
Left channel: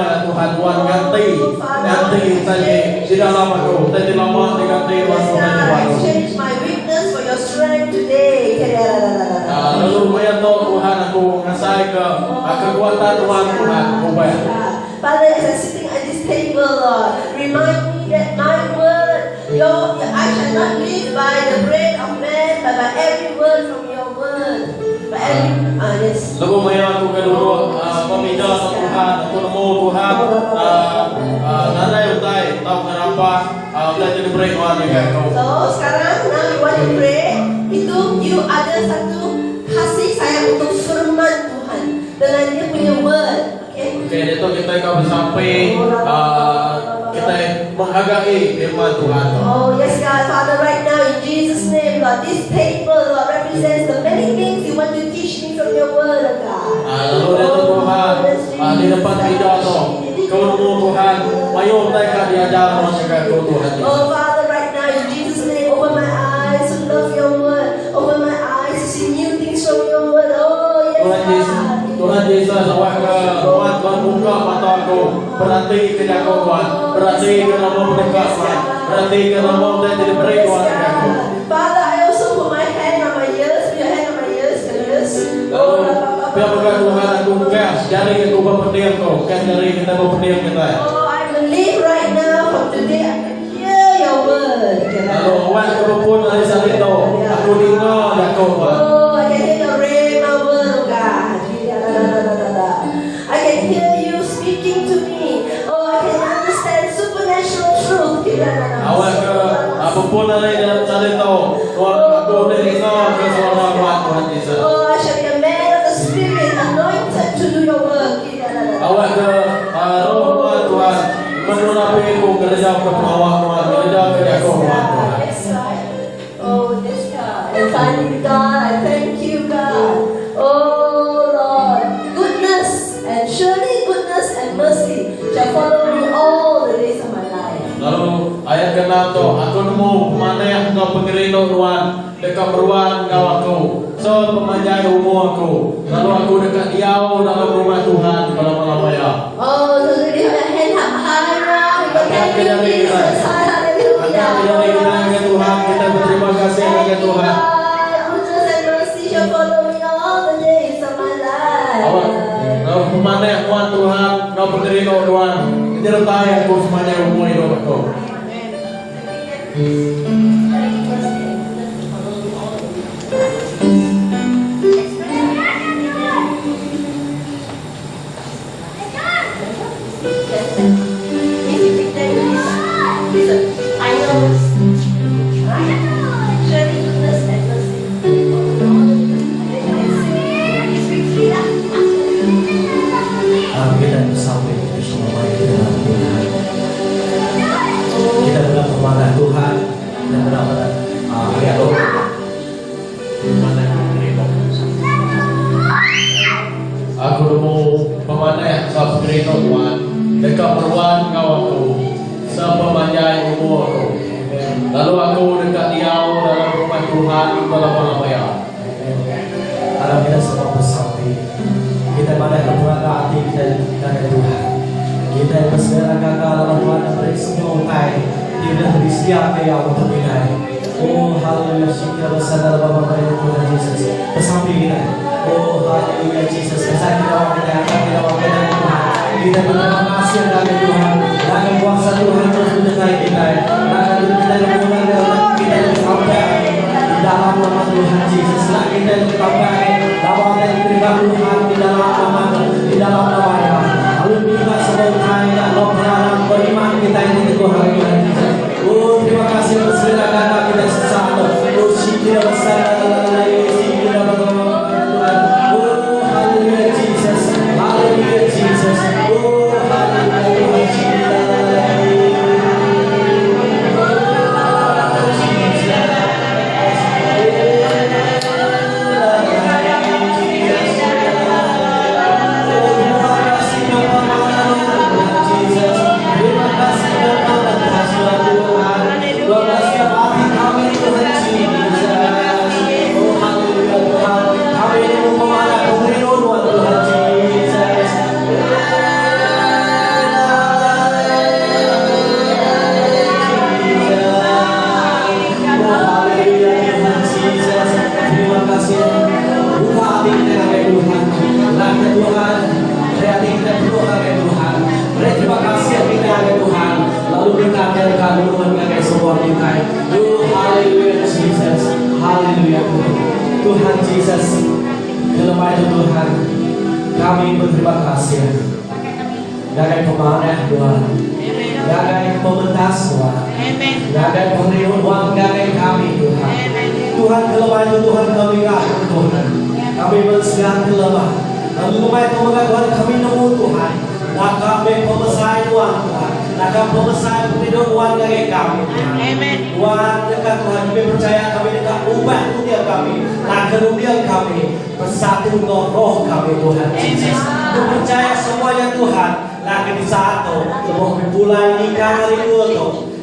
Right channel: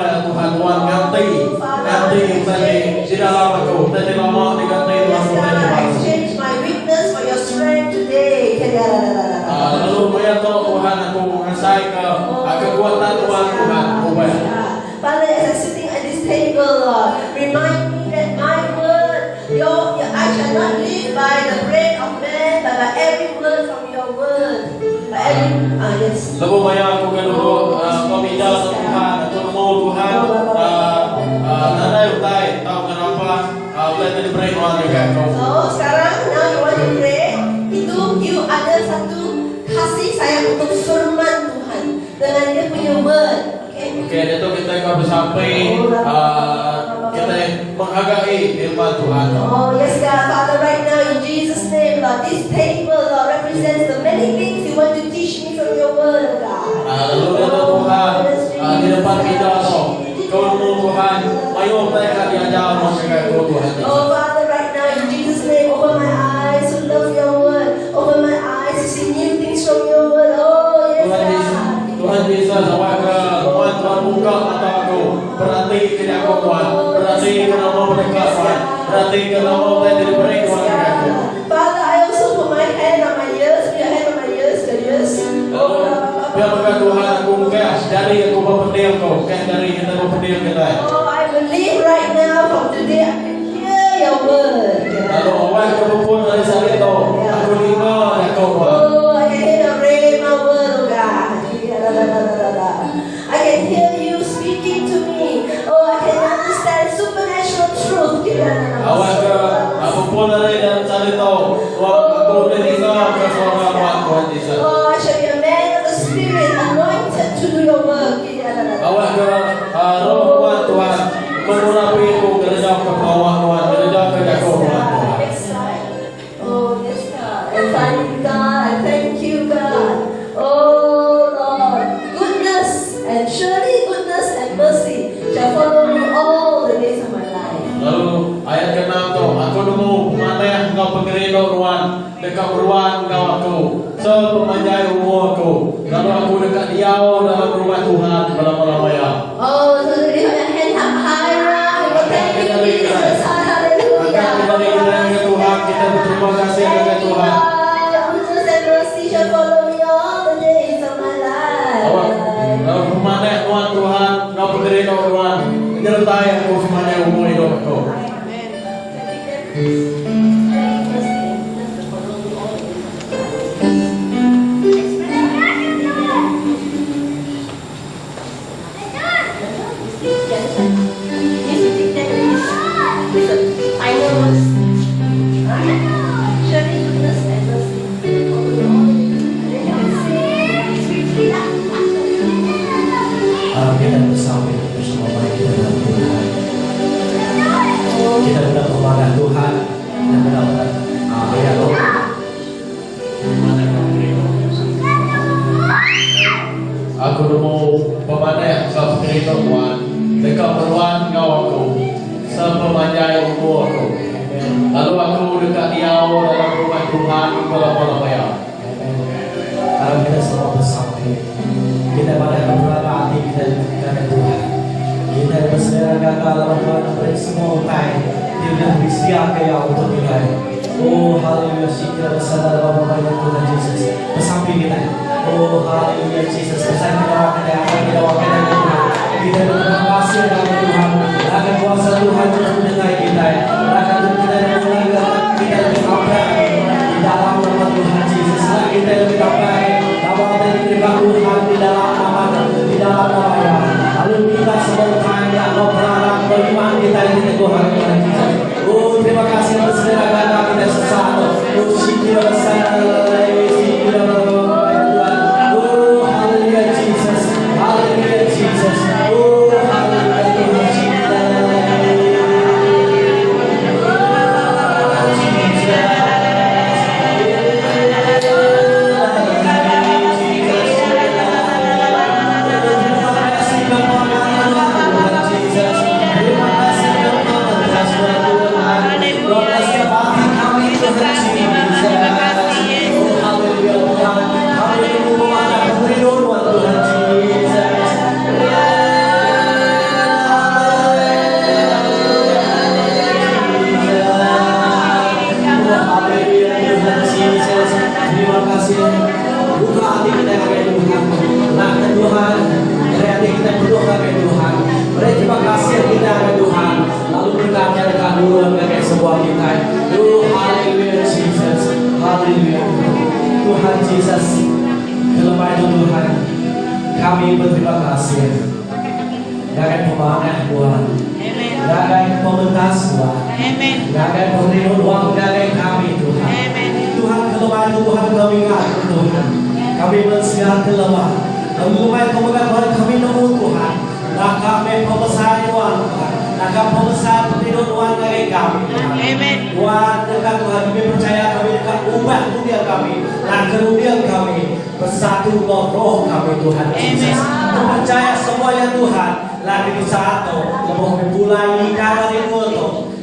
ya Tuhan ganti saja di dalam aku tadi lama diganti Tuhan Yes, God, I exchange my weakness for your strength today. lalu maya tahu Tuhan aku ngasai ke kekuatan Tuhan ubah. Father, as I'm sitting at this table, Lord, remind me that my word, I shall not live by the bread of man, but by every word from your word. By every, yes. Lalu maya aku kedua meminta Tuhan untuk mau Tuhan nanti utai tahu kenapa boleh diberi Tuhan di aku. So sekarang now you want to pray, itu you ada satu kasih sayang untuk firman Tuhan dengan dia punya word. Okay, itu kita akan bersampai kita menghargai firman Tuhan. Oh yes, God, Father, right now in Jesus' name, Lord, this table, Lord, represents the many things you want to teach me from your word, oh God. Lalu itu Tuhan di depan kita kau nemu Tuhan, ayo mereka diajar mereka kau Tuhan. Oh Father, right now in Jesus' name, open my eyes to love your word, open my eyes to see new things from your word. Oh yes, God. Tuhan Yesus Tuhan buka mataku, berarti tidak kau Tuhan, berarti kau mau mendekat Tuhan, berarti kau mau diberi Tuhan aku. Father, I also put my hand on my ears, put your hand on my ears, the ears. Biar berkat Tuhan aku buka dari aku berpendiam kau, bukan dari kita berpendiam kita. Oh, I believe right now from today I can hear word. Lalu awak kebupun dari salito. Aku lima dan kau buat. Oh, I can hear the rhema word, oh God. I can hear you speaking to me. Oh, I can understand supernatural truth. Awak ke apapun dari dalam salito. Tuhan aku lima ke suara Tuhan Tuhan Yesus. Oh, I shall be a man of the Spirit, anointed to do your work. Awak ke roh Tuhan mengunapi aku kerja ke bawah Tuhan kerja ke jago Tuhan. That's right. Oh, yes, God. And finally, God, I thank you, God. Oh, Lord, goodness and surely goodness and mercy shall follow me all the days of my life. Lalu ayat ke-6 tu, aku nemu pemanah engkau pengerino ruan dekat ruan engkau aku sepemanjai umur aku. Lalu aku dekat diau dalam rumah Tuhan selama-lamanya. Oh, so lift your hand up higher. We thank you, Jesus. Hallelujah. Tuhan, kita berterima kasih kepada Tuhan. Goodness and mercy shall follow me all the days of my life. Lalu pemanah Tuhan engkau pengerino ruan menyertai aku sepanjang umur hidup aku. Kita bersama bersama baik di dalam Tuhan. Kita dalam pemanah Tuhan dan dalam ayat Tuhan. Pemanah pengerino. Aku nemu pemanah engkau pengerino Tuhan dekat ruan engkau aku sepemanjai umur aku. Lalu aku dekat diau dalam rumah Tuhan selama-lamanya. Kalau kita semua bersama, kita pada berada hati kita dengan Tuhan. Kita bersedia dalam Tuhan dan semua utai. Tidak bersedia kaya untuk kita. Oh haleluya, kita bersama dalam nama Tuhan Yesus. Bersama kita. Oh haleluya Yesus. Bersama kita wakil dengan Tuhan. Kita berterima kasih kepada Tuhan. Akan kuasa Tuhan terus menyertai kita. Akan kita mengulangi kita sampai di dalam nama Tuhan Yesus. Kita sampai bahwa dari Tuhan di dalam nama lalu kita sedang tanya berharap beriman kita ini Tuhan Yesus. Oh terima kasih atas segala kata kita sesama. Oh syukur oh haleluya Jesus, haleluya Jesus. Oh haleluya Tuhan Yesus, dalam nama Tuhan, kami berterima kasih. Jangan pemanah Tuhan, jangan pementas Tuhan, jangan pemberi uang jangan kami Tuhan. Tuhan kelemahan Tuhan kami ngaku Tuhan, kami bersiap kelemahan. Kami lumayan kemudian kami nemu Tuhan, nak kami pembesar Tuhan Tuhan, nak kami pembesar pemberi Tuhan dari kami Tuhan. Tuhan dekat Tuhan kami percaya kami dekat ubah dunia kami, nak kemudian kami bersatu dengan roh kami Tuhan Yesus. Kami percaya semuanya Tuhan lagi bersatu, lebih bulan nikah hari itu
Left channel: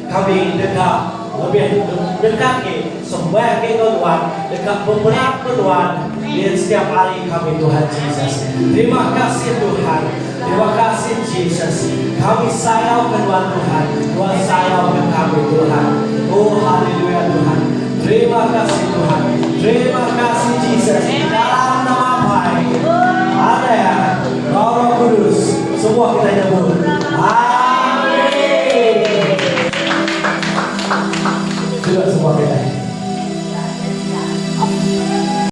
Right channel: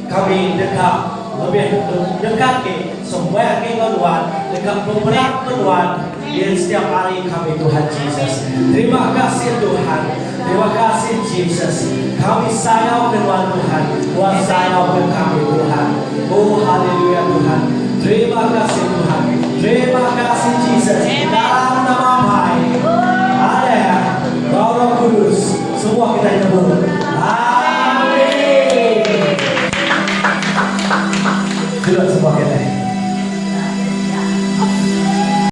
kami dekat lebih dekat ke semua ke Tuhan, dekat beberapa Tuhan di setiap hari kami Tuhan Yesus. Terima kasih Tuhan, terima kasih Yesus. Kami sayang Tuhan Tuhan, Tuhan sayang kami Tuhan. Oh haleluya Tuhan. Terima kasih Tuhan, terima kasih Yesus.